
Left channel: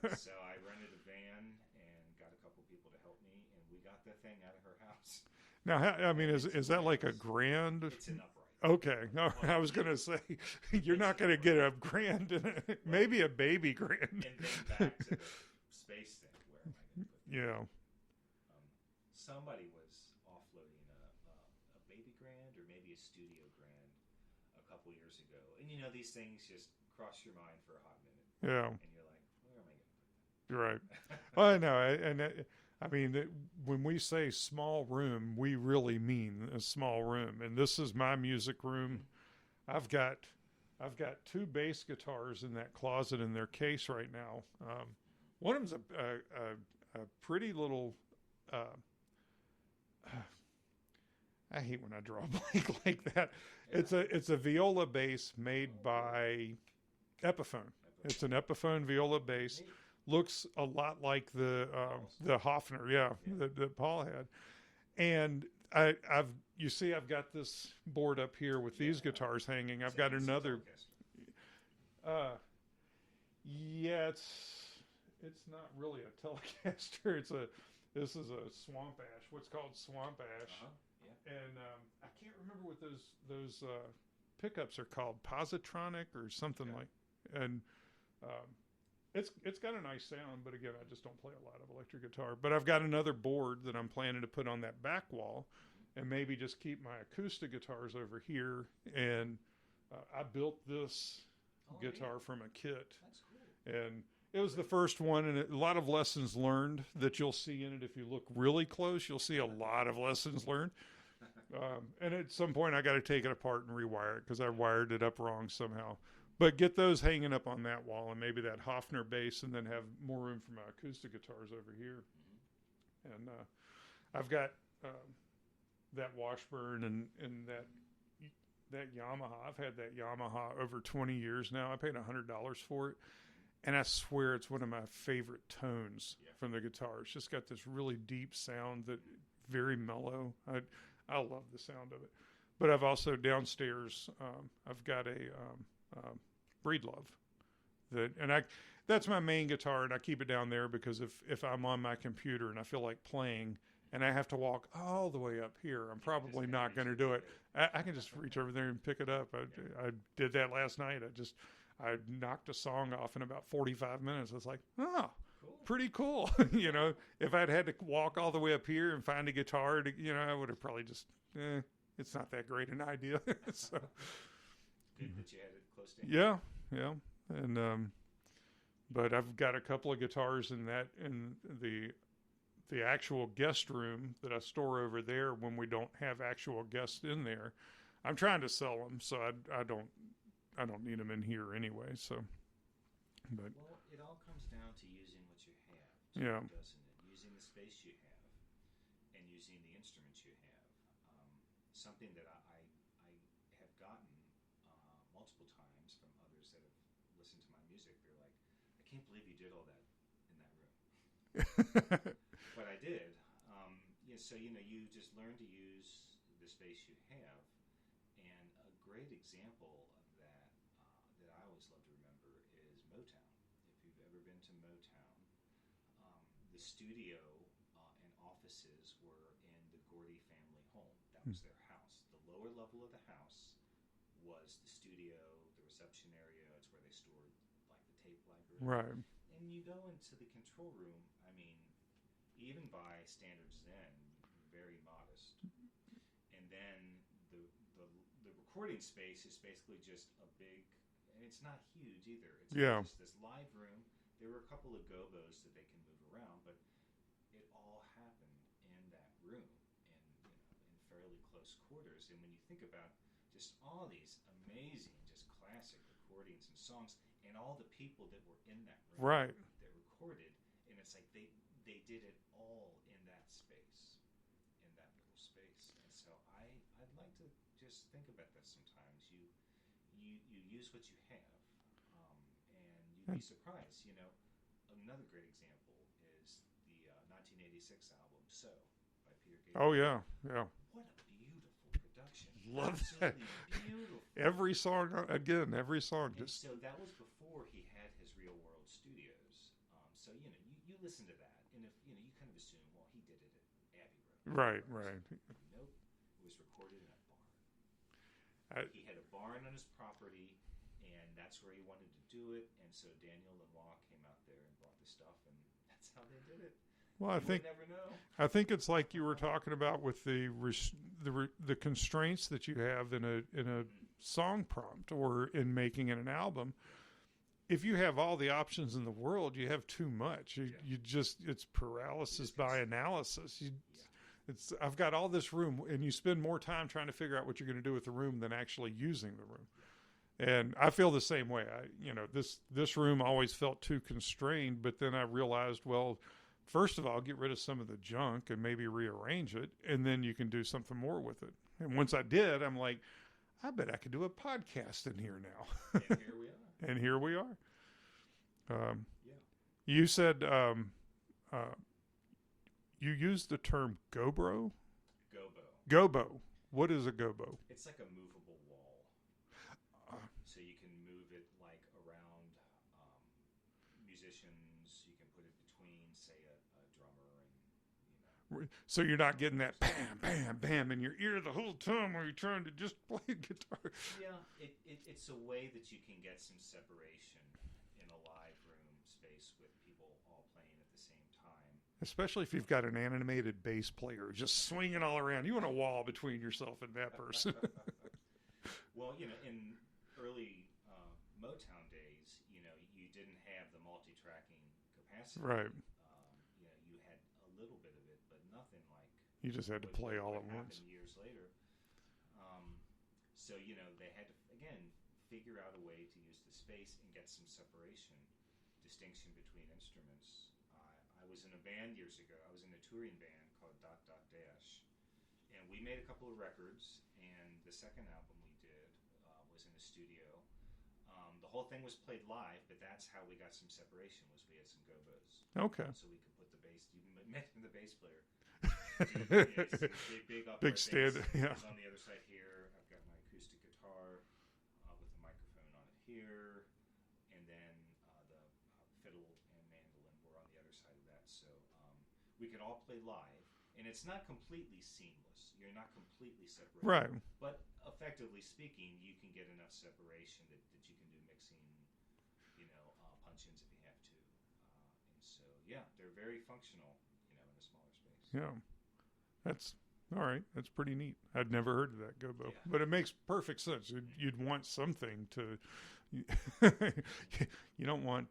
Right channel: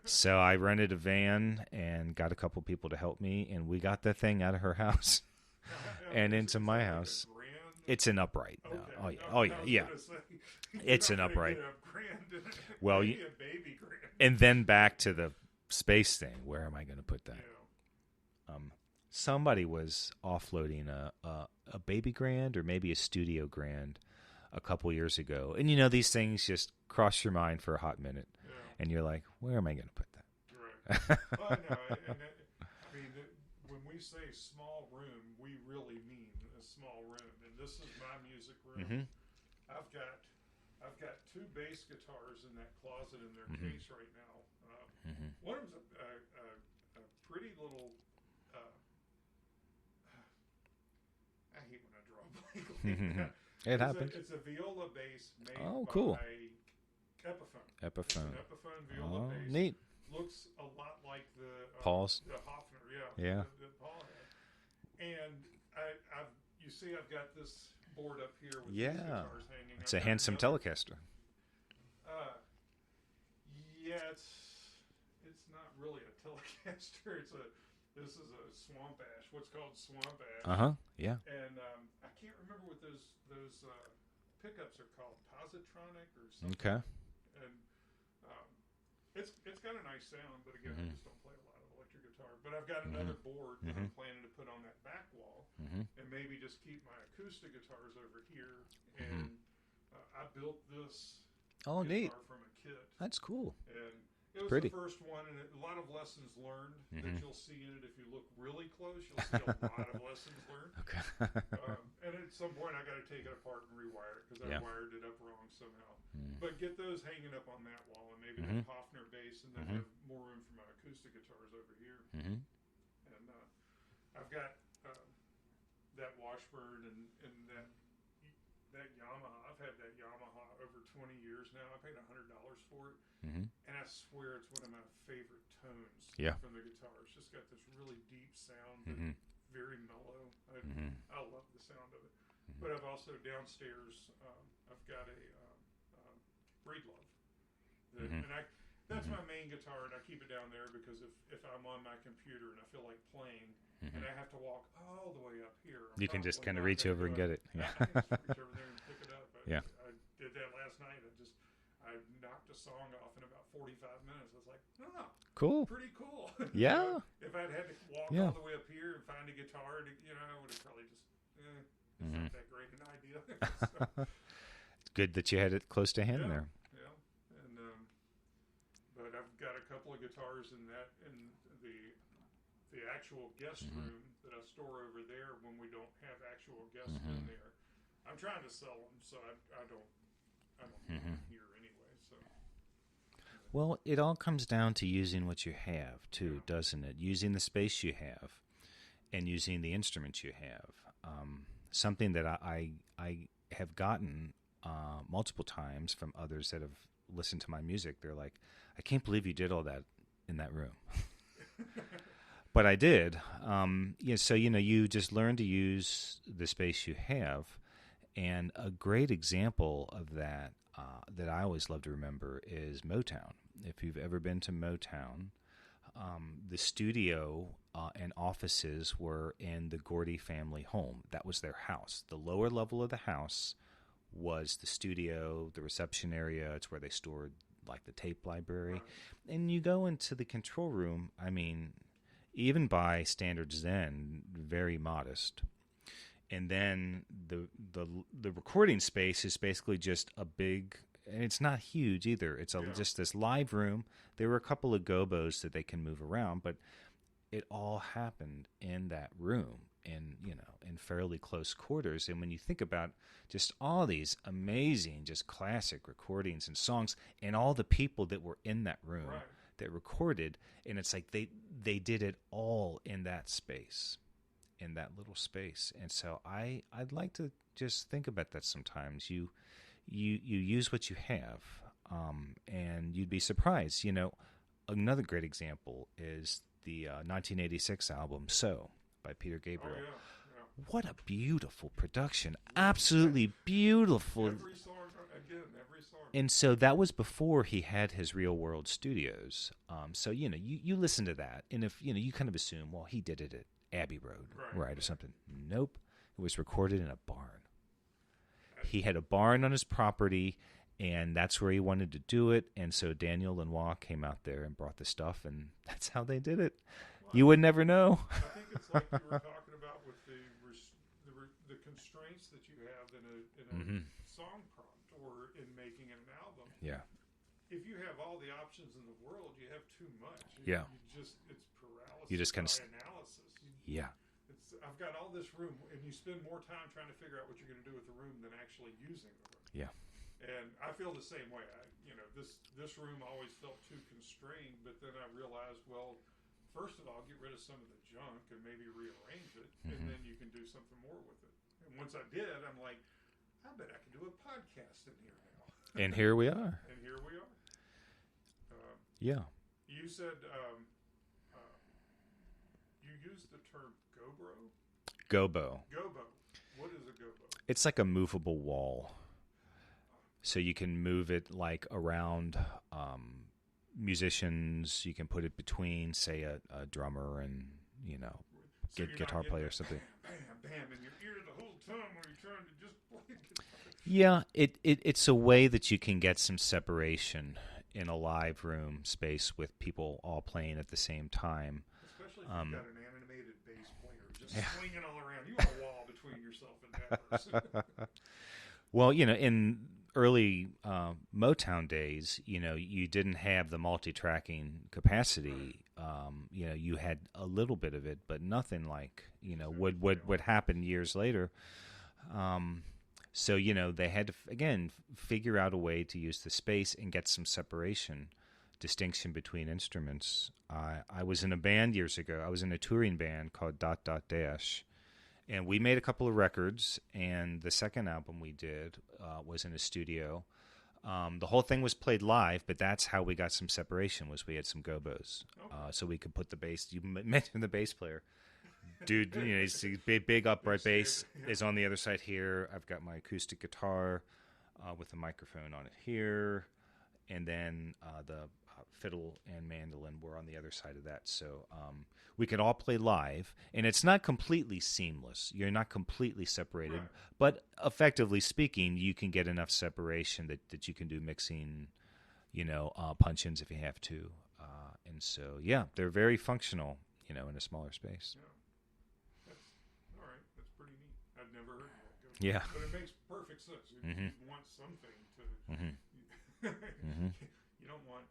So I rented a van and got a couple people to help me, and we got the thing out of her house. Now, I mean, and is into that my like house. a grand? It's an upright. Okay. I was yeah. going to say, you're It's not an going to upright. get a grand in it. Well, Maybe a baby grand. And then back to the space thing. Where am I going to put that? Yeah. Somebody was offloading a baby grand or maybe a studio grand a couple years ago. And, you know, these things just cross your mind for a hot minute. Yeah. And you're like, where am I going to put that? You're right. Well, no, I mean, when we say small room, we really mean a small room. And this is my music room. I've got two bass guitars in that closet in their case right now. One of them's a pretty little. I hate when I draw a blank like that. It's a viola bass made by cool. Epiphone. It's an Epiphone viola bass. Neat. Looks a lot like the Hofner, that Paul had. And I've got this board up here with these guitars hanging. It's I've a got handsome Telecaster. Yeah, it's not really a Telecaster. This is a Swamp Ash. What's called Swamp Ash. Yeah. And I can't remember what those pickups are called. Positronic or something like. And It's got a nice sound, but again, I just don't play a lot of electric guitar. But I've got another board that I'm planning to put on that back wall, and maybe just keep my acoustic guitars over here. And I built this Oh, guitar neat. from a kit, That's cool. and it was Pretty. the first one, and a lot of lessons learned that you'll see in it. If you look really close, you'll see a lot of lessons learned. And at some point, I got to take it apart and rewire it because I wired it up wrong somehow. But get those hanging up on that wall, and maybe that Hofner bass, and then have more room for my acoustic guitars over here. And I've got that Washburn and that Yamaha. I've had that Yamaha over 20 years now. I paid $100 for it, and I swear it's one of my favorite tones from the guitar. It's just got this really deep sound that very mellow. I love the sound of it. But I've also downstairs. I've got a Breedlove that, and that's my main guitar, and I keep it down there because if I'm on my computer and I feel like playing. And I have to walk all the way up here. You probably can just kind not of reach gonna over do and get it. I can just reach over there and pick it up. I did that last night. I knocked a song off in about 45 minutes. I was like, oh, Cool. pretty cool. Yeah. You know, if I'd had to walk all the way up here and find a guitar, I would have probably just, it's not that great an idea. So, It's good that you had it close to hand there. yeah. And, but I've got a couple of guitars in the actual guest room that I store over there when we don't have actual guests in there. I'm trying to sell them, so I don't need them in here anyway. So, but, Well, it all comes down to using what you have, too, Yeah. doesn't it? Using the space you have, and using the instruments you have. Something that I have gotten multiple times from others that have listened to my music. They're like, "I can't believe you did all that in that room." But I did. So, you just learn to use the space you have. And a great example of that that I always love to remember is Motown. If you've ever been to Motown, the studio and offices were in the Gordy family home. That was their house. The lower level of the house was the studio, the reception area. It's where they stored, like, the tape library. right. And you go into the control room, I mean, even by standards then, very modest. And then the recording space is basically just a big, and it's not huge either. It's just this live room. There were a couple of gobos that they can move around, but it all happened in that room in fairly close quarters. And when you think about just all these amazing, just classic recordings and songs and all the people that were in that room Right. that recorded, and it's like they did it all in that space, in that little space. And so I'd like to just think about that sometimes. You use what you have, and you'd be surprised. Another great example is the 1986 album "So" by Peter Gabriel. Oh, yeah. What a beautiful production. Absolutely beautiful. Every song. And so that was before he had his Real World Studios. So, you listen to that, and if, you kind of assume, well, he did it at Abbey Road. Right. Or something. Nope. It was recorded in a barn. He had a barn on his property, and that's where he wanted to do it. And so Daniel Lanois came out there and brought the stuff, and that's how they did it. Well, You would never know. I think it's like you were talking about with the constraints that you have in a song prompt or in making an album. Yeah. If you have all the options in the world, you have too much. It's paralysis by analysis. I've got all this room, and you spend more time trying to figure out what you're going to do with the room than actually using the room. Yeah. And I feel the same way. This room always felt too constrained, but then I realized, well, first of all, get rid of some of the junk and maybe rearrange it, and then you can do something more with it. And once I did, I'm like, I bet I could do a podcast in here now. And here we are. And here we are. Yeah. You said you used the term gobo. Gobo. What is a gobo? It's like a movable wall. So you can move it like around musicians. You can put it between, say, a drummer and, So you're not getting player, that bam, bam, bam in your ear the whole time while you're trying to just play guitar. Yeah, it's a way that you can get some separation in a live room space with people all playing at the same time. Especially if you've got an animated bass player just swinging all around. You want a wall between yourself and that person. Well, in early Motown days, you didn't have the multi-tracking capacity. Right. You had a little bit of it, but nothing like just had to would play all would at happen once. years later. So they had to again figure out a way to use the space and get some distinction between instruments. I was in a band years ago. I was in a touring band called ... And we made a couple of records, and the second album we did was in a studio. The whole thing was played live, but that's how we got some separation, was we had some gobos. Okay. So we could put the bass. You mentioned the bass player. Dude, he's a big upright Big bass stand, yeah. is on the other side here. I've got my acoustic guitar with a microphone on it here. And then the fiddle and mandolin were on the other side of that. So we could all play live, and it's not completely seamless. You're not completely separated. Right. But effectively speaking, you can get enough separation that you can do mixing, punch-ins if you have to. And so, yeah, they're very functional, in a smaller space. Yeah. That's all right. That's pretty neat. I'd never heard of that gobo. Yeah. But it makes perfect sense. You'd want something to... You don't want...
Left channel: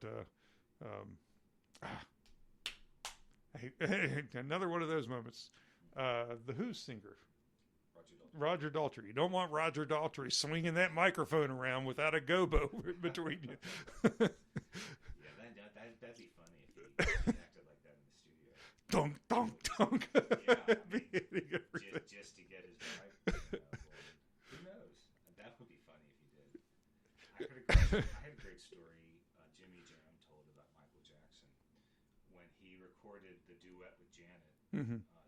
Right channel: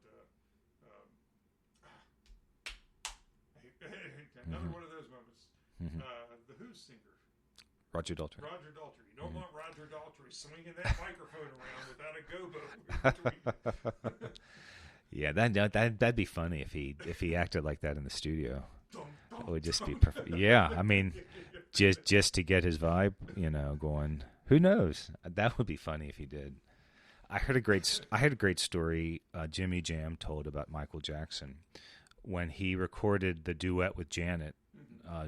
another one of those moments. The Who singer, Roger Daltrey. Roger Daltrey. You don't want Roger Daltrey swinging that microphone around without a gobo between you. Yeah, that'd be funny if he acted like that in the studio. Dunk, dunk, It would just be dunk. perfect. Yeah, I mean, just to get his vibe, going. Who knows? That would be funny if he did. I heard a great story Jimmy Jam told about Michael Jackson when he recorded the duet with Janet,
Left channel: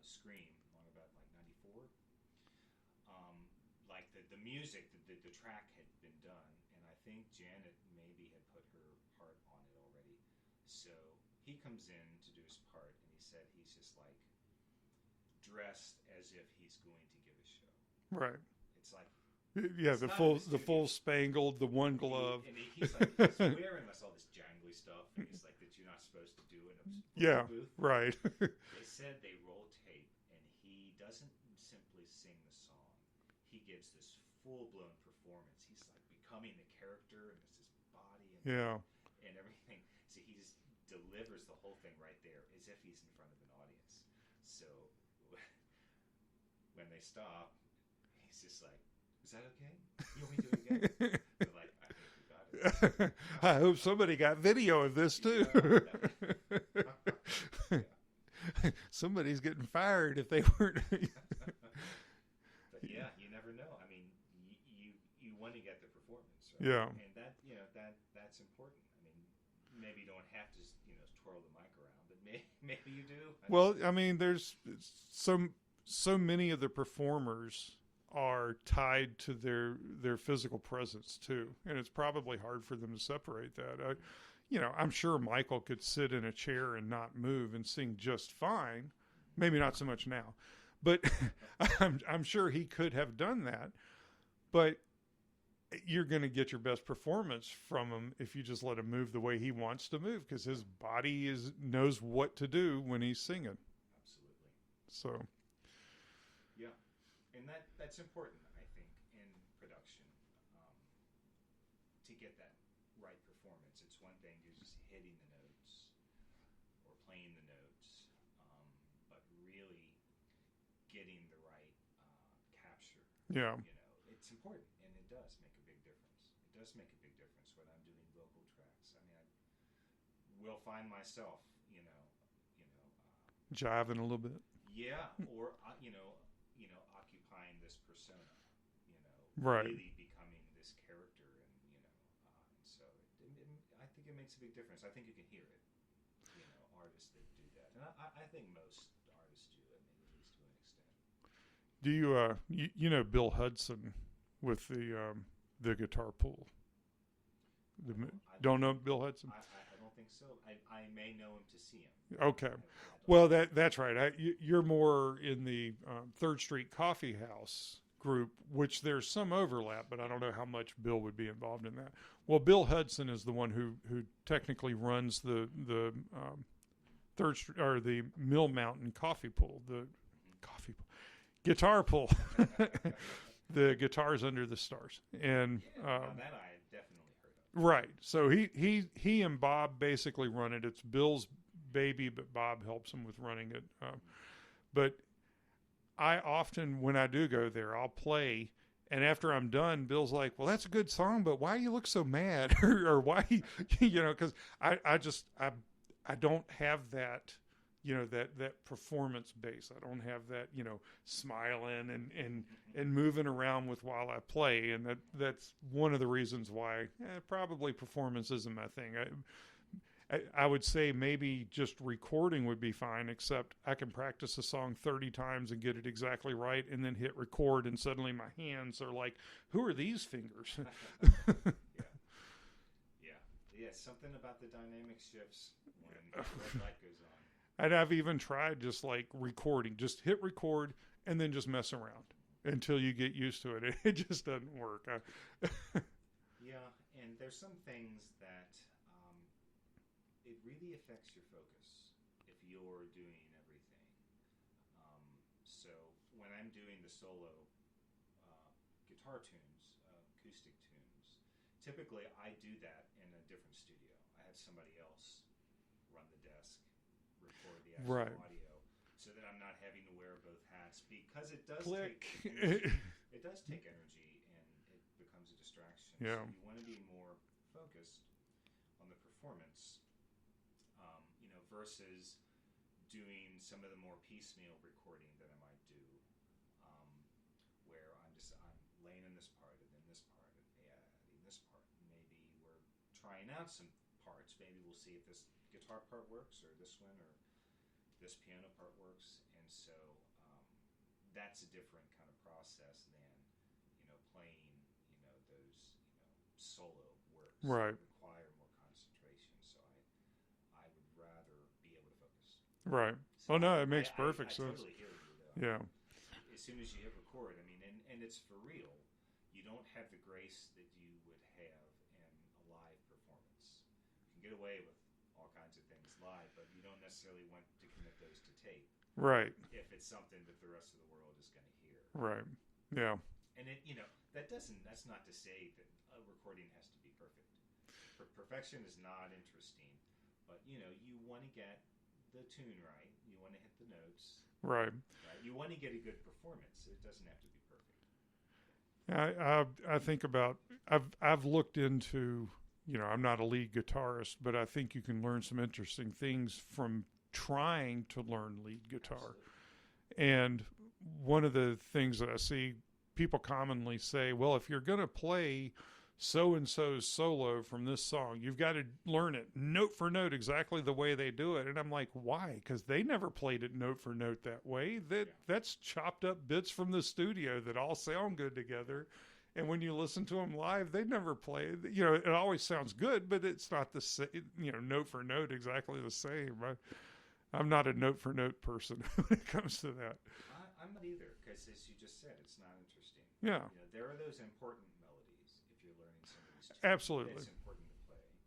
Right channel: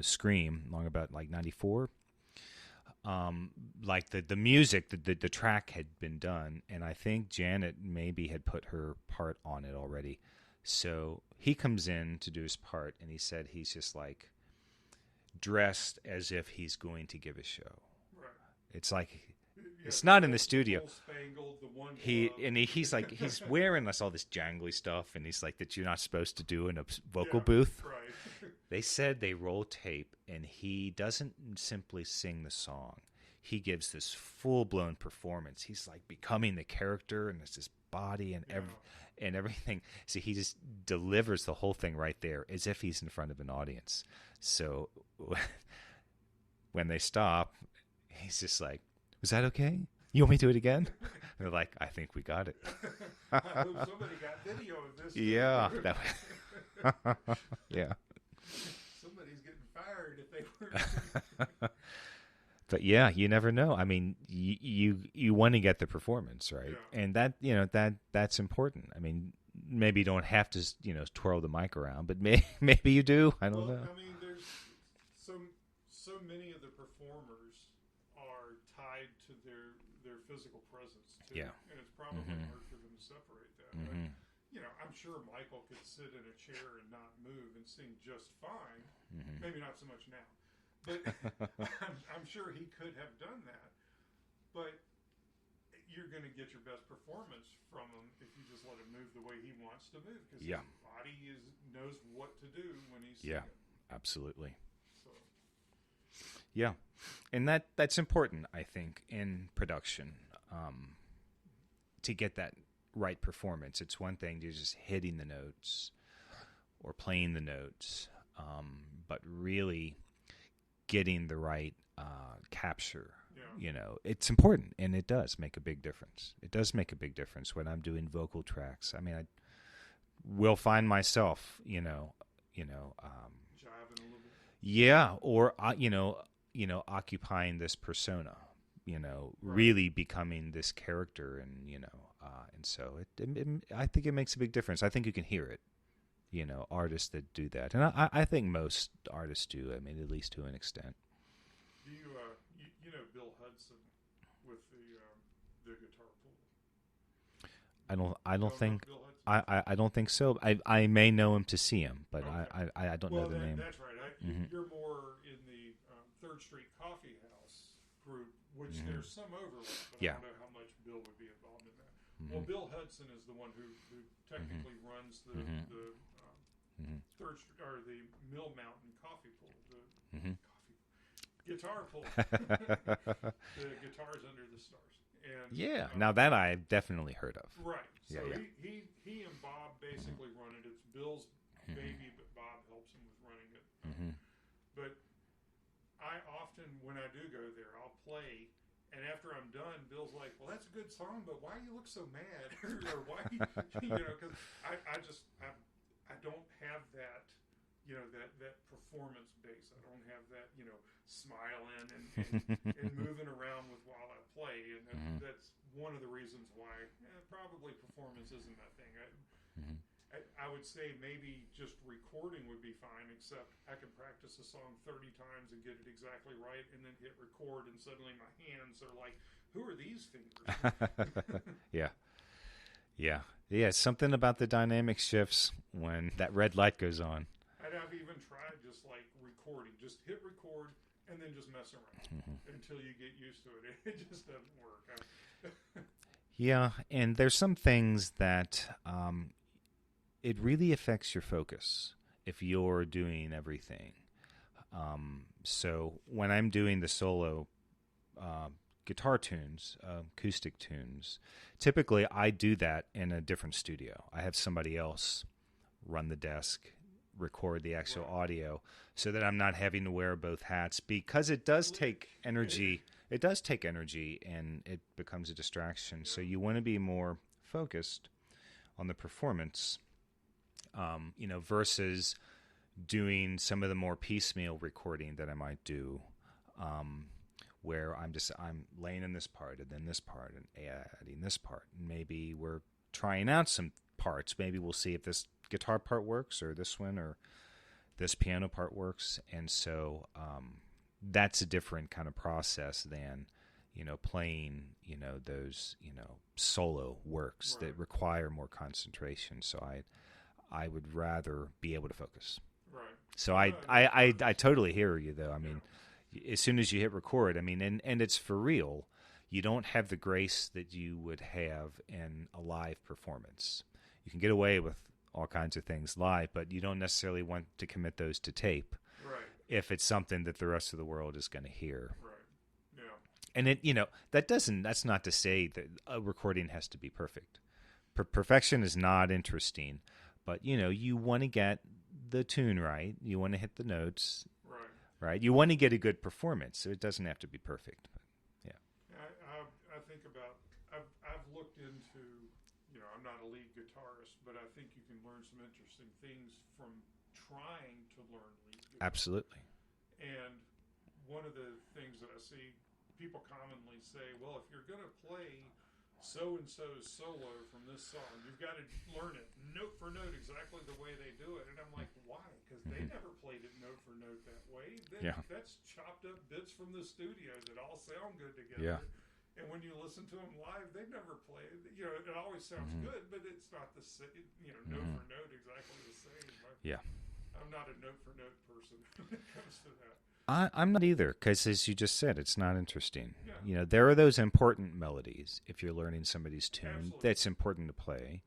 "Scream," long about like '94. Like the music, the track had been done, and I think Janet maybe had put her part on it already. So he comes in to do his part, and he said he's just like dressed as if he's going to give a show. Right. It's like Yeah, it's not in full- the studio. The full spangled, the one glove. He's like he's wearing all this jangly stuff, and he's like that you're not supposed to do in a vocal Yeah, booth. Right. They said they roll tape, and he doesn't simply sing the song. He gives this full-blown performance. He's like becoming the character, and it's his body and and everything. So he just delivers the whole thing right there as if he's in front of an audience. So when they stop, he's just like, "Was that okay? You want me to do it again?" They're like, "I think we got it." I hope somebody got video of this too. Yeah. Yeah. Somebody's getting fired if they weren't. But yeah, you never know. I mean, you want to get the performance, right? Yeah. And that's important. I mean, maybe you don't have to twirl the mic around, but maybe you do. I don't know. I mean, there's so many of the performers are tied to their physical presence too, and it's probably hard for them to separate that. I'm sure Michael could sit in a chair and not move and sing just fine. Maybe not so much now, but I'm sure he could have done that. But you're going to get your best performance from him if you just let him move the way he wants to move, because his body knows what to do when he's singing. Yeah, absolutely. So, yeah, and that's important, I think, in production, to get that right performance. It's one thing to just hitting the notes or playing the notes, but really getting the right capture. yeah. It's important, and it does make a big difference. It does make a big difference when I'm doing vocal tracks. I mean, I will find myself, Jiving a little bit. yeah, or occupying this persona, Right. really becoming this character, and and so I think it makes a big difference. I think you can hear it, artists that do that, and I think most artists do. I mean, at least to an extent. Do you Bill Hudson with the guitar pool? I don't know think Bill Hudson. I don't think so. I may know him to see him, but Okay. I don't. Well, know the name. that's right. You're more in the 3rd Street Coffee House group, which there's some overlap, but I Yeah. don't know how much Bill would be involved in that. Mm-hmm. Well, Bill Hudson is the one who technically runs the the Mill Mountain coffee pool, the coffee pool. Guitar pull, the Guitars Under the Stars, and now that I've definitely heard of. right. So he and Bob basically run it. It's Bill's baby, but Bob helps him with running it. But I often, when I do go there, I'll play, and after I'm done, Bill's like, "Well, that's a good song, but why you look so mad?" or why, because I don't have that. That performance base. I don't have that, smiling and moving around with while I play. And that's one of the reasons why probably performance isn't my thing. I would say maybe just recording would be fine, except I can practice a song 30 times and get it exactly right and then hit record, and suddenly my hands are like, who are these fingers? Yeah, something about the dynamic shifts when that red light goes on. And I've even tried just like recording, just hit record and then just mess around until you get used to it. It just doesn't work. Yeah, and there's some things that it really affects your focus if you're doing everything. So when I'm doing the solo guitar tunes, acoustic tunes, typically I do that in a different studio. I have somebody else run the desk, record the actual audio, so that I'm not having to wear both hats, because it does take energy. It does take energy, and it becomes a distraction. Yeah. So you want to be more focused on the performance, versus doing some of the more piecemeal recording that I might do, where I'm laying in this part and then this part and adding this part. And maybe we're trying out some parts. Maybe we'll see if this guitar part works, or this one, or this piano part works. And so that's a different kind of process than playing those solo works that require more concentration. So I would rather be able to focus. Right. So Well, no, I totally hear you, though. I mean, as soon as you hit record, and it's for real, you don't have the grace that you would have in a live performance. You can get away with all kinds of things live, but you don't necessarily want to commit those to tape. Right. If it's something that the rest of the world is going to hear. Right. Yeah. And that's not to say that a recording has to be perfect. Perfection is not interesting, but you want to get the tune right. You want to hit the notes. Right. Right. You want to get a good performance. So it doesn't have to be perfect. But I think about, I've looked into, I'm not a lead guitarist, but I think you can learn some interesting things from trying to learn lead guitar. Absolutely. And one of the things that I see people commonly say, well, if you're going to play so-and-so's solo from this song, you've got to learn it note for note exactly the way they do it. And I'm like, why? Because they never played it note for note that way. That's chopped up bits from the studio that all sound good together. Yeah. And when you listen to them live, they never play. It always sounds good, but it's not the same, note for note exactly the same. I'm not a note for note person when it comes to that. I'm not either, because as you just said, it's not interesting. Yeah. There are those important melodies if you're learning somebody's tune. Absolutely. That's important to play.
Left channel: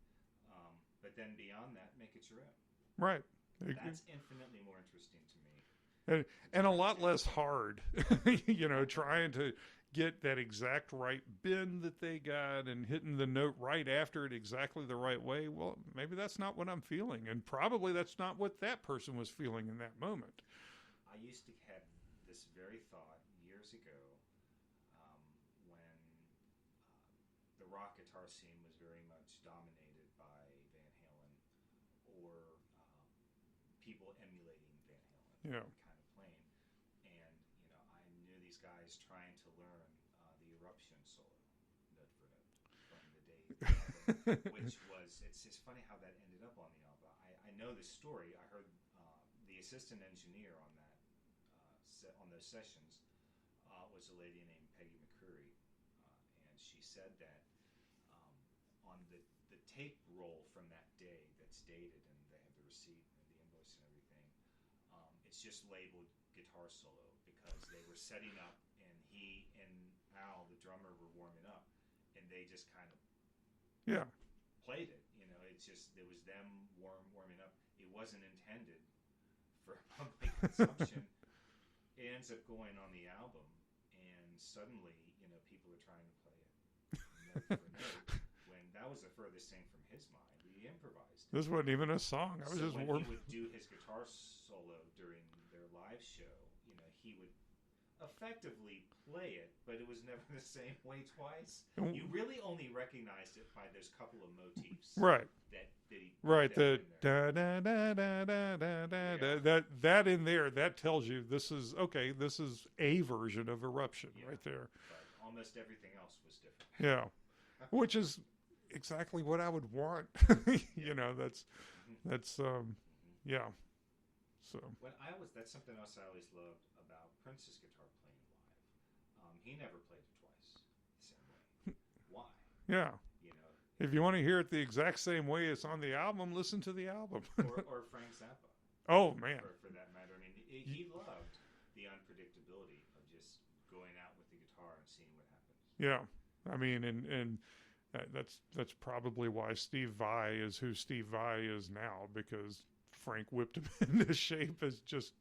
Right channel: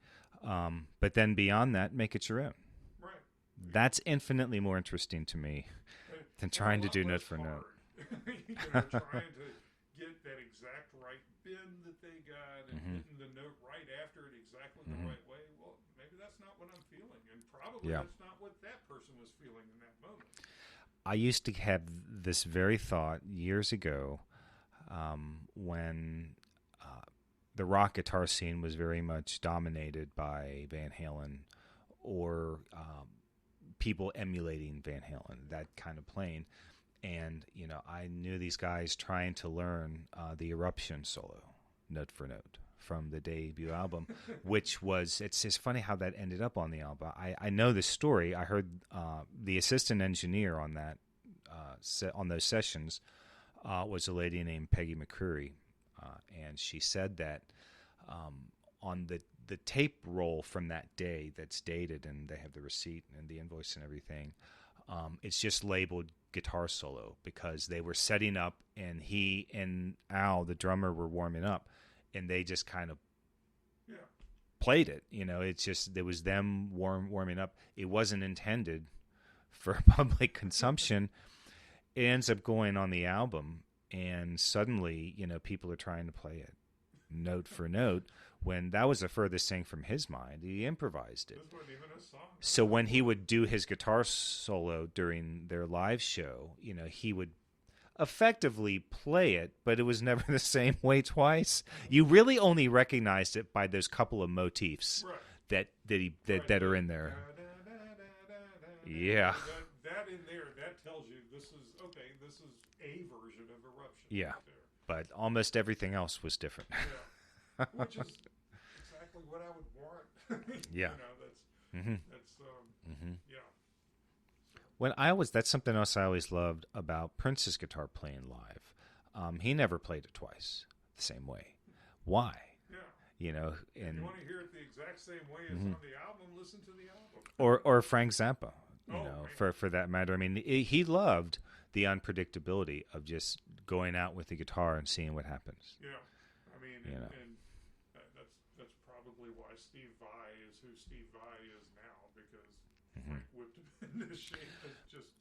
But then beyond that, make it your own. Right. That's infinitely more interesting to me than and trying a lot to do less note for note. hard. Trying to get that exact right bend that they got and hitting the note right after it exactly the right way. Well, maybe that's not what I'm feeling, and probably that's not what that person was feeling in that moment. I used to have this very thought years ago when the rock guitar scene was very much dominated by Van Halen, or people emulating Van Halen, that kind of playing. And, I knew these guys trying to learn the Eruption solo, note for note, from the debut album, which was, it's just funny how that ended up on the album. I know the story. I heard the assistant engineer on that, on those sessions, was a lady named Peggy McCreary. And she said that on the tape roll from that day that's dated, and they have the receipt and the invoice and everything, It's just labeled guitar solo because they were setting up, and he and Al, the drummer, were warming up, and they just kind of played it. It's just there was them warming up. It wasn't intended for public consumption. It ends up going on the album, and suddenly, people are trying to play it note for note, when that was the furthest thing from his mind. He improvised it. This wasn't even a song. So when he would do his guitar solo during their live show, he would effectively play it, but it was never the same way twice. You really only recognized it by those couple of motifs, right? That are in there. Yeah, that in there, that tells you this is a version of Eruption. Yeah, right there. But almost everything else was different. Yeah, which is exactly what I would want. Yeah, that's yeah. So that's something else I always loved about Prince's guitar playing live. He never played it twice the same way. Why? Yeah. If you want to hear it the exact same way as on the album, listen to the album. or Frank Zappa. Man. For that matter. I mean, he loved the unpredictability of just going out with the guitar and seeing what happens. Yeah. I mean, and that's probably why Steve Vai is who Steve Vai is now, because Frank whipped him into shape as just...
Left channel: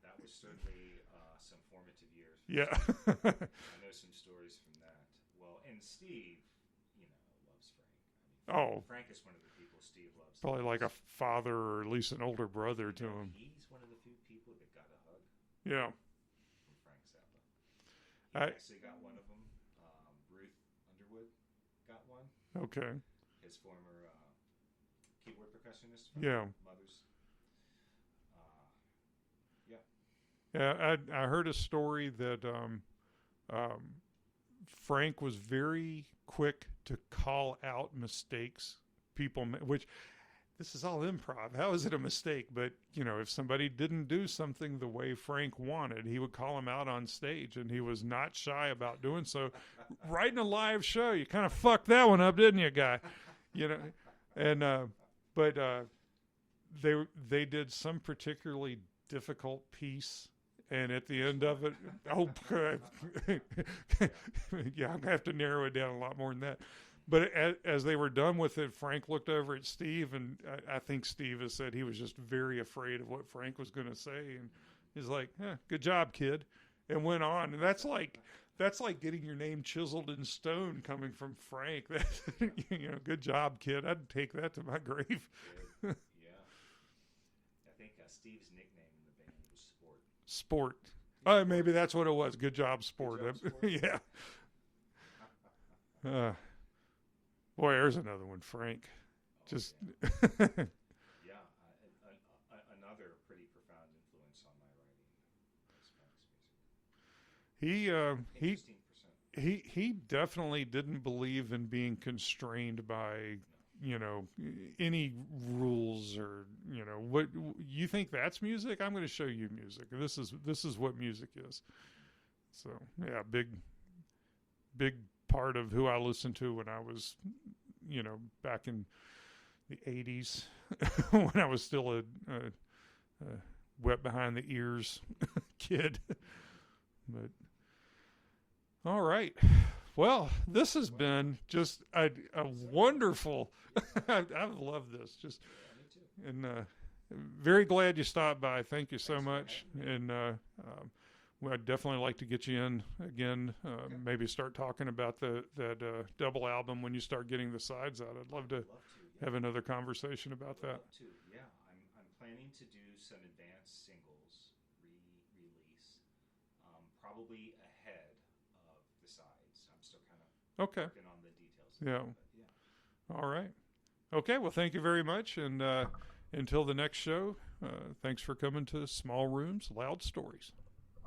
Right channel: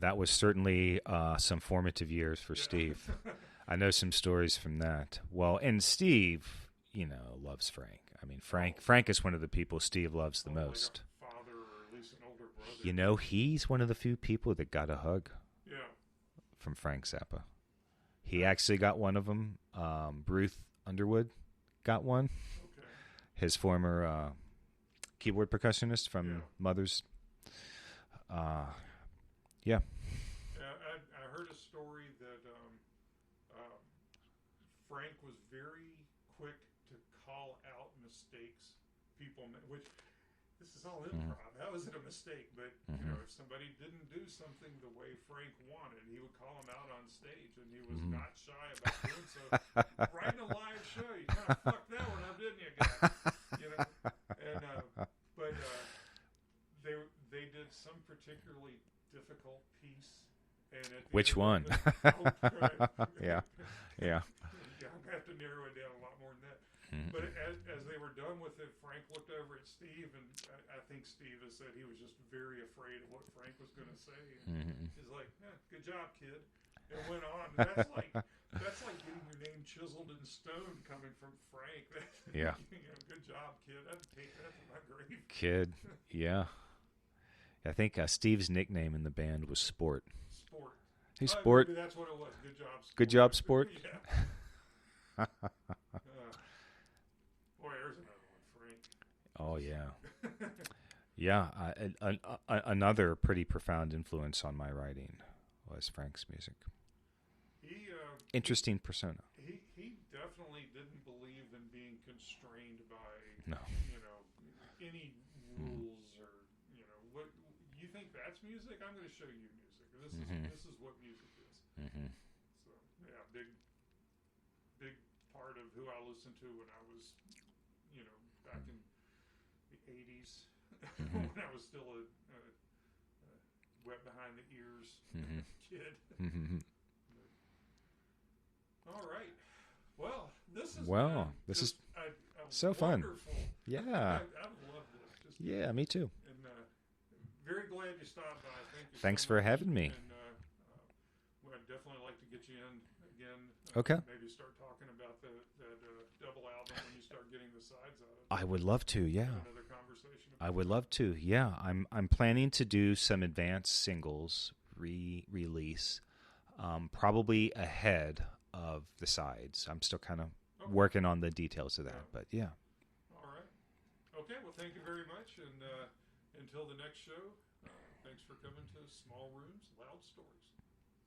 That was certainly some formative years for Steve. I know some stories from that. Well, and Steve, loves Frank. I mean, Frank is one of the people Steve loves the most. Probably like a father, or at least an older brother. He's one of the few people that got a hug. Yeah. From Frank Zappa. He actually got one of them. Ruth Underwood got one. Okay. His former keyboard percussionist from Mother's. Yeah. I heard a story that Frank was very quick to call out mistakes people made, which this is all improv. How is it a mistake? But, if somebody didn't do something the way Frank wanted, he would call them out on stage, and he was not shy about doing so. Right in a live show, you kind of fucked that one up, didn't you, guy? And but they did some particularly difficult piece, and at the Which end one? of it, good. yeah. I'm gonna have to narrow it down a lot more than that. But as they were done with it, Frank looked over at Steve, and I think Steve has said he was just very afraid of what Frank was going to say, and he's like, "Good job, kid," and went on. And that's like getting your name chiseled in stone coming from Frank. Good job, kid. I'd take that to my grave. Kid, yeah. I think Steve's nickname in the band was Sport. Sport. Hey, Sport. Maybe that's what it was. Good job, Sport. Good job, Sport. Yeah. Boy, there's another one, Frank. Oh, yeah. Yeah. Another pretty profound influence on my writing was Frank's music. Interesting persona. He definitely didn't believe in being constrained by any rules, or what you think that's music. I'm going to show you music. This is what music is. So big part of who I listened to when I was back in the 80s when I was still a wet behind the ears kid. But all right. Well, this has been just a so wonderful. Fun. Yeah. I love this. Yeah, me too. And very glad you stopped by. Thank you Thanks so much. for having me. And I'd definitely like to get you in again. Okay. Maybe start talking about that double album when you start getting the sides out. I would love to. Yeah. Have another conversation about that. I would love to. Yeah. I'm planning to do some advanced singles release, probably ahead of the sides. I'm still kind of working on the details of that, but yeah. All right. Okay. Well, thank you very much. And until the next show, thanks for coming to Small Rooms, Loud Stories.